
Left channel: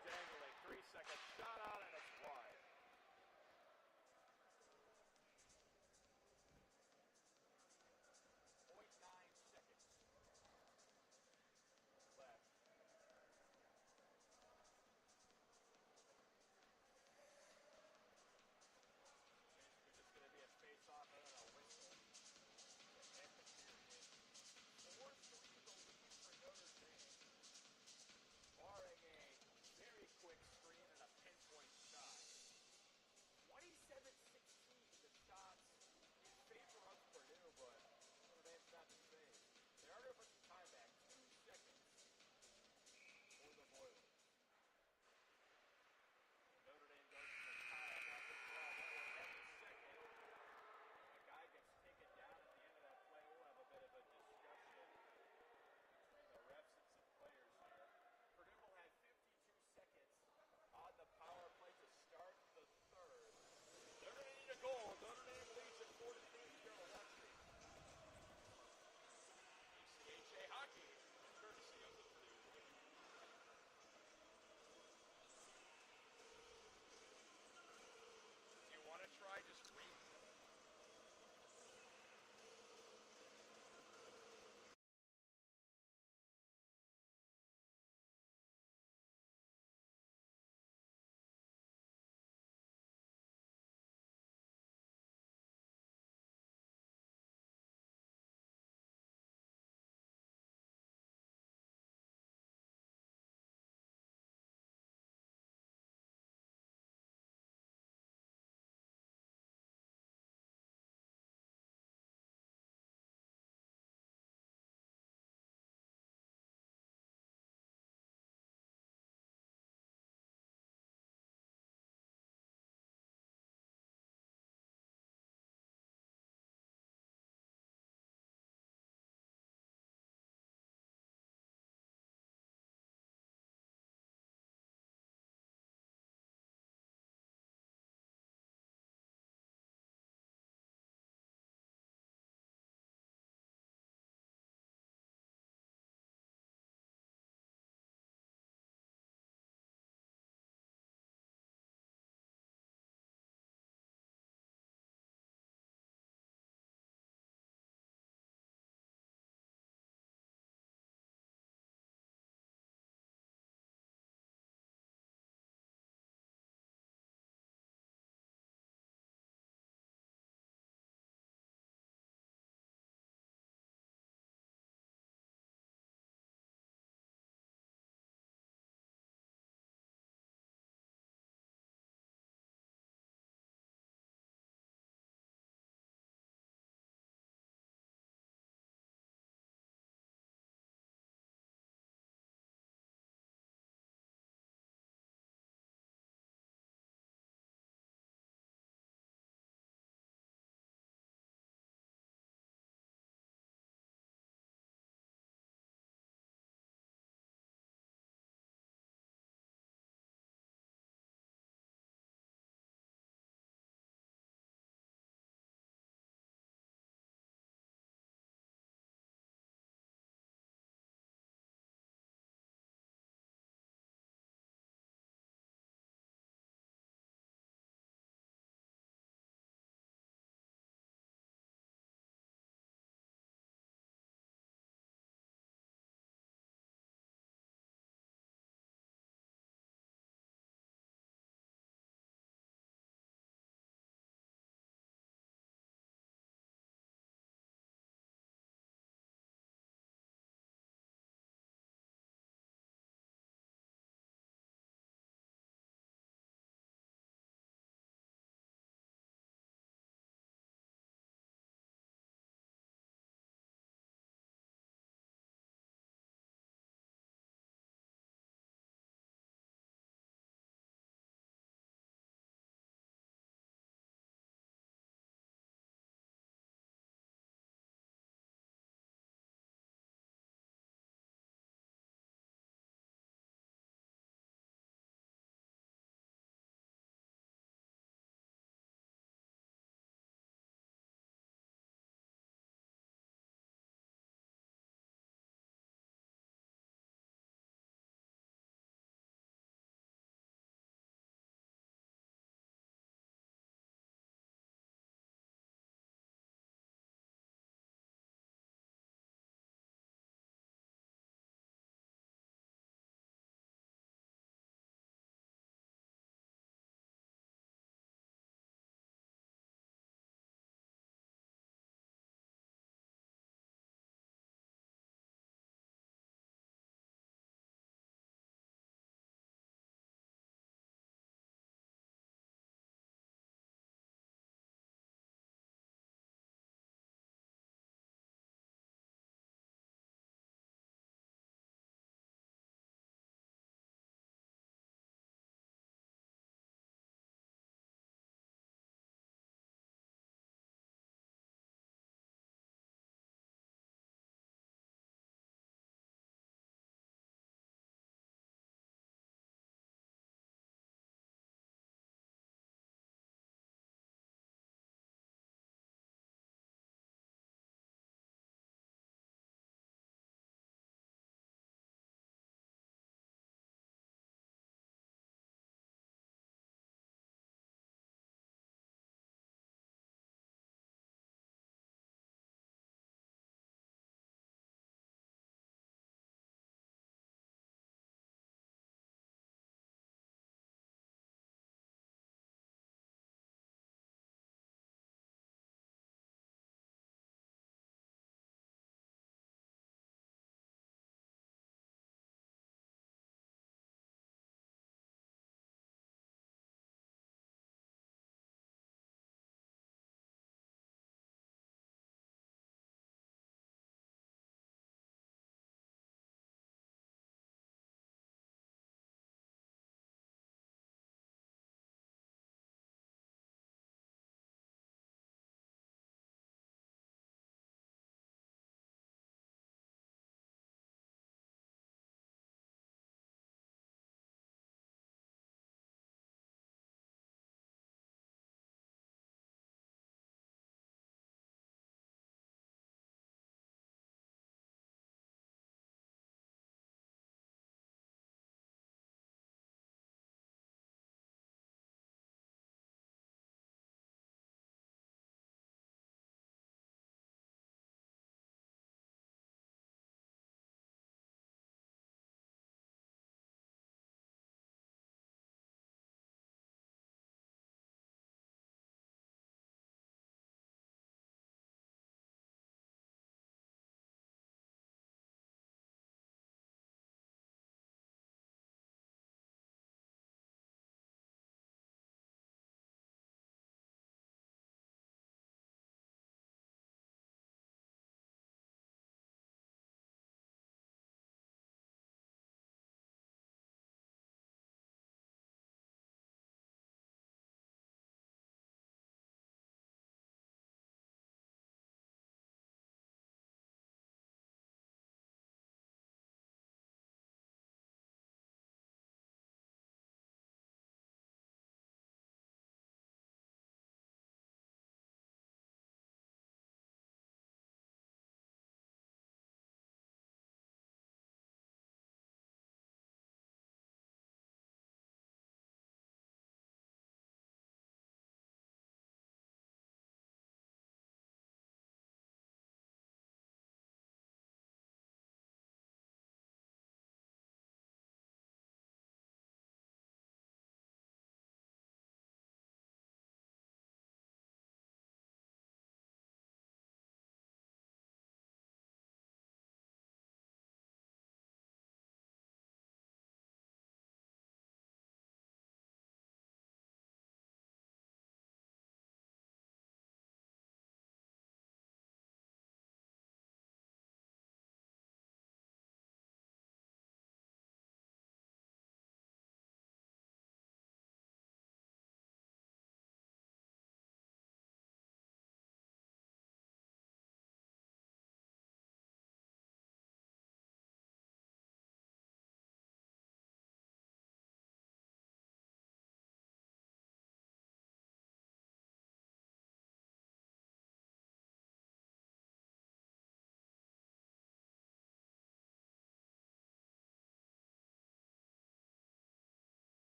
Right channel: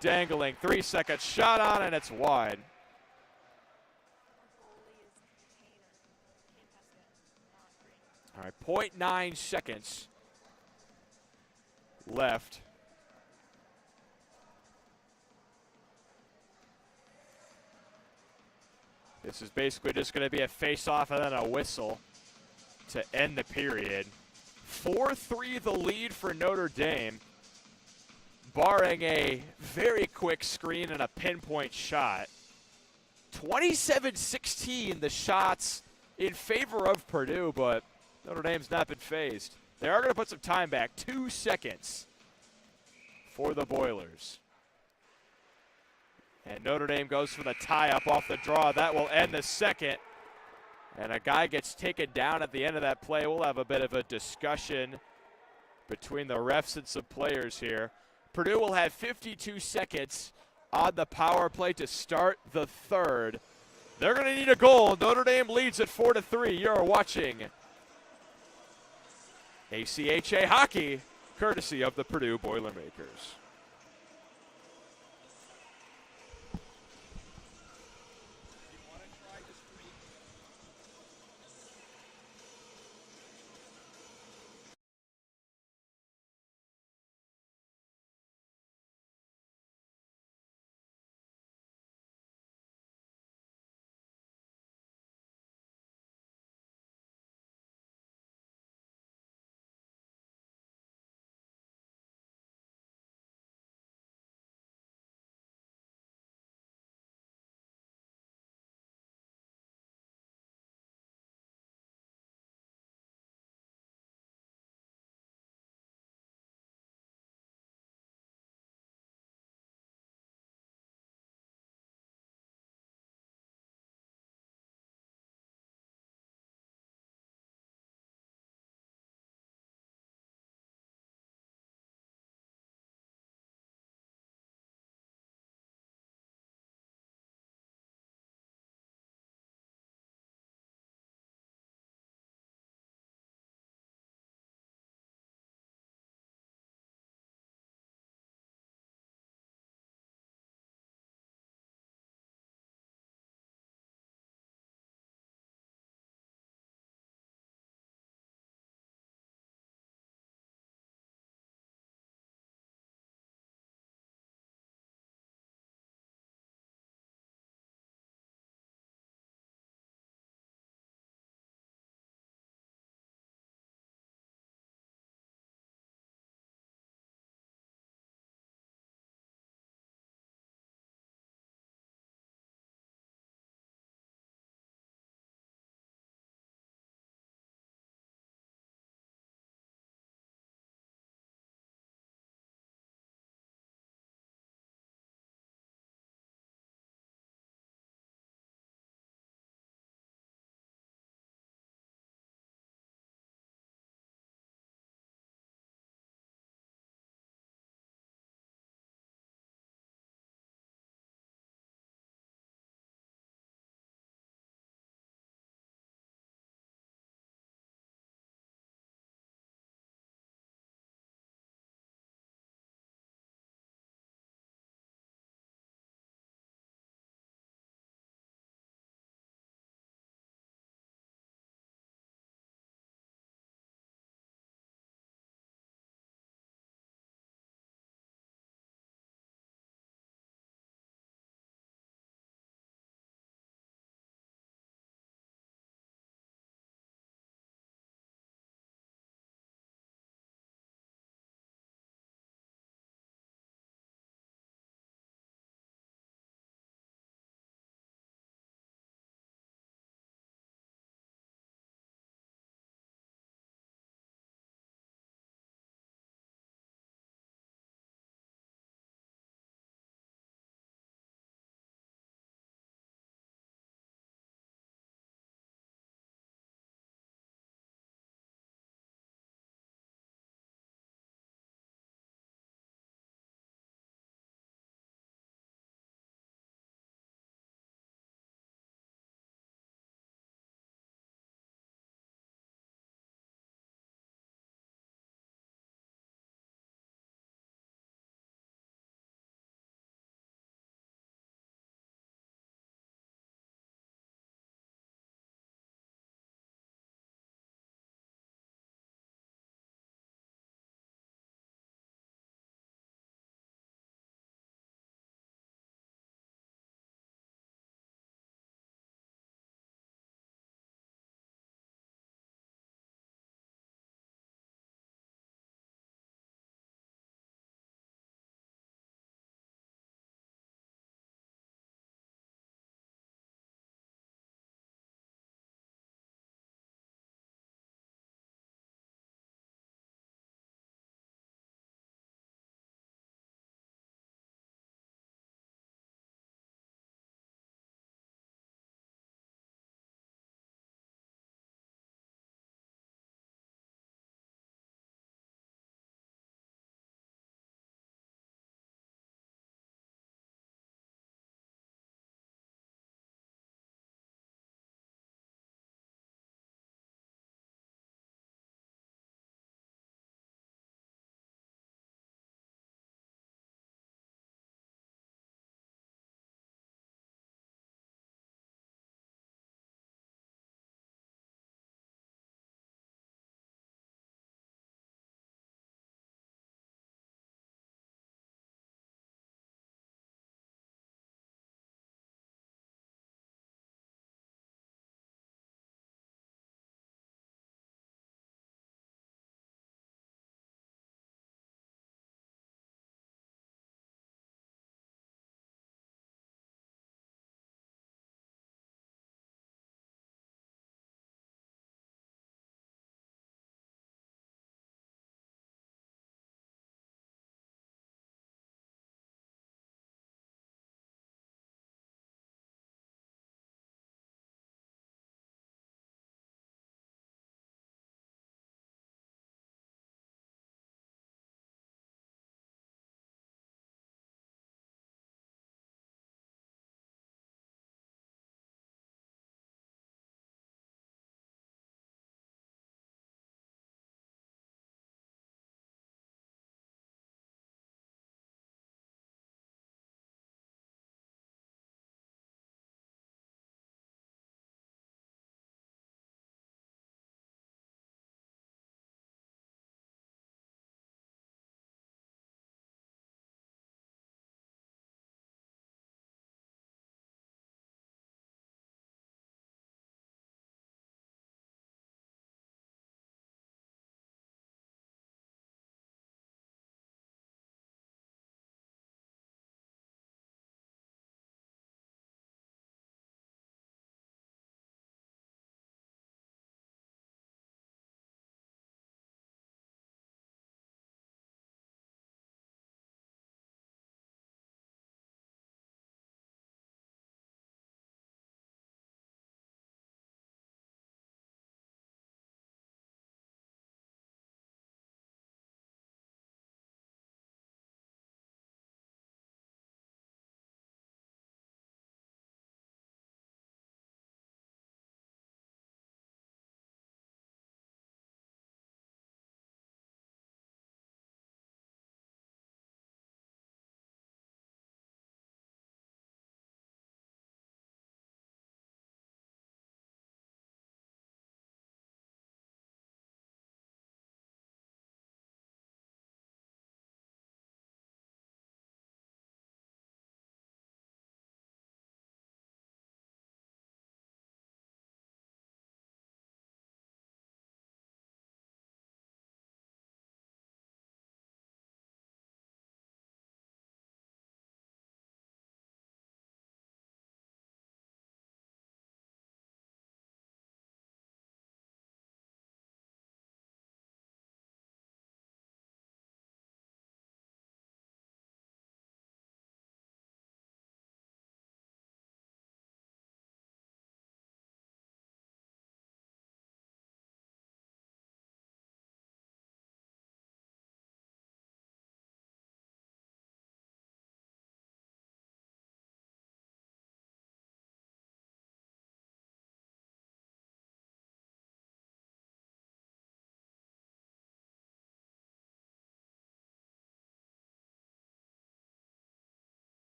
Dangling. 3 seconds. Shot on, and it's wide. All right, 0.9 seconds left. This is basically just going to be a face-off and then a whistle to end the period. 4-3 the lead for Notre Dame, barring a very quick screen and a pinpoint shot. 27-16 the shots in favor of Purdue, but Notre Dame's not been phased. They are going to put some time back. 2 seconds for the Boilers. And Notre Dame goes for the tie-up off the draw. That will end the second. And a guy gets taken down at the end of that play. We'll have a bit of a discussion between the refs and some players here. Purdue will have 52 seconds on the power play to start the third. They're going to need a goal. Notre Dame leads at 4-3. You're watching ACHA hockey, courtesy of the Purdue Boilermakers.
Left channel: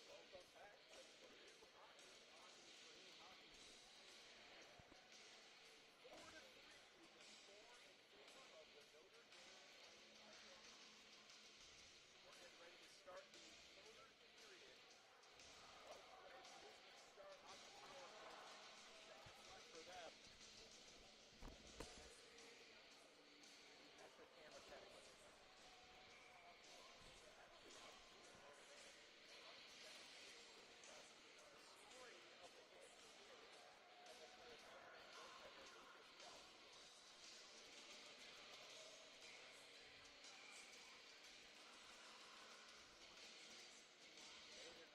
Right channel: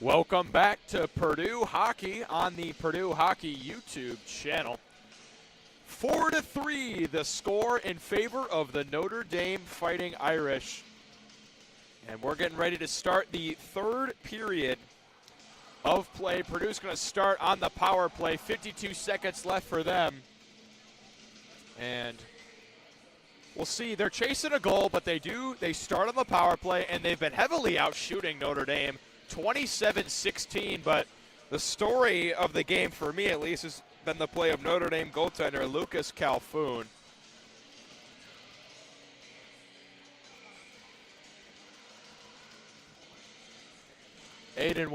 Welcome back to Purdue Hockey on the Purdue Hockey YouTube channel. 4-3 the score in favor of the Notre Dame Fighting Irish. And we're getting ready to start the third period of play. Purdue's going to start on the power play. 52 seconds left for them. And we'll see. They're chasing a goal, but they start on the power play, and they've been heavily out shooting Notre Dame. 27-16, but the story of the game, for me at least, has been the play of Notre Dame goaltender Lucas Calhoun. Aiden,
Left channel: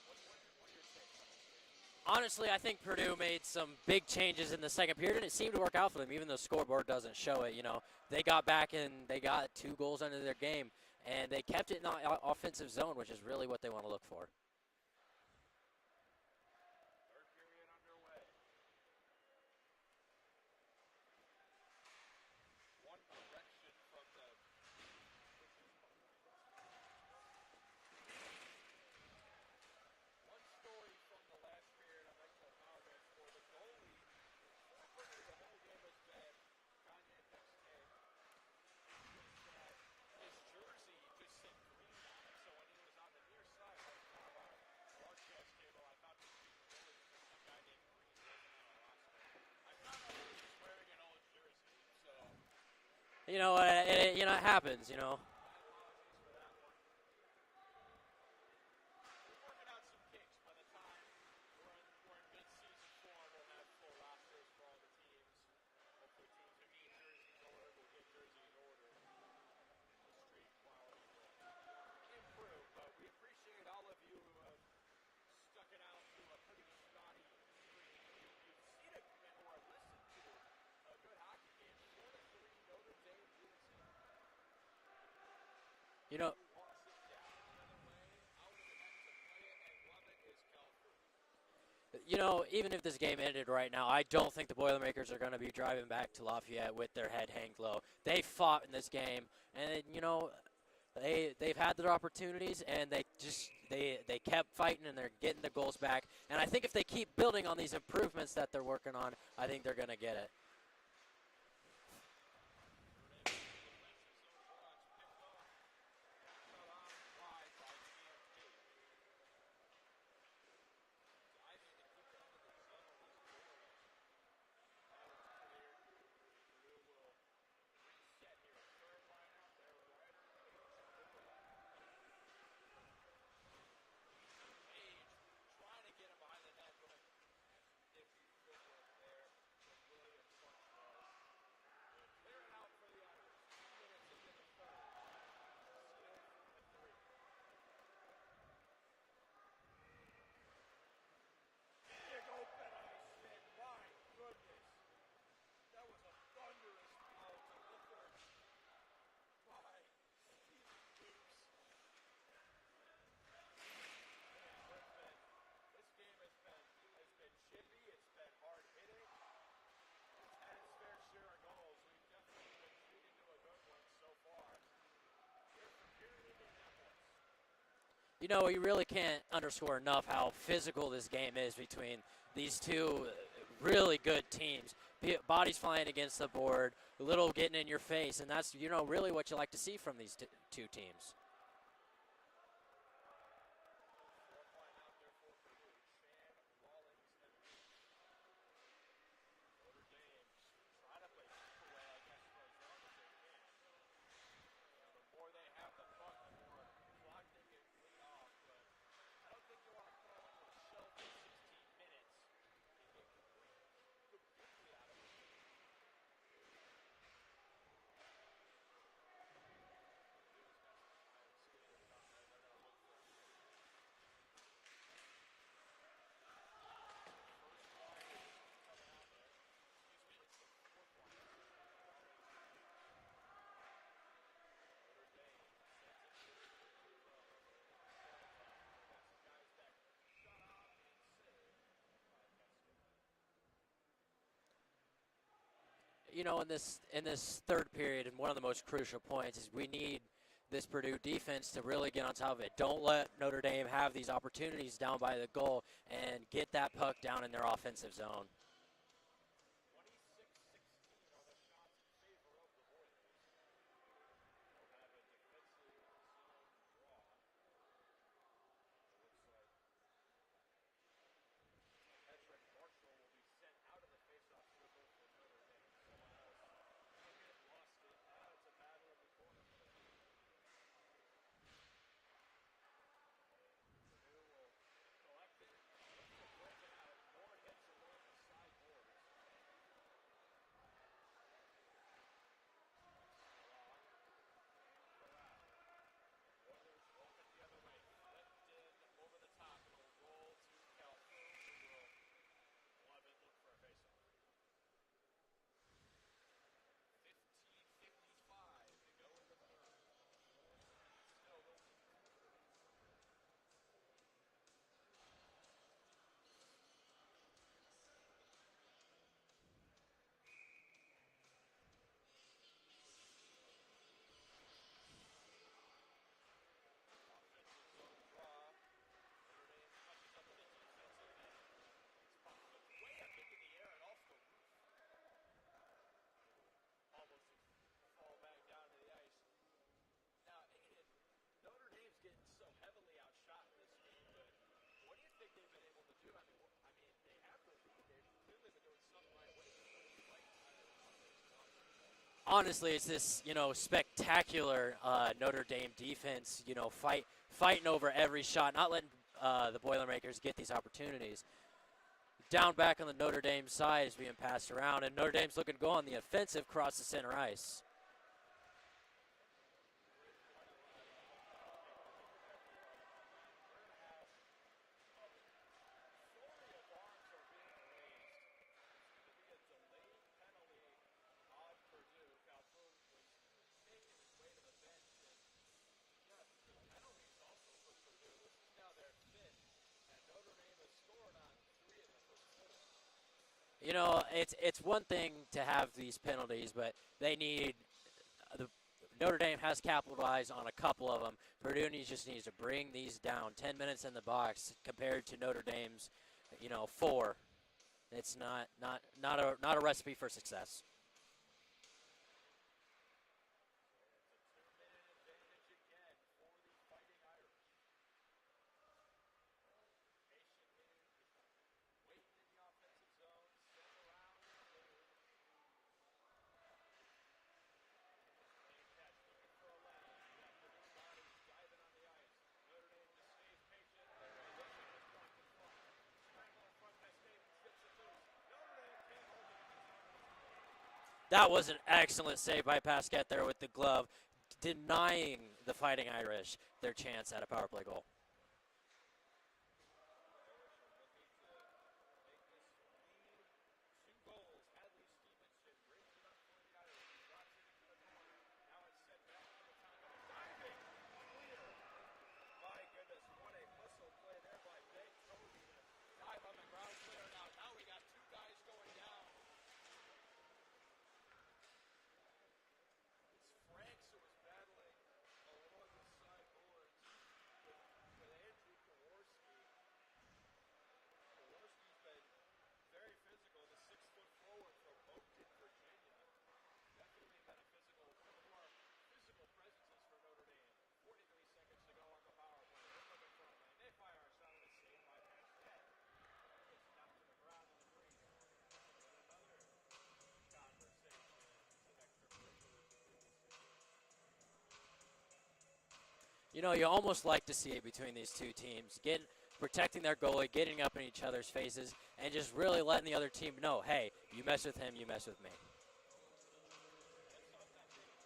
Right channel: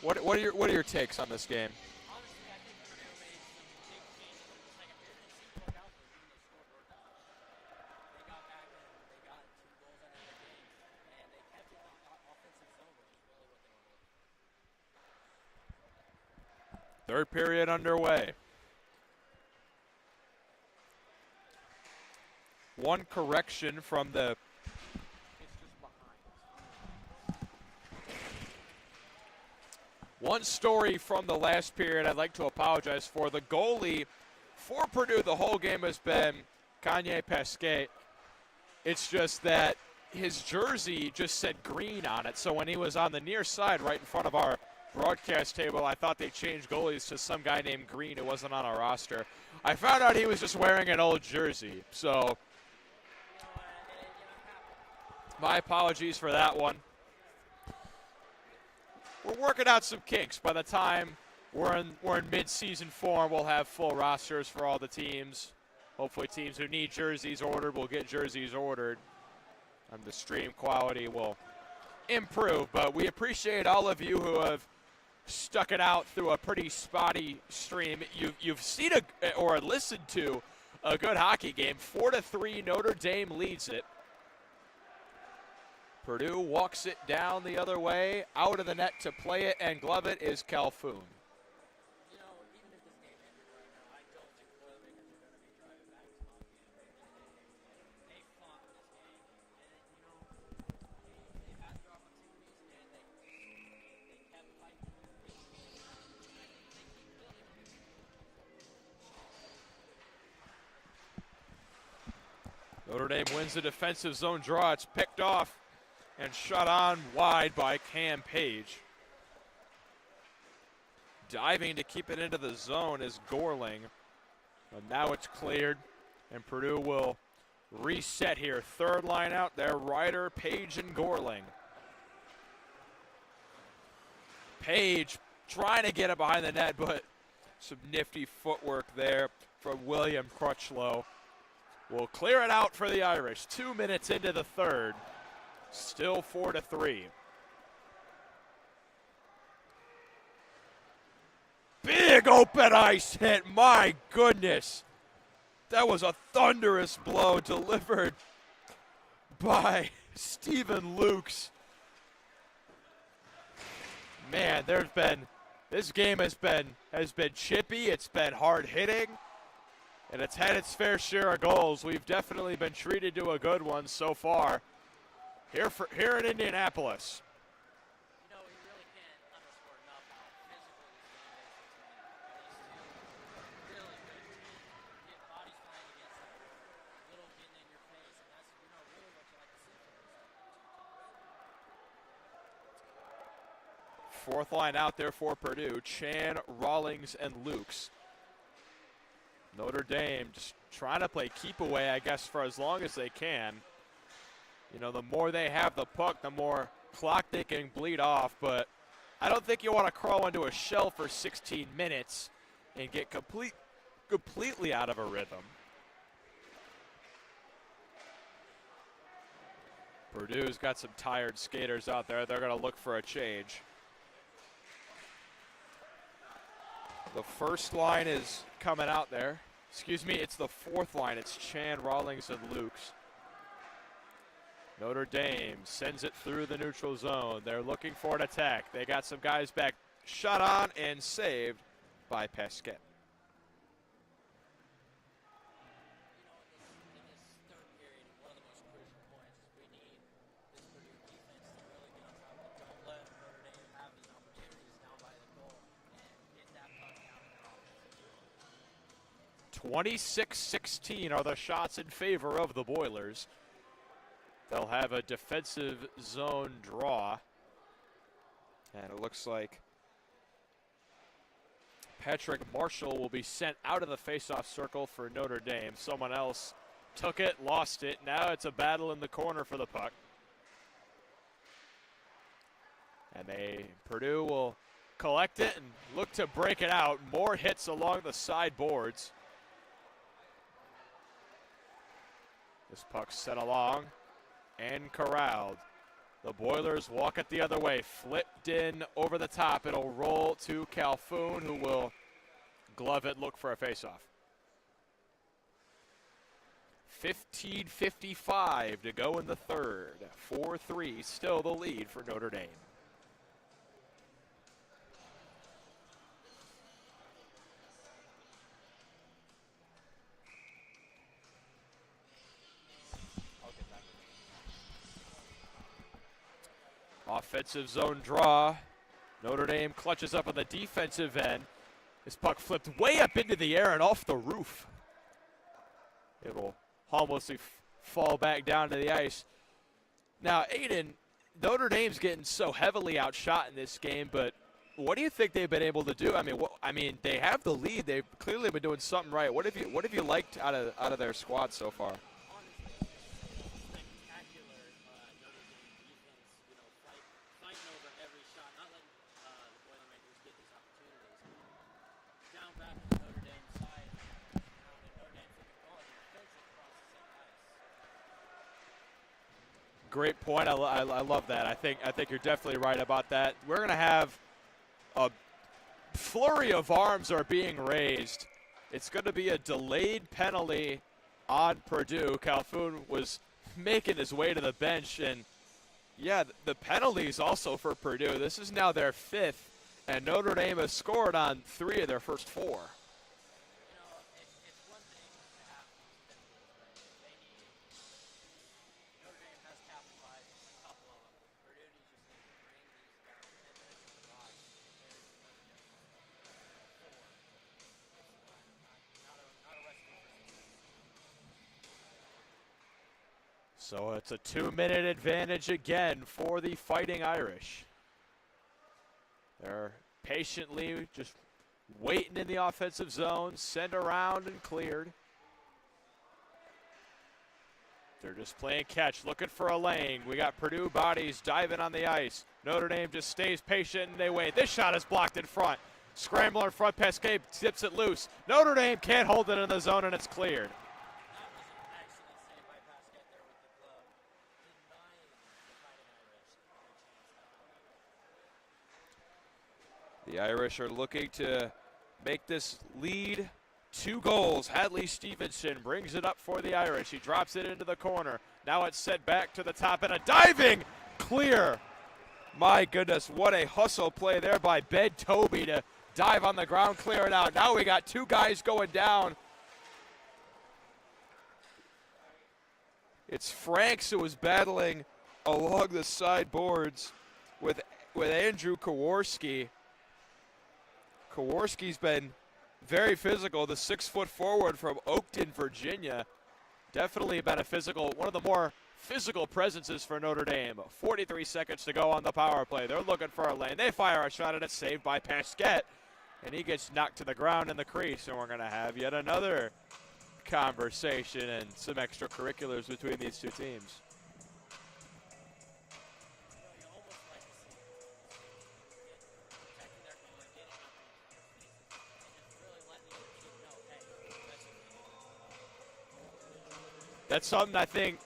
what are your takes on this game? Honestly, I think Purdue made some big changes in the second period, and it seemed to work out for them, even though the scoreboard doesn't show it. You know, they got back and they got 2 goals under their game. And they kept it in the offensive zone, which is really what they want to look for. Third period underway. One correction from the one story from the last period I'd like to apologize for. The goalie for Purdue the whole game has been Kanye Pasquet. It's just that his jersey just said green on it, so when he was on the near side right in front of our broadcast table, I thought they changed goalies to some guy named Green who wasn't on our roster. I found out he was just wearing an old jersey, so you know, it happens. You know, my apologies for that one. We're working out some kinks. By the time we're in mid-season form, we'll have full rosters for all the teams. Hopefully, teams who need jerseys ordered will get jerseys ordered. And the stream quality will improve, but we appreciate all of you who have stuck it out through a pretty spotty stream. You've seen or listened to a good hockey game. 4-3, Notre Dame leads it. Purdue walks it down the other way, out of the net to play it and glove it is Calhoun. You know, even if this game ended right now, I don't think the Boilermakers are going to be driving back to Lafayette with their head hanged low. They fought in this game. And, you know, they've had their opportunities, and they kept fighting, and they're getting the goals back. And I think if they keep building on these improvements that they're working on, I think they're going to get it. Notre Dame wins the defensive zone draw. It's picked off and shot on wide by Cam Page. Diving to keep it into the zone is Gorling. And now it's cleared, and Purdue will reset here. Third line out there, Ryder, Page, and Gorling. Page trying to get it behind the net, but some nifty footwork there from William Crutchlow. Will clear it out for the Irish. 2 minutes into the third. Still 4-3. Big open ice hit, my goodness. That was a thunderous blow delivered by Stephen Lukes. Man, this game has been chippy, it's been hard hitting, and it's had its fair share of goals. We've definitely been treated to a good one so far here in Indianapolis. You know, you really can't underscore enough how physical this game is between these two really good teams. Bodies flying against the board, a little getting in your face, and that's, you know, really what you like to see from these two teams. Fourth line out there for Purdue, Chan, Rawlings, and Lukes. Notre Dame just trying to play keep away, I guess, for as long as they can. You know, the more they have the puck, the more clock they can bleed off, but I don't think you want to crawl into a shell for 16 minutes and get completely out of a rhythm. Purdue's got some tired skaters out there. They're going to look for a change. The first line is coming out there. Excuse me, it's the fourth line. It's Chan, Rawlings, and Lukes. Notre Dame sends it through the neutral zone. They're looking for an attack. They got some guys back. Shot on and saved by Pasquet. You know, in this third period, and one of the most crucial points is we need this Purdue defense to really get on top of it. Don't let Notre Dame have these opportunities down by the goal and get that puck down in their offensive zone. 26-16 are the shots in favor of the Boilers. They'll have a defensive zone draw. And it looks like Patrick Marshall will be sent out of the faceoff circle for Notre Dame. Someone else took it, lost it. Now it's a battle in the corner for the puck. And Purdue will collect it and look to break it out. More hits along the side boards. This puck sent along and corralled. The Boilers walk it the other way. Flipped in over the top. It'll roll to Calhoun, who will glove it, look for a faceoff. 15:55 to go in the third. 4-3, still the lead for Notre Dame. Offensive zone draw. Notre Dame clutches up on the defensive end. This puck flipped way up into the air and off the roof. It will harmlessly fall back down to the ice. Now, Aiden, Notre Dame's getting so heavily outshot in this game, but what do you think they've been able to do? I mean, they have the lead. They've clearly been doing something right. What have you liked out of their squad so far? Honestly, it's this, spectacular Notre Dame defense, fighting over every shot, not letting the Boilermakers get these opportunities. Down back on the Notre Dame side is being passed around, and Notre Dame's looking to go on the offensive across the center ice. Great point. I love that. I think you're definitely right about that. We're going to have a flurry of arms are being raised. It's going to be a delayed penalty on Purdue. Calhoun was making his way to the bench, and yeah, the penalties also for Purdue. This is now their fifth, and Notre Dame has scored on 3 of their first 4. It's one thing to have these penalties, but Notre Dame has capitalized on a couple of them. Purdue just needs to bring these down. 10 minutes in the box compared to Notre Dame's, 4. It's not a recipe for success. So it's a 2-minute advantage again for the Fighting Irish. They're patiently just waiting in the offensive zone, sent around and cleared. They're just playing catch, looking for a lane. We got Purdue bodies diving on the ice. Notre Dame just stays patient and they wait. This shot is blocked in front. Scrambler in front, Pesquet tips it loose. Notre Dame can't hold it in the zone and it's cleared. That was an excellent save by Pesquet there with the glove, denying the Fighting Irish their chance at a power play goal. the Irish are looking to make this lead 2 goals. Hadley Stevenson brings it up for the Irish. He drops it into the corner. Now it's set back to the top and a diving clear. My goodness, what a hustle play there by Ben Toby to dive on the ground, clear it out. Now we got 2 guys going down. It's Franks who was battling along the sideboards with Andrew Kowarski. Kowarski's been very physical, the 6-foot forward from Oakton, Virginia. Definitely been a physical, one of the more physical presences for Notre Dame. 43 seconds to go on the power play. They're looking for a lane. They fire a shot and it's saved by Pesquet. And he gets knocked to the ground in the crease. And we're going to have yet another conversation and some extracurriculars between these 2 teams. You know, you almost like to see it between these 2 teams. Protecting their goalie, getting up in each other's faces, and just really letting the other team know, hey, you mess with him, you mess with me. That's something I think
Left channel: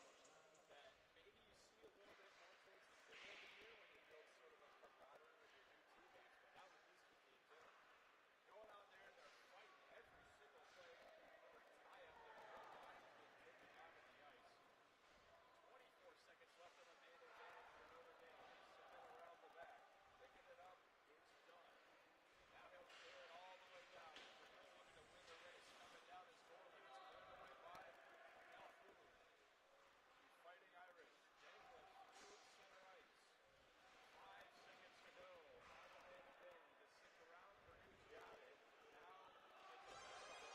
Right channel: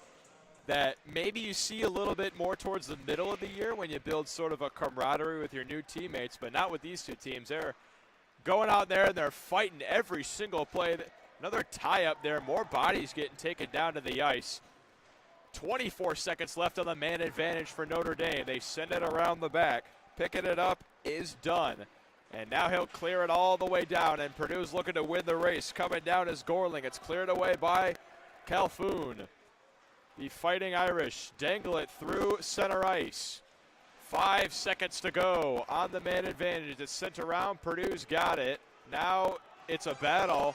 that maybe you see a little bit more towards the middle of the year when you build sort of a camaraderie with your new teammates, but not with these 2 teams. They're going out there and they're fighting every single play. Another tie up there, more bodies getting taken down to the ice. 24 seconds left on the man advantage for Notre Dame. They send it around the back. Picking it up is done. And now he'll clear it all the way down, and Purdue's looking to win the race. Coming down is Gorling. It's cleared away by Calhoun. The Fighting Irish dangle it through center ice. 5 seconds to go on the man advantage. It's sent around. Purdue's got it. Now it's a battle.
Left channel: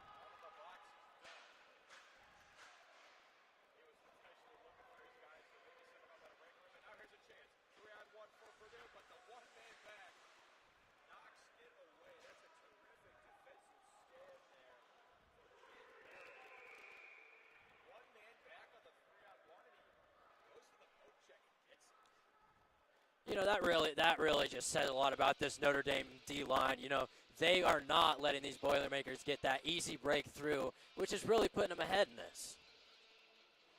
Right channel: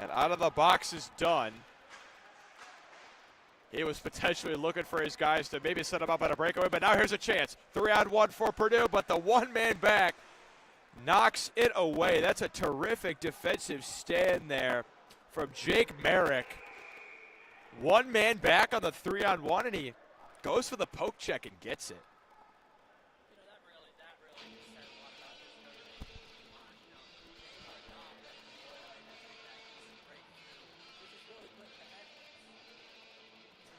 And out of the box is done. He was potentially looking for his guys to maybe set him up on a breakaway, but now here's a chance. 3-on-1 for Purdue, but the one-man back knocks it away. That's a terrific defensive stand there from Jake Merrick. One man back on the 3-on-1, and he goes for the poke check and gets it. You know, that really just says a lot about this Notre Dame D-line. You know, they are not letting these Boilermakers get that easy breakthrough, which is really putting them ahead in this.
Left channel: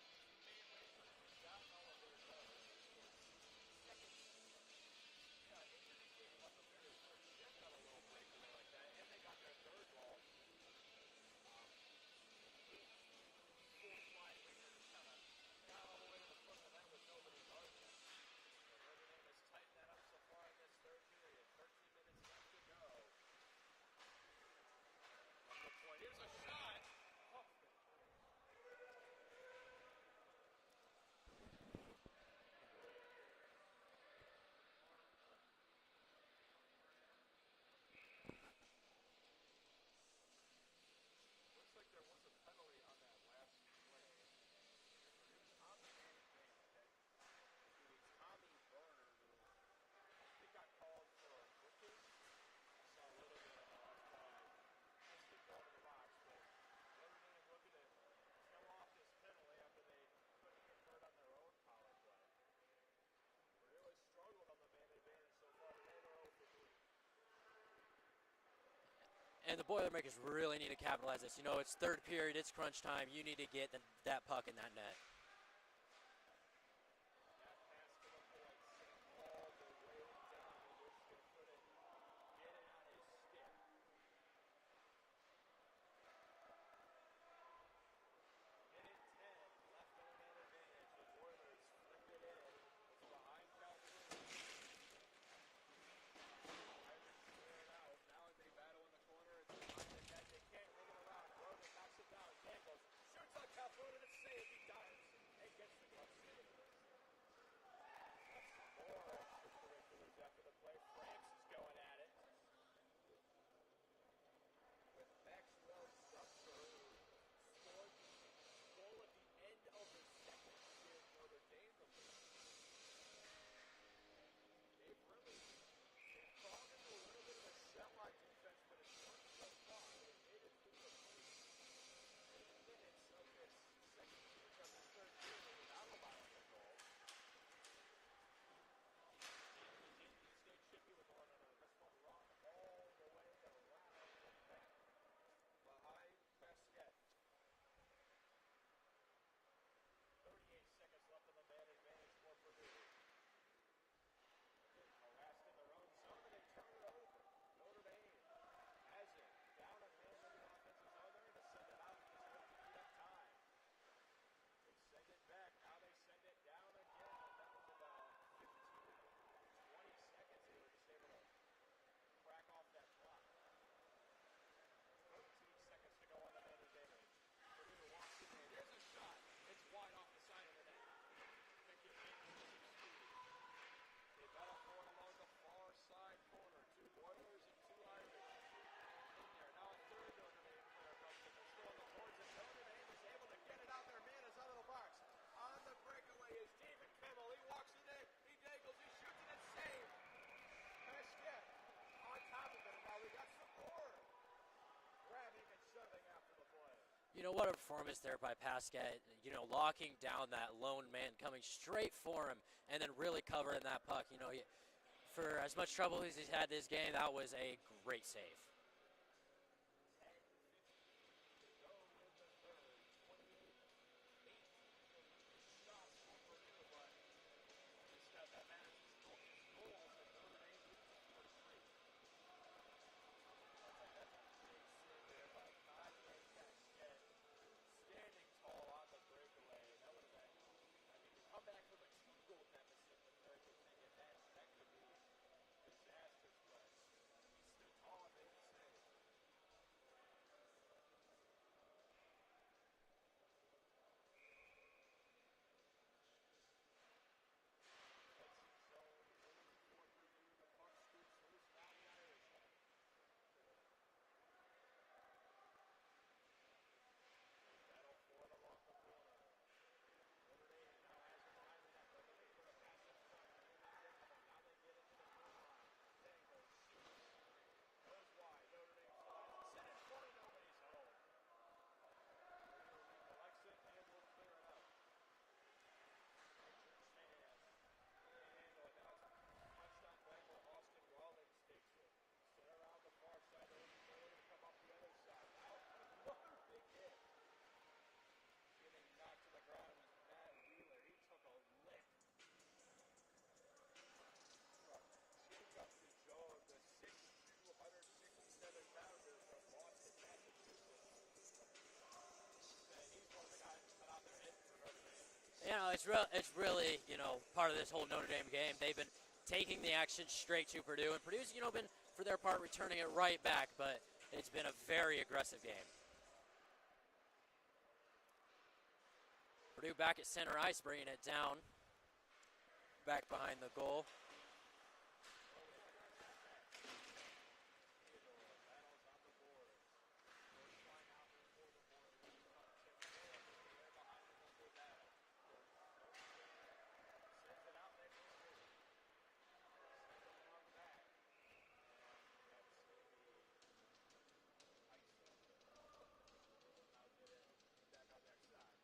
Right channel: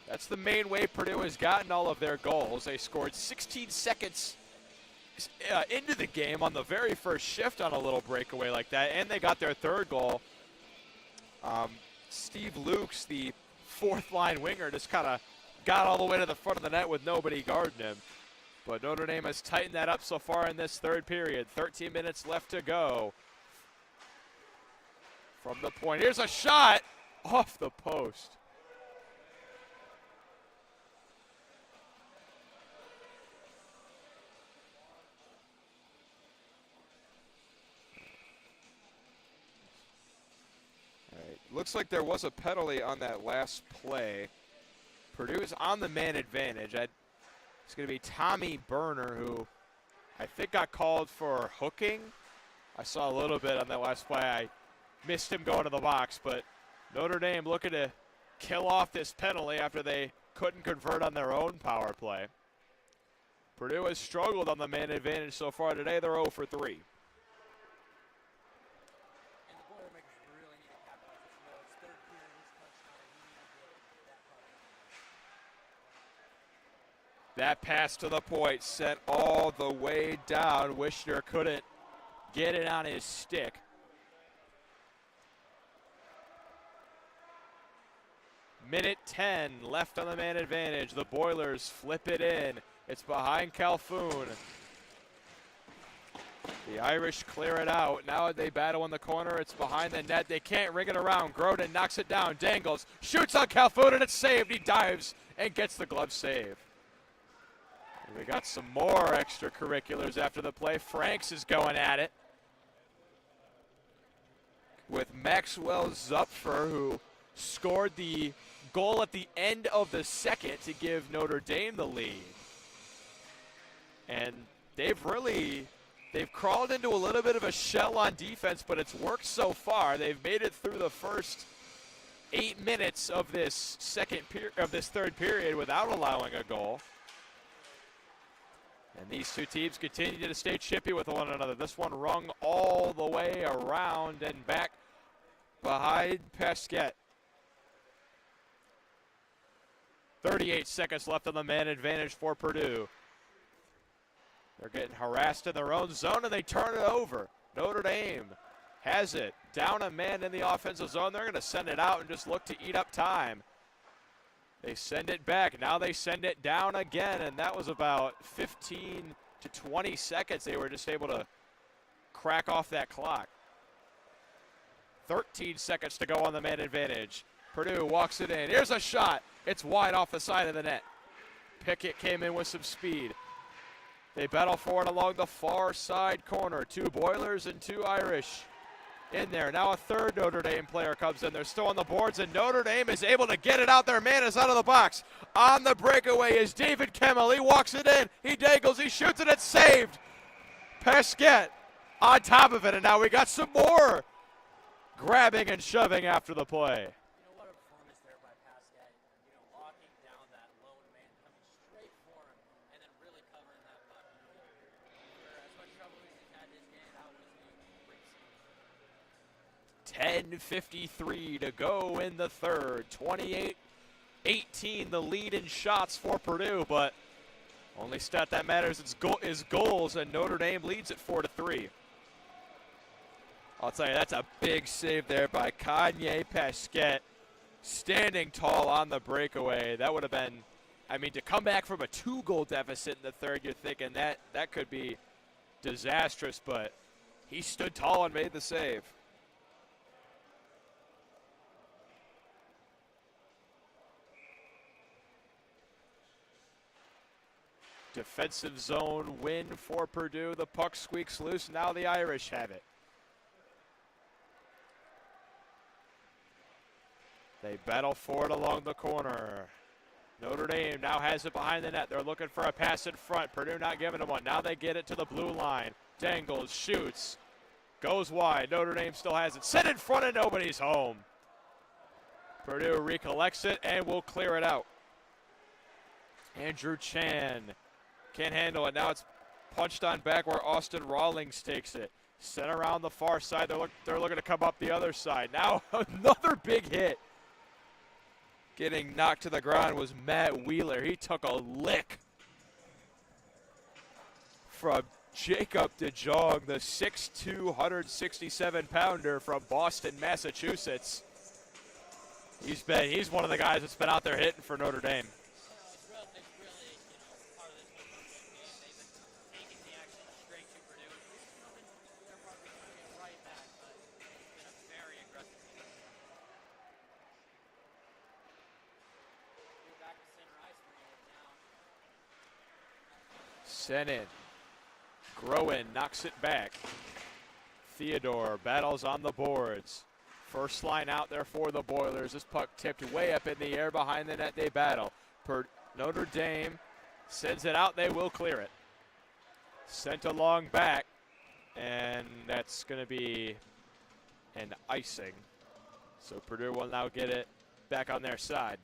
That's the main way Purdue has gotten all of their goals. They scored 16 seconds into the game on the very first shift on a little breakaway like that, and they got their third goal. Steve Lukes, the fourth-line winger, just kind of got all the way to the front of the net with nobody guarding him. But Notre Dame has tightened that up so far in this third period. 13 minutes left to go. From the point, here's a shot off the post. Looks like there was a penalty on that last play. Purdue's on the man advantage. It's going to be Tommy Berner, who I think got called for hooking. I saw a little bit on that last play. I missed him going to the box, but Notre Dame looking to kill off this penalty after they couldn't convert on their own power play. Purdue has struggled on the man advantage so far today. They're 0 for 3. And the Boilermakers really need to capitalize this. You know, it's third period, it's crunch time. You need to get that puck in that net. That pass to the point sent all the way down. Wishner couldn't get it on his stick. Minute 10 left on the man advantage. The Boilers flip it in. It's behind Calhoun. The Irish clear it out. Now they battle in the corner. It's behind the net. They can't ring it around. Grodin knocks it down. Dangles. Shoots on Calhoun, and it's saved. He dives and gets the glove save. And we got some more extracurriculars after the play. Franks is going at it with Maxwell Zupfer, who scored the goal at the end of the second to give Notre Dame the lead. And they've crawled into a little bit of a shell on defense, but it's worked so far. They've made it through the first 8 minutes of this third period without allowing a goal. And these two teams continue to stay chippy with one another. This one rung all the way around and back behind Pesquet. 38 seconds left on the man advantage for Purdue. They're getting harassed in their own zone, and they turn it over. Notre Dame has it. Down a man in the offensive zone. They're going to send it out and just look to eat up time. They send it back. Now they send it down again, and that was about 15 to 20 seconds. They were just able to crack off that clock. 13 seconds to go on the man advantage. Purdue walks it in. Here's a shot. It's wide off the side of the net. Pickett came in with some speed. They battle for it along the far side corner. 2 Boilers and 2 Irish in there. Now a third Notre Dame player comes in. They're still on the boards, and Notre Dame is able to get it out. Their man is out of the box. On the breakaway is David Kemmel. He walks it in. He dangles. He shoots it. It's saved. Pesquet on top of it, and now we got some more grabbing and shoving after the play. You know, what a performance there by Pesquet. You know, locking down that lone man, coming straight for him, and then really covering that puck. You know, for as much trouble as he's had this game, that was a great save. 10:53 to go in the third. 28-18 the lead in shots for Purdue, but only stat that matters is goals, and Notre Dame leads it 4-3. I'll tell you, that's a big save there by Kanye Pesquet, standing tall on the breakaway. That would have been, I mean, to come back from a 2-goal deficit in the third, you're thinking that could be disastrous, but he stood tall and made the save. Defensive zone win for Purdue. The puck squeaks loose. Now the Irish have it. They battle for it along the corner. Notre Dame now has it behind the net. They're looking for a pass in front. Purdue not giving them one. Now they get it to the blue line. Dangles, shoots, goes wide. Notre Dame still has it. Set in front and nobody's home. Purdue recollects it and will clear it out. Andrew Chan can't handle it. Now it's punched on back where Austin Rawlings takes it. Sent around the far side. They're looking to come up the other side. Now another big hit. Getting knocked to the ground was Matt Wheeler. He took a lick from Jacob DeJong, the 6'2", 167-pounder from Boston, Massachusetts. He's one of the guys that's been out there hitting for Notre Dame. You know, it's really, part of this whole Notre Dame game. They've been taking the action straight to Purdue, and Purdue's, been, for their part, returning it right back, but it's been a very aggressive game. Purdue back at center ice, bringing it down. Back behind the goal. Sent in. Groen knocks it back. Theodore battles on the boards. First line out there for the Boilers. This puck tipped way up in the air behind the net. They battle. Notre Dame sends it out. They will clear it. Sent along back. And that's going to be an icing. So Purdue will now get it back on their side.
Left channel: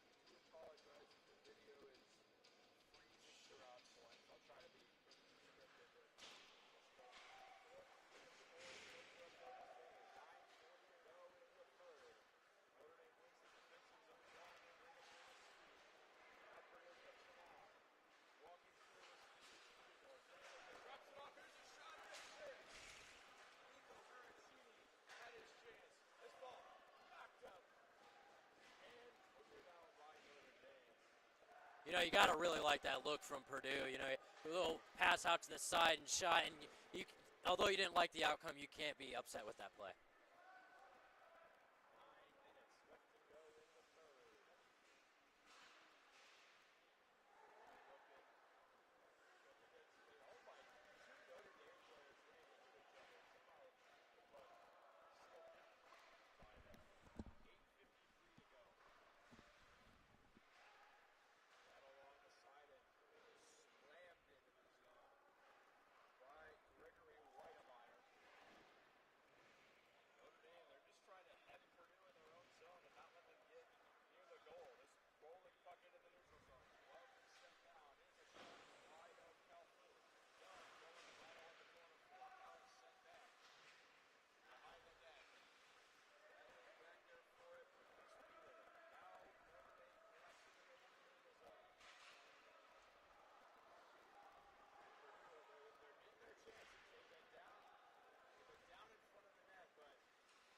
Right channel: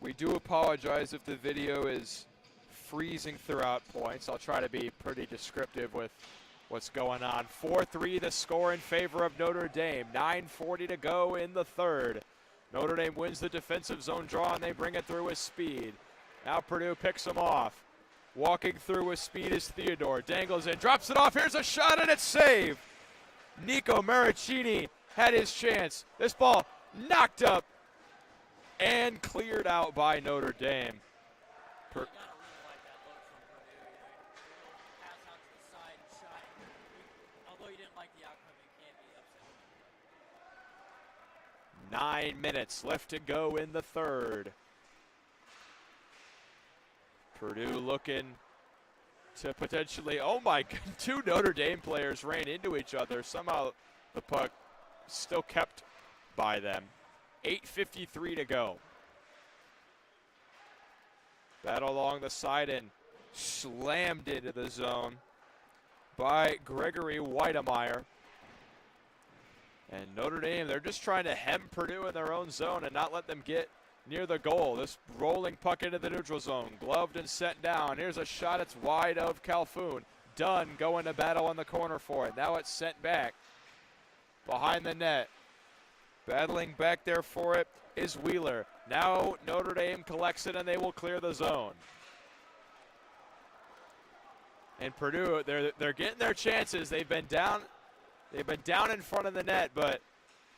We do apologize if the video is freezing throughout points. I'll try to be pretty descriptive with what's going on. 4-3 the score in favor of Notre Dame. 9:40 to go in the third. Notre Dame wins the defensive zone draw and they bring it through with speed. Now Purdue picks them off. Walking through with speed is Theodore. Dangles in, drops it off. Here's a shot and it's saved. Nico Maricini had his chance. This ball knocked up and cleared out by Notre Dame. You got to really like that look from Purdue. A little pass out to the side and shot. And although you didn't like the outcome, you can't be upset with that play. 9 minutes left to go in the third. Purdue looking to potentially, oh my God, two Notre Dame players ran into each other. Somehow the puck still kept by them. 8:53 to go. Battle along the side and slammed into the zone by Gregory Weidemeyer. And Notre Dame, they're just trying to hem Purdue in their own zone and not let them get near the goal. This rolling puck into the neutral zone, gloved and sent down. Here's a shot, it's wide of Calhoun. Dunn going to battle on the corner for it. Now it's sent back behind the net. Battling back there for it is Wheeler. Now Notre Dame collects it and they will clear the zone. And Purdue, they're getting their chances. They've been down in front of the net, but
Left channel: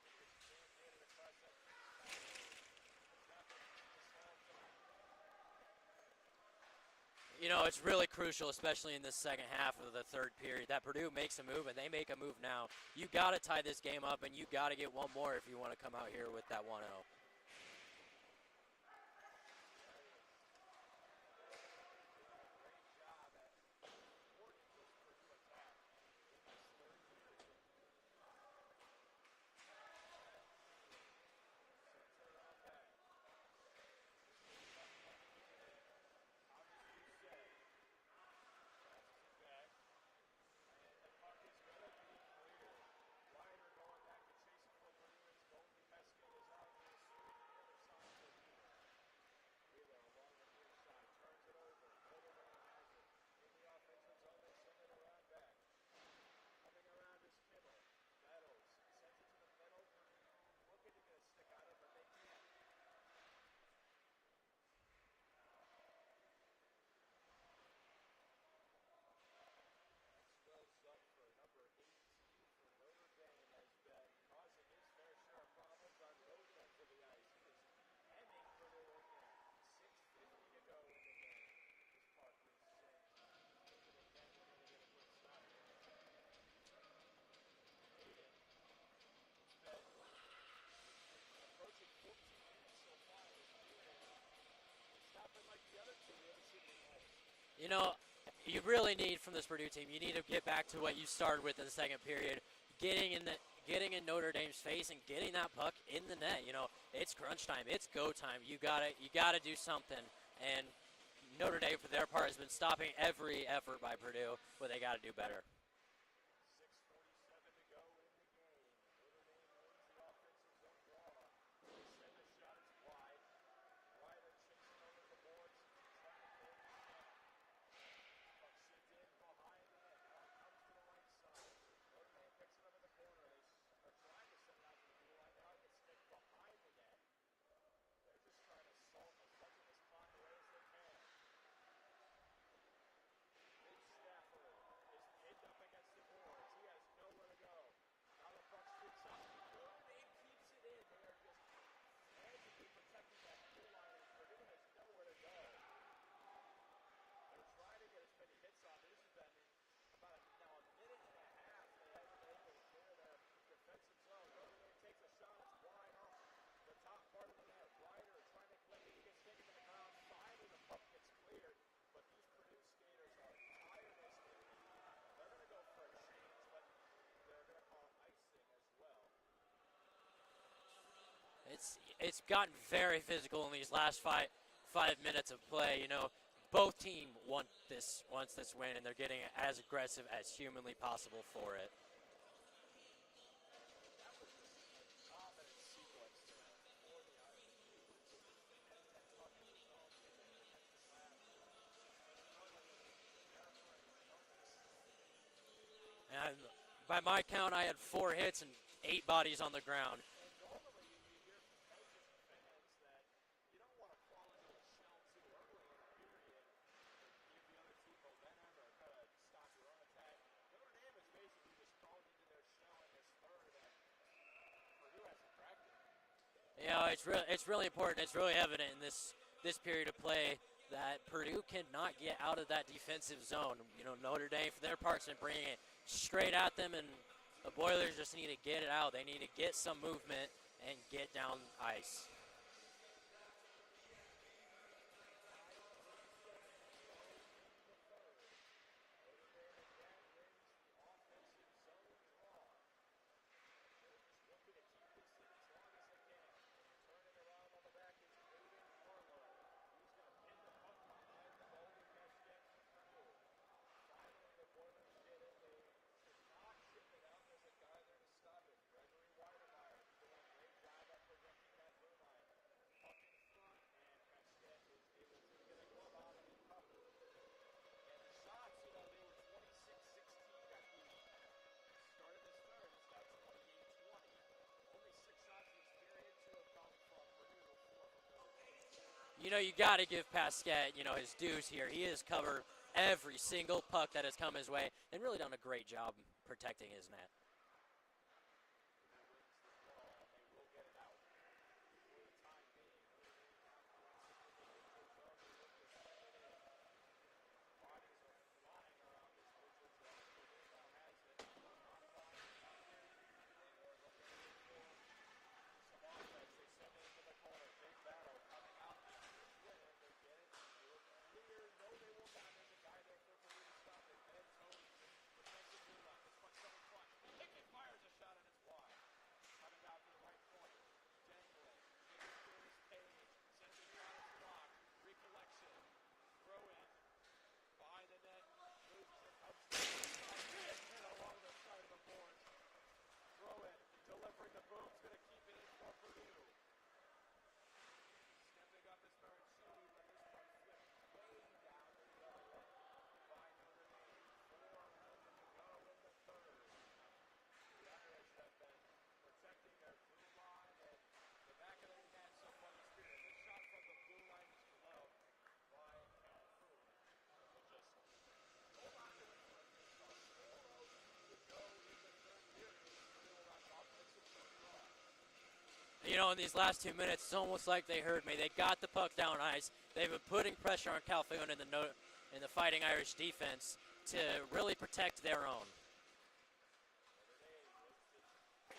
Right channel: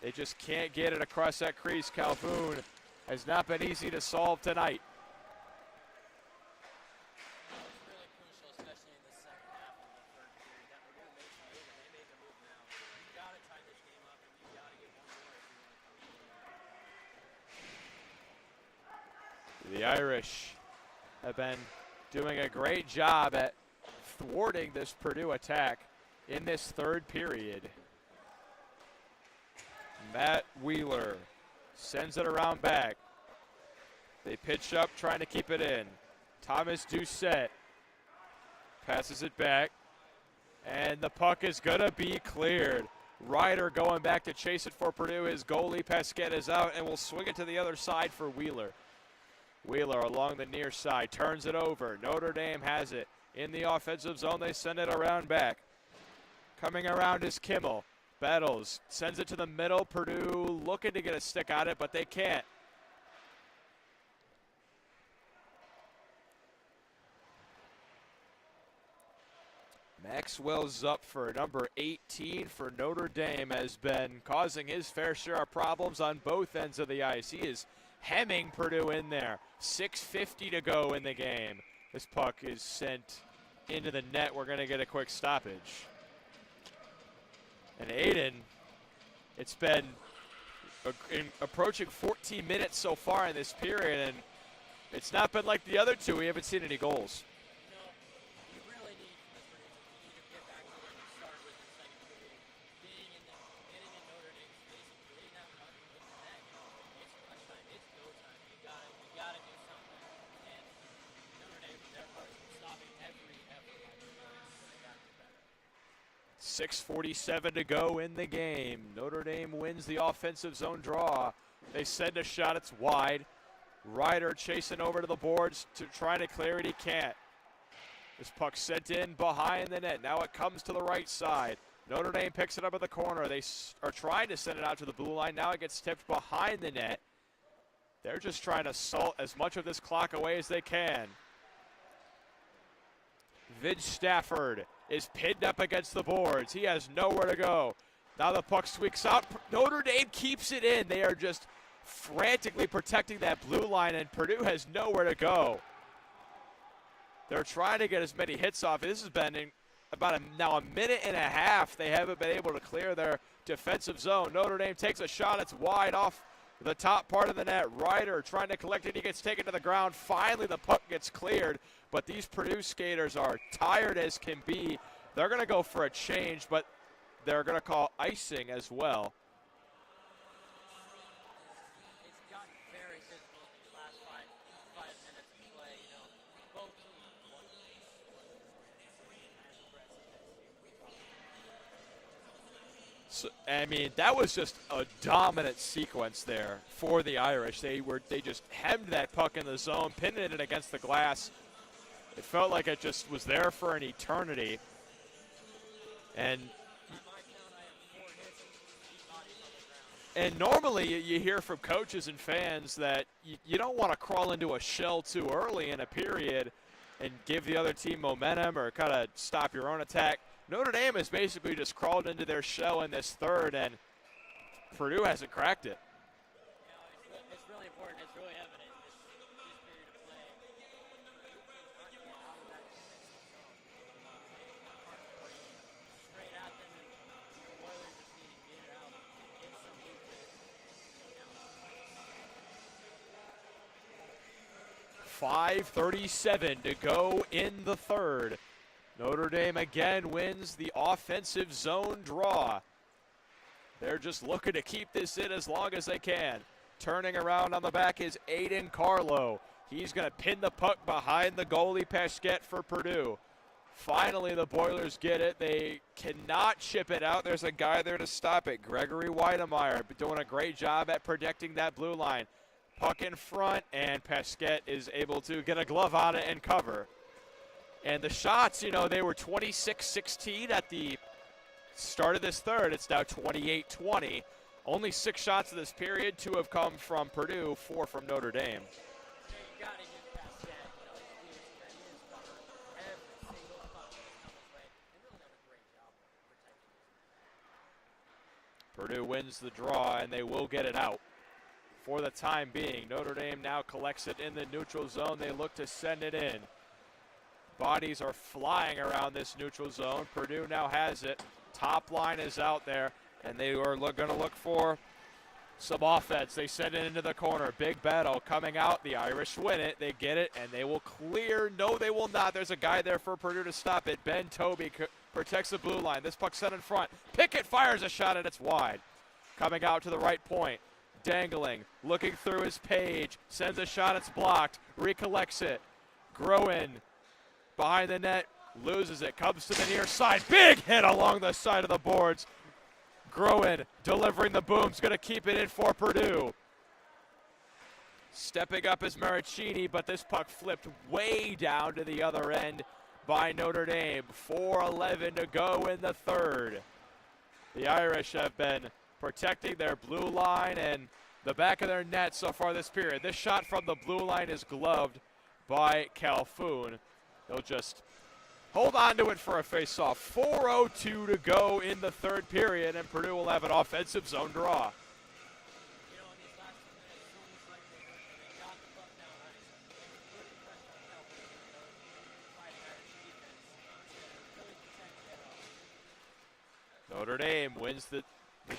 they just can't get it across that crease. Calhoun has not been easy to solve tonight. It's really crucial, especially in the second half of the third period, that Purdue makes a move, and they make a move now. You got to tie this game up, and you got to get one more if you want to come out here with that 1-0. The Irish have been doing a great job at thwarting this Purdue attack in this third period. Matt Wheeler sends it around back. They pitch up, trying to keep it in. Thomas Doucette passes it back, and the puck is going to be cleared. Ryder going back to chase it for Purdue. His goalie, Pasquette, is out and will swing it to the other side for Wheeler. Wheeler along the near side, turns it over. Notre Dame has it in the offensive zone. They send it around back. Coming around is Kimmel. Battles, sends it to the middle. Purdue looking to get a stick on it, but they can't. Maxwell Zupfer, number 18 for Notre Dame, has been causing his fair share of problems on both ends of the ice. He is hemming Purdue in there. 6:50 to go in the game. This puck is sent into the net. We're going to get a quick stoppage. And Aiden, it's been approaching 14 minutes so far in this period, and it's not been like the other two. We haven't seen any goals. You know, you really need from this Purdue team, you need to get back to what you started with in the second period, getting in Notre Dame's face and getting that puck in the net. You know, it's crunch time, it's go time. You gotta do something. And Notre Dame, for their part, has been stopping every effort by Purdue, but they gotta do better. 6:47 to go in the game. Notre Dame wins the offensive zone draw. They send a shot, it's wide. Ryder chasing over to the boards to try to clear it, he can't. This puck sent in behind the net. Now it comes to the right side. Notre Dame picks it up at the corner. They are trying to send it out to the blue line. Now it gets tipped behind the net. They're just trying to salt as much of this clock away as they can. Vidge Stafford is pinned up against the boards. He has nowhere to go. Now the puck squeaks out. Notre Dame keeps it in. They are just frantically protecting that blue line, and Purdue has nowhere to go. They're trying to get as many hits off. This has been about now a minute and a half. They haven't been able to clear their defensive zone. Notre Dame takes a shot. It's wide off the top part of the net. Ryder trying to collect it. He gets taken to the ground. Finally, the puck gets cleared. But these Purdue skaters are tired as can be. They're going to go for a change, but they're going to call icing as well. It's gotten very physical in these last five minutes of play. You know, both teams wants this win, and they're getting as aggressive as humanly possible for it. So, I mean, that was just a dominant sequence there for the Irish. They just hemmed that puck in the zone, pinned it against the glass. It felt like it just was there for an eternity. And by my count, I had 4 hits and 8 bodies on the ground. And normally you hear from coaches and fans that you don't want to crawl into a shell too early in a period and give the other team momentum or kind of stop your own attack. Notre Dame has basically just crawled into their shell in this third, and Purdue hasn't cracked it. You know, it's really important. It's really evident in this period of play that Purdue cannot get out of that defensive zone. You know, Notre Dame, for their parts, are bringing it straight at them, and the Boilers just need to get it out. They need to get some movement and get down the ice. 5:37 to go in the third. Notre Dame again wins the offensive zone draw. They're just looking to keep this in as long as they can. Turning around on the back is Aiden Carlo. He's going to pin the puck behind the goalie Pasquette for Purdue. Finally, the Boilers get it. They cannot chip it out. There's a guy there to stop it. Gregory Weidemeyer doing a great job at protecting that blue line. Puck in front, and Pasquette is able to get a glove on it and cover. And the shots, you know, they were 26-16 at the start of this third. It's now 28-20. Only 6 shots of this period. 2 have come from Purdue, 4 from Notre Dame. You know, you got to give Pasquette, you know, his dues here. He has covered every single puck that has come his way and really done a great job protecting his net. Purdue wins the draw, and they will get it out. For the time being, Notre Dame now collects it in the neutral zone. They look to send it in. Bodies are flying around this neutral zone. Purdue now has it. Top line is out there, and they are going to look for some offense. They send it into the corner. Big battle coming out. The Irish win it. They get it, and they will clear. No, they will not. There's a guy there for Purdue to stop it. Ben Tobey protects the blue line. This puck set in front. Pickett fires a shot, and it's wide. Coming out to the right point. Dangling. Looking through his page. Sends a shot. It's blocked. Recollects it. Groen behind the net. Loses it. Comes to the near side. Big hit along the side of the boards. Groen delivering the boom's going to keep it in for Purdue. Stepping up is Maricini, but this puck flipped way down to the other end by Notre Dame. 4:11 to go in the third. The Irish have been protecting their blue line and the back of their net so far this period. This shot from the blue line is gloved by Calhoun. They'll just hold on to it for a face-off. 4:02 to go in the third period, and Purdue will have an offensive zone draw. You know, in these last 2 minutes, it's almost like they heard me. They got the puck down ice. They've been putting pressure on Calhoun in the Fighting Irish defense to really protect their own. Notre Dame wins the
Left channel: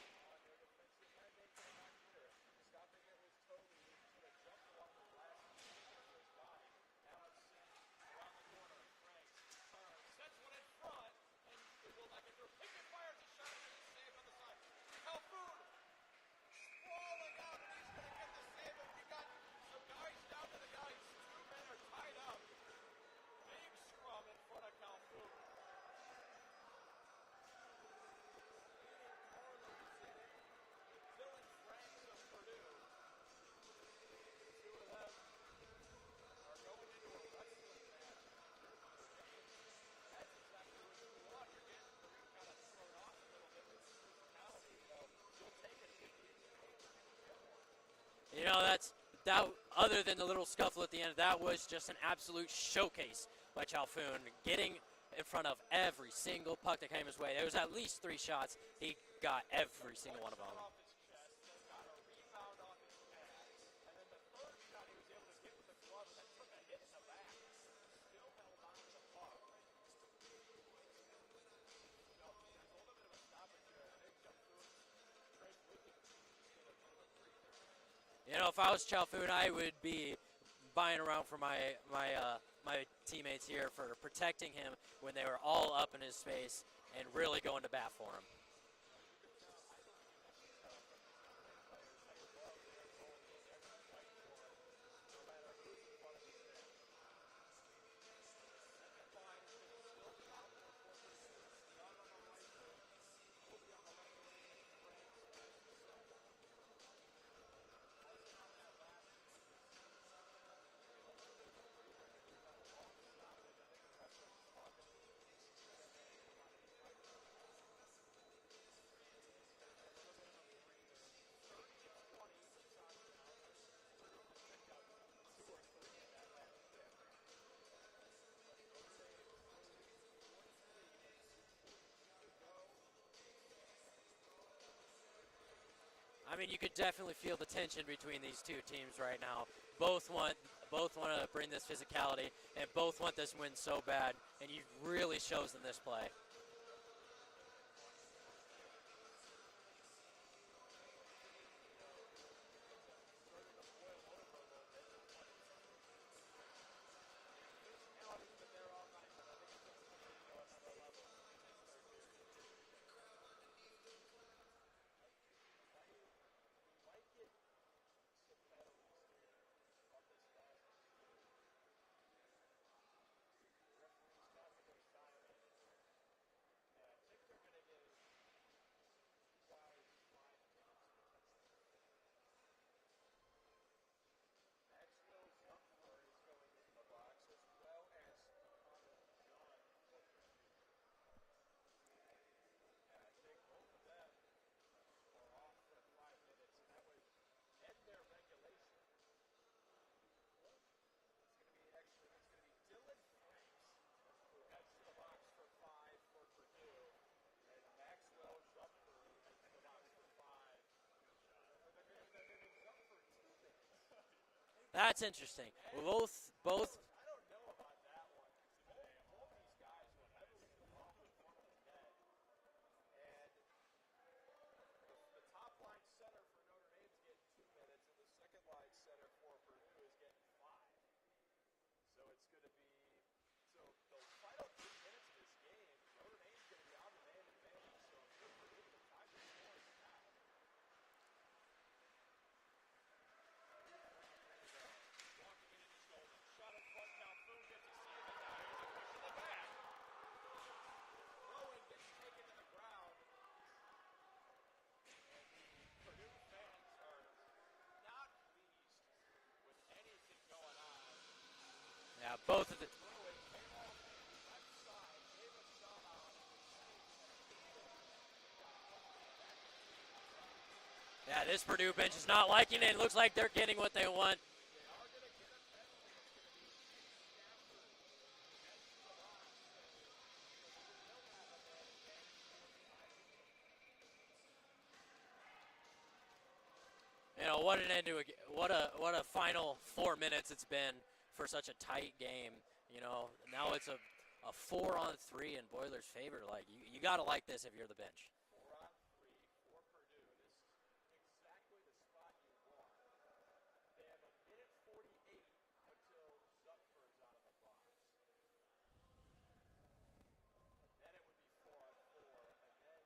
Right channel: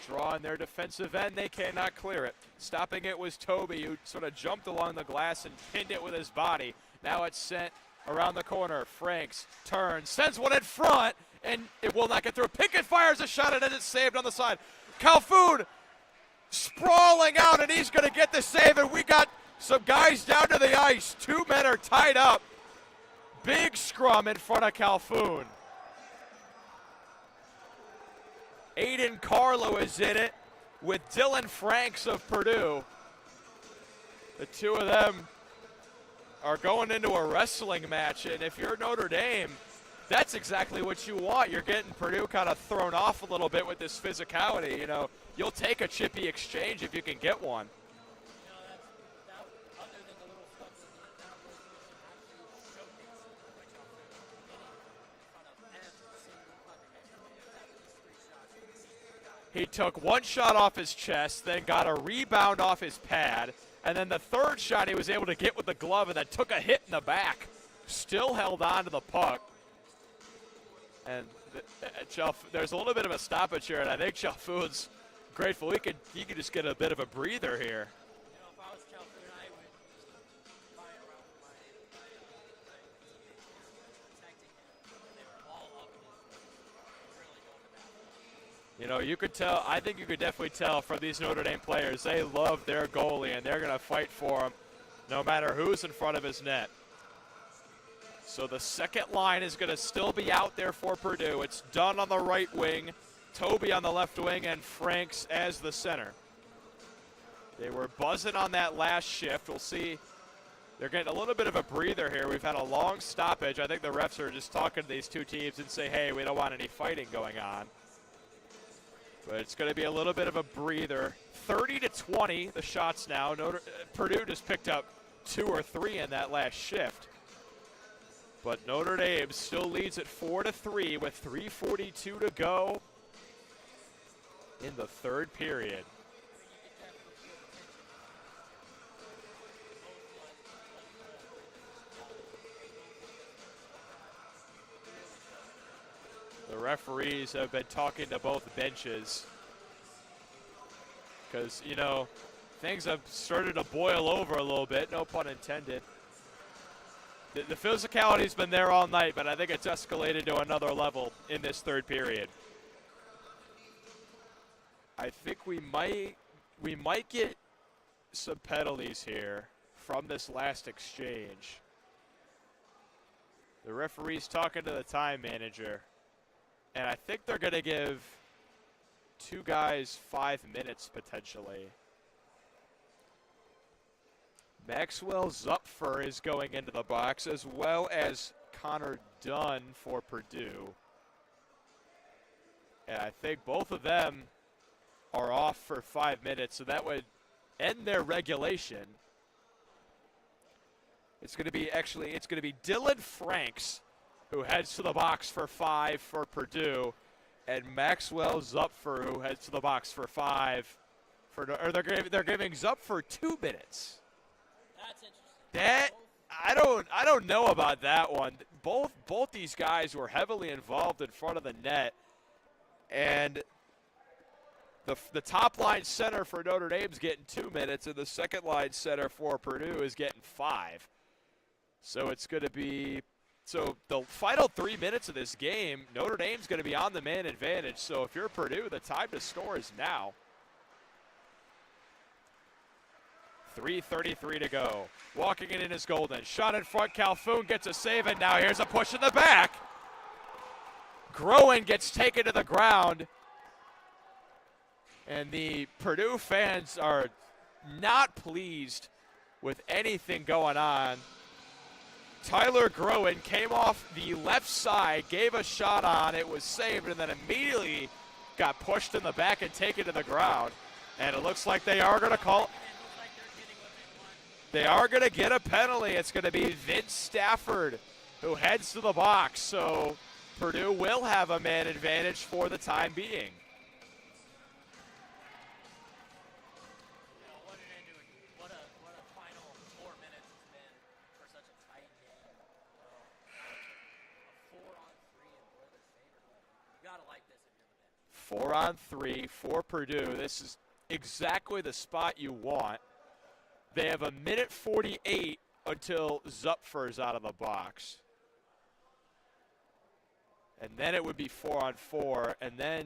draw on their defensive end. They cannot clear it. Stopping it was Toby, who sort of jumped along the glass and pinned it with his body. Now it's sent around the corner. Franks turns, sends one in front, and it will not get through. Pickett fires a shot, and it's saved on the side. Calhoun sprawling out, and he's going to get the save, and we got some guys down to the ice. 2 men are tied up. Big scrum in front of Calhoun. Aiden Carlo is in it with Dylan Franks of Purdue. The two of them are going into a wrestling match, and if you're Notre Dame, that's exactly what you want. You're getting Purdue kind of thrown off a little bit with this physicality. You know, you'll take a chippy exchange if you can get one. You know, that. Other than the little scuffle at the end, that was just an absolute showcase by Calhoun, getting in front of every single puck that came his way. There was at least 3 shots he got. He took one shot off his chest, then got a rebound off his pad, and then the third shot he was able to get with the glove and then took a hit in the back. Still held on to the puck. And there's a little bit of a stoppage here, and I think Calhoun's grateful he could just get a bit of a breather here. You know, if I was Calhoun, I would be buying around for my teammates here for protecting him when they were all up in his space and really going to bat for him. You know, you could tell, I think you could definitely tell from these Notre Dame players, they love their goalie, and they're going to fight for him no matter who's in front of his net. So the second line is going to still be out there for Purdue. It's Dunn on the right wing, Toby on the left wing, and Franks as the center. They were buzzing on that last shift. We'll see. They're getting a little bit of a breather here. We've had a long stoppage. I think the refs are just talking to these two teams and say, hey, we don't want any fighting going on. But it's going to be a little bit of a breather. 30-20, the shots now. Purdue just picked up 2 or 3 in that last shift. But Notre Dame still leads at 4-3 with 3:42 to go in the third period. I mean, you could definitely feel the tension between these two teams right now. Both want to bring this physicality, and both want this win so bad, and it really shows in this play. The referees have been talking to both benches because, you know, things have started to boil over a little bit, no pun intended. The physicality's been there all night, but I think it's escalated to another level in this third period. I think we might get some penalties here from this last exchange. The referee's talking to the time manager, and I think they're going to give 2 guys 5 minutes potentially. Maxwell Zupfer is going into the box, as well as Connor Dunn for Purdue. And I think both of them are off for 5 minutes, so that would end their regulation. It's going to be Dylan Franks who heads to the box for 5 for Purdue, and Maxwell Zupfer who heads to the box for 5 for, or they're giving Zupfer 2 minutes. That's interesting. I don't know about that one. Both these guys were heavily involved in front of the net, and the top line center for Notre Dame's getting 2 minutes, and the second line center for Purdue is getting 5. So it's going to be the final 3 minutes of this game, Notre Dame's going to be on the man advantage. So if you're Purdue, the time to score is now. 3:33 to go. Walking it in is Golden. Shot in front. Calhoun gets a save, and now here's a push in the back. Groen gets taken to the ground. And the Purdue fans are not pleased with anything going on. Tyler Groen came off the left side, gave a shot on, it was saved, and then immediately got pushed in the back and taken to the ground. And it looks like they are going to call. It looks like they're getting what they want. They are going to get a penalty. It's going to be Vince Stafford who heads to the box. So Purdue will have a man advantage for the time being. You know, what an end to what a final 4 minutes it's been for such a tight game. You know, now it's a 4-on-3 in Boilers' favor. Like you got to like this if you're the bench. 4 on 3 for Purdue. This is exactly the spot you want. They have a minute 48 until Zupfer's out of the box. And then it would be 4 on 4. And then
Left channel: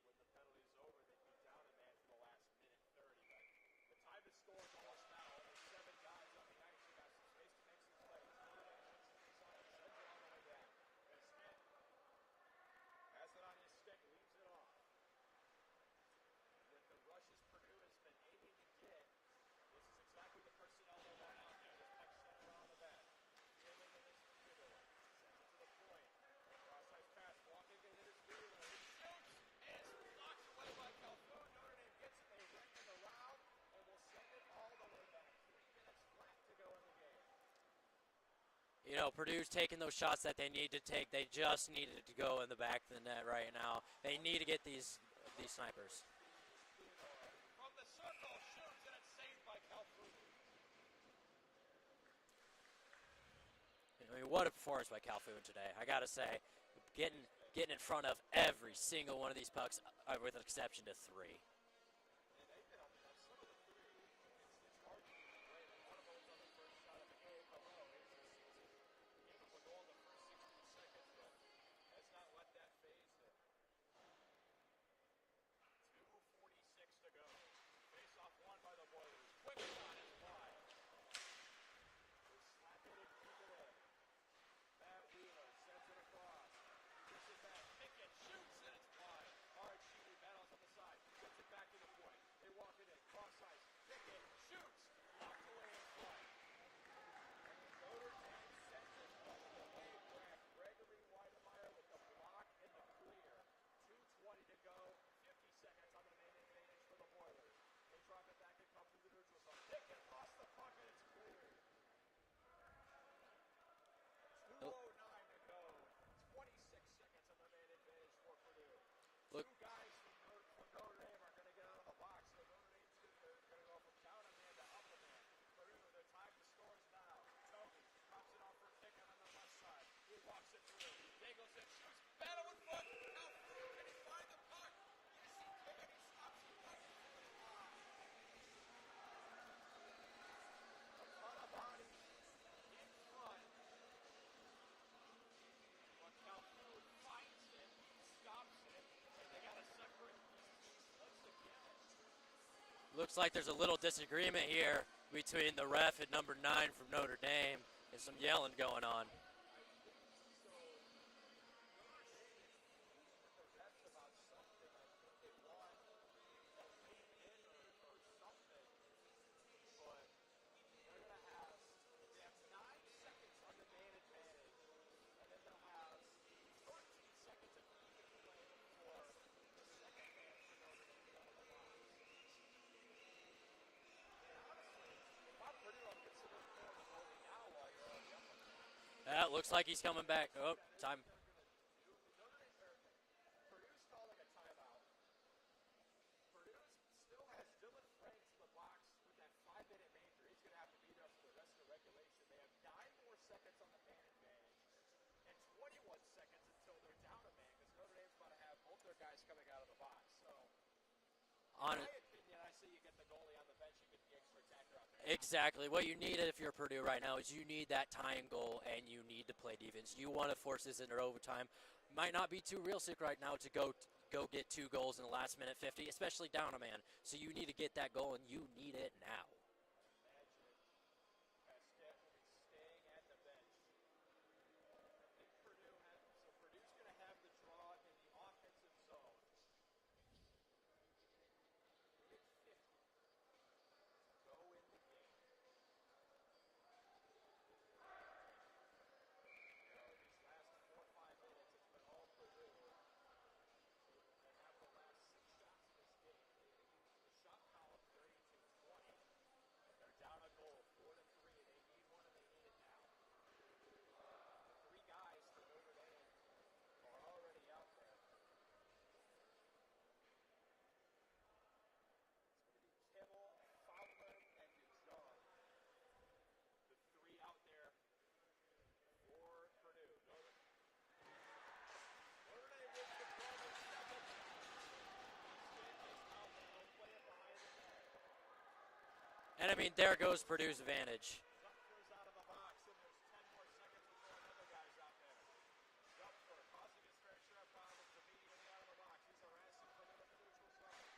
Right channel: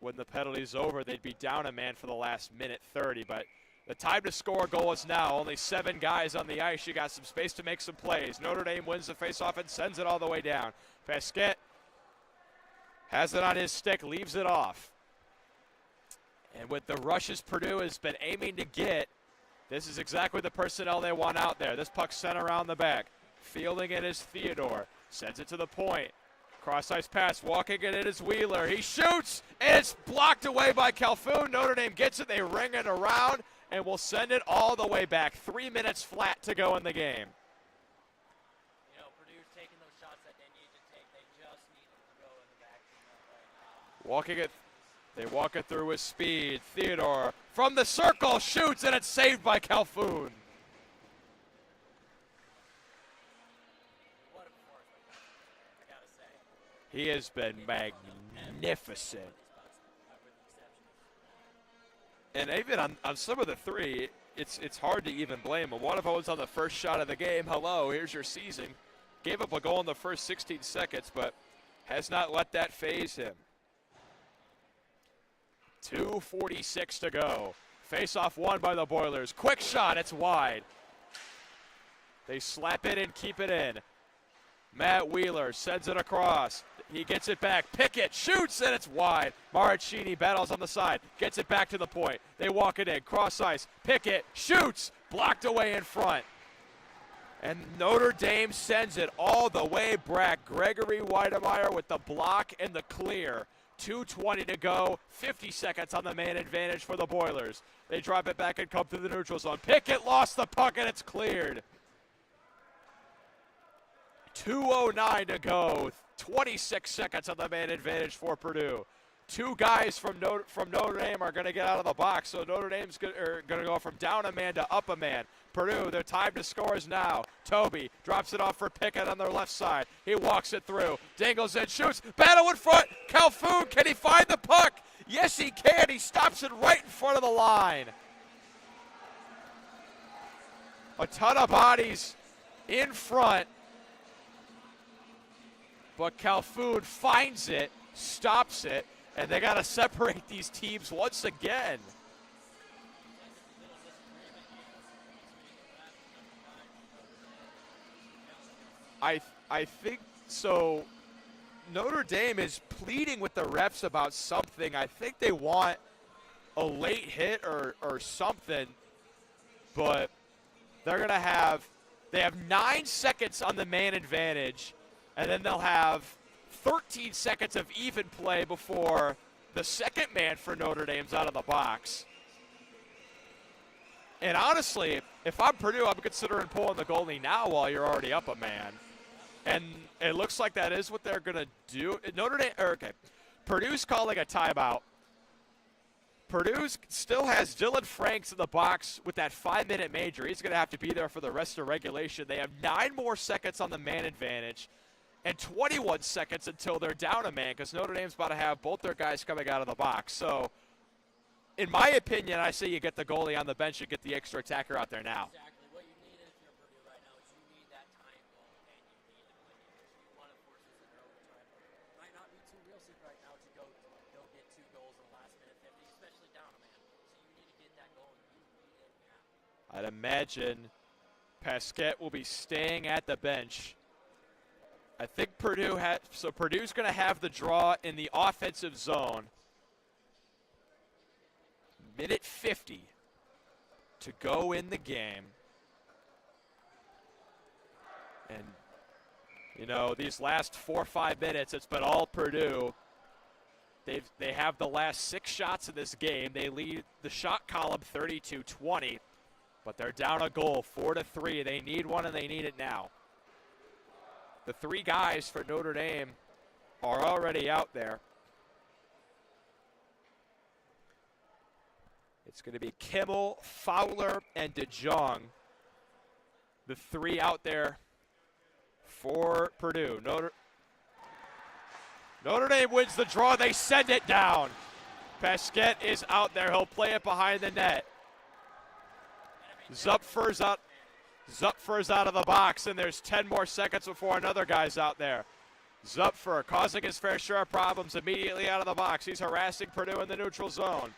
when the penalty's over, they'd be down a man for the last minute 30. But the time to score a goal is now. Only 7 guys on the ice. You got some space to make some plays. Notre Dame wins the faceoff and sends it all the way down. Pasquette has it on his stick, leaves it off. And with the rushes Purdue has been aiming to get, this is exactly the personnel they want out there. This puck sent around the back. Fielding it is Theodore. Sends it to the point. Cross-ice pass, walking it is Wheeler. He shoots, and it's blocked away by Calhoun. Notre Dame gets it. They ring it around, and will send it all the way back. 3 minutes flat to go in the game. You know, Purdue's taking those shots that they need to take. They just needed to go in the back of the net right now. They walk it through with speed. Theodore from the circle shoots, and it's saved by Calhoun. I mean, what a performance by Calhoun today, I got to say. He has been magnificent. In front of every single one of these pucks, with an exception to 3. And even on some of the 3, it's hard to even blame him. One of them was on the first shot of the game. Hello, here's your season. Gave up a goal in the first 16 seconds, but has not let that phase him. 2:46 to go. Face-off won by the Boilers. Quick shot, it's wide. They slap it and keep it in. Matt Wheeler sends it across. He gets it back. Pickett shoots, and it's wide. Maracchini battles on the side. Gets it back to the point. They walk it in. Cross ice. Pickett shoots. Blocked away in front. And Notre Dame sends it all the way back. Gregory Weidemeyer with the block and the clear. 2:20 to go. 50 seconds on the man advantage for the Boilers. They drop it back and come to the neutral zone. Pickett lost the puck, and it's cleared. 2:09 to go. 26 seconds on the man advantage for Purdue. 2 guys from Notre Dame are going to get out of the box, so Notre Dame's going to go from down a man to up a man. Purdue, their time to score is now. Toby drops it off for Pickett on their left side. He walks it through. Dangles in, shoots. Battle in front. Calhoun, can he find the puck? Yes, he can. He stops it right in front of the line. A ton of bodies in front. But Calhoun finds it, stops it, and they got to separate these teams once again. Looks like there's a little disagreement here between the ref and number 9 from Notre Dame. There's some yelling going on. I think so. Notre Dame is pleading with the refs about something. I think they want a late hit or something, but they're going to have 9 seconds on the man advantage. And then they'll have 13 seconds of even play before the second man for Notre Dame's out of the box. And honestly, if I'm Purdue, I'm considering pulling the goalie now while you're already up a man. That looks like he's coming back. It looks like that is what they're going to do. Purdue's calling a timeout. Purdue still has Dylan Franks in the box with that 5-minute major. He's going to have to be there for the rest of regulation. They have 9 more seconds on the man advantage. And 21 seconds until they're down a man, because Notre Dame's about to have both their guys coming out of the box. So, in my opinion, I say you get the goalie on the bench and get the extra attacker out there now. Exactly. What you need if you're Purdue right now is you need that tying goal, and you need to play defense. You want to force this into overtime. Might not be too realistic right now to go get 2 goals in the last minute 50, especially down a man. So you need to get that goal, and you need it now. I'd imagine Pasquette will be staying at the bench. I think Purdue's going to have the draw in the offensive zone. Minute 50 to go in the game. And, you know, these last 4 or 5 minutes, it's been all Purdue. They have the last 6 shots in this game. They lead the shot column 32-20, but they're down a goal, 4-3. They need one, and they need it now. The 3 guys for Notre Dame are already out there. It's going to be Kimmel, Fowler, and DeJong. The 3 out there for Purdue. Notre Dame wins the draw. They send it down. Pesquet is out there. He'll play it behind the net. And I mean, there goes Purdue's advantage. Zupfer's out of the box, and there's 10 more seconds before another guy's out there. Zupfer causing his fair share of problems immediately out of the box. He's harassing Purdue in the neutral zone.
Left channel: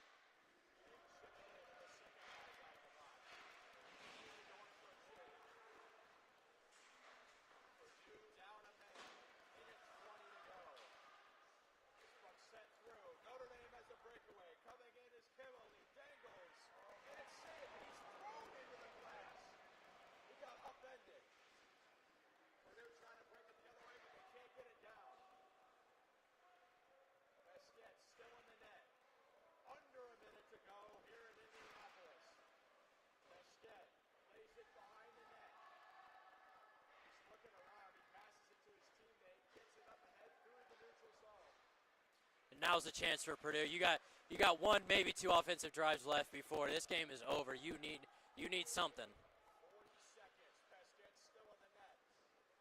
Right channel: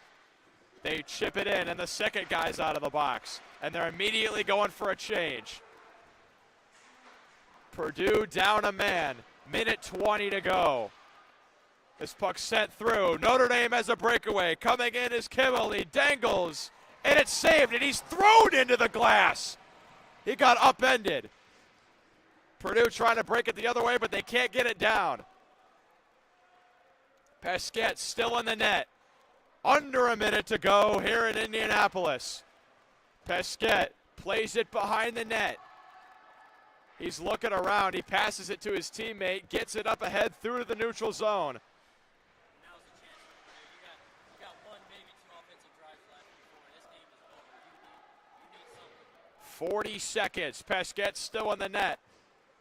They chip it in, and the second guy's out of the box, and they're immediately going for a change. Purdue down a man. Minute 20 to go. This puck sent through. Notre Dame has a breakaway. Coming in is Kimmel. He dangles, and it's saved, and he's thrown into the glass. He got upended. Purdue trying to break it the other way, but they can't get it down. Pesquet still in the net. Under a minute to go here in Indianapolis. Pesquet plays it behind the net. He's looking around. He passes it to his teammate, gets it up ahead through the neutral zone. And now's the chance for Purdue. You got one, maybe two offensive drives left before this game is over. You need something. 40 seconds. Pesquet still in the net.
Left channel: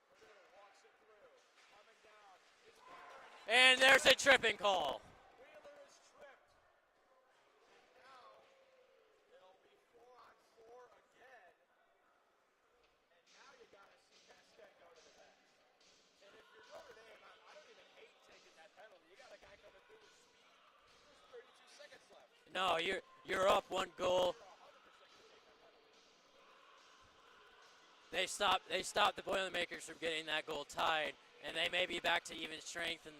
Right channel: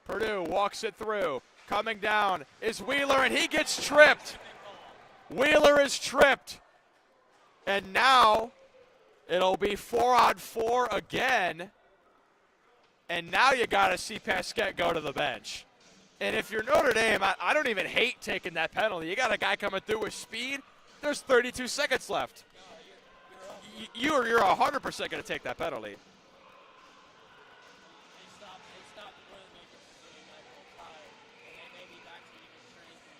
Purdue walks it through. Coming down is Wheeler, and he gets tripped. A tripping call. Wheeler is tripped. And now it'll be 4-on-4 again. And now you got to see Pesquet go to the bench. And if you're Notre Dame, I don't even hate taking that penalty. You got a guy coming through with speed. There's 32 seconds left. No, you're up one goal. You're 100% going to take that penalty. They stopped the Boilermakers from getting that goal tied, and they may be back to even strength. And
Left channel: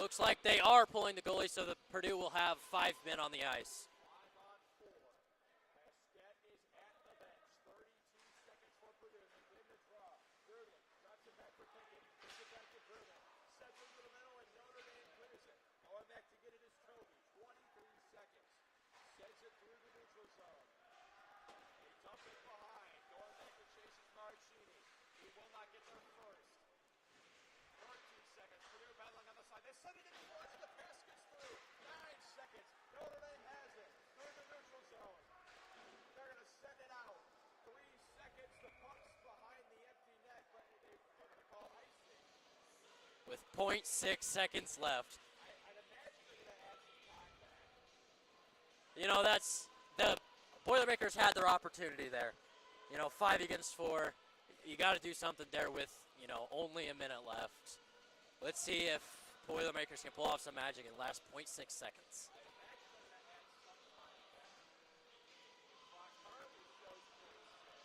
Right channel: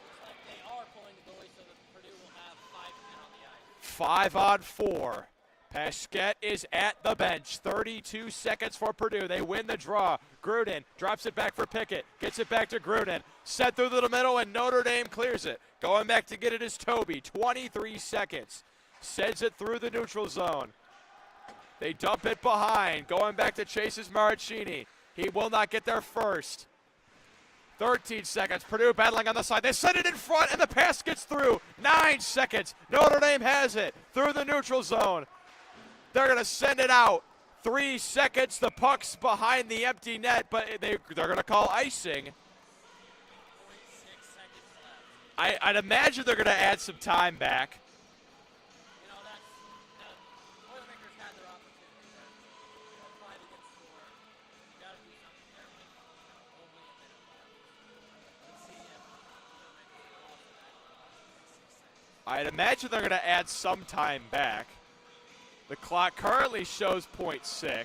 looks like they are pulling the goalie, so that Purdue will have 5 men on the ice. 5-on-4. Pesquet is at the bench. 32 seconds for Purdue. They win the draw. Gruden drops it back for Pickett. Gets it back to Gruden. Set through the middle, and Notre Dame clears it. Going back to get it is Toby. 23 seconds. Sends it through the neutral zone. They dump it behind. Going back to Chase's Maricini. He will not get there first. 13 seconds. Purdue battling on the side. They send it in front, and the pass gets through. 9 seconds. Notre Dame has it through the neutral zone. They're going to send it out. 3 seconds. The puck's behind the empty net, but they're going to call icing. With 0.6 seconds left. I'd imagine they're going to add some time back. You know, that's the Boilermakers had their opportunity there. 5 against 4. You got to do something there with, only a minute left. Let's see if Boilermakers can pull off some magic in the last 0.6 seconds. I'd imagine they're going to add some time back. The clock currently shows 0.6. There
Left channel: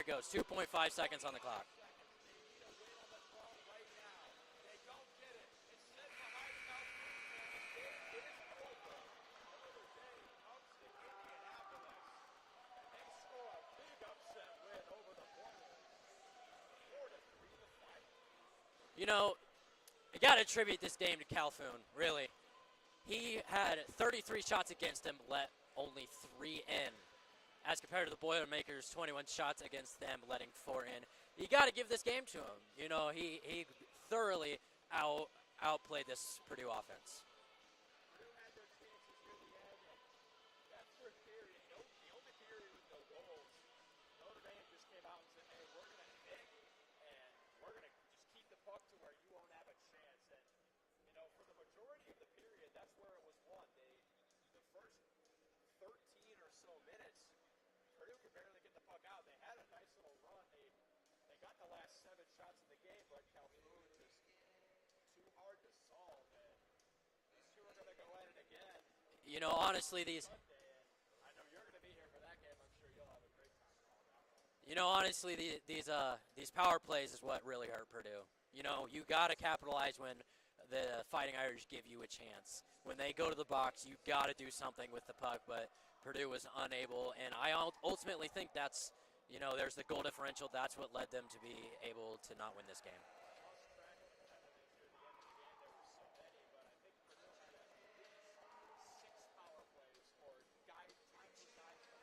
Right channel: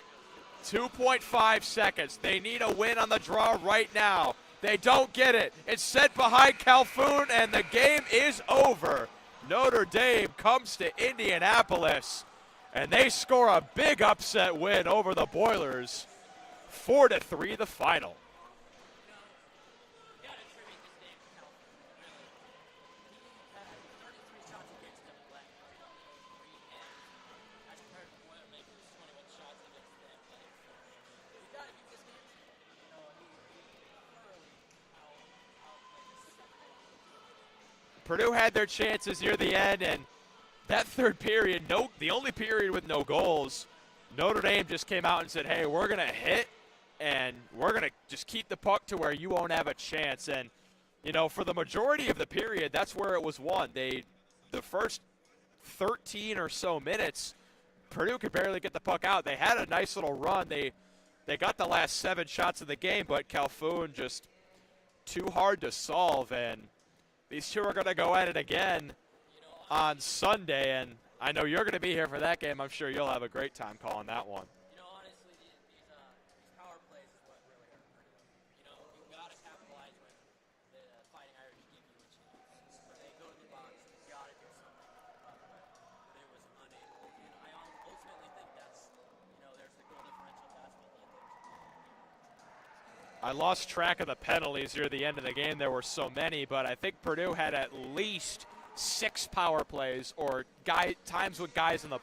it goes, 2.5 seconds. They need a win on the draw right now. They don't get it. It's set behind Calhoun, and the game is over. Notre Dame comes to Indianapolis, and they score a big upset win over the Boilers. 4-3 the final. You got to attribute this game to Calhoun, really. He had 33 shots against him, let only 3 in. As compared to the Boilermakers, 21 shots against them, letting 4 in. You got to give this game to him. He thoroughly outplayed this Purdue offense. Purdue had their chances near the end, and that third period, the only period with no goals, Notre Dame just came out and said, hey, we're going to hit, and we're going to just keep the puck to where you won't have a chance. And, for the majority of the period, that's where it was won. The first 13 or so minutes, Purdue could barely get the puck out. They had a nice little run. They got the last 7 shots of the game, but Calhoun just too hard to solve. And these two are going to go at it again on Sunday. And I know you're going to be here for that game. I'm sure you'll have a great time calling that one. Honestly, these power plays is what really hurt Purdue. You got to capitalize when the Fighting Irish give you a chance. When they go to the box, you got to do something with the puck, but Purdue was unable. And I ultimately think that's, there's the goal differential. That's what led them to be able to not win this game. I lost track of the penalties near the end of the game. There were so many, but I think Purdue had at least 6 power plays or times with guys in the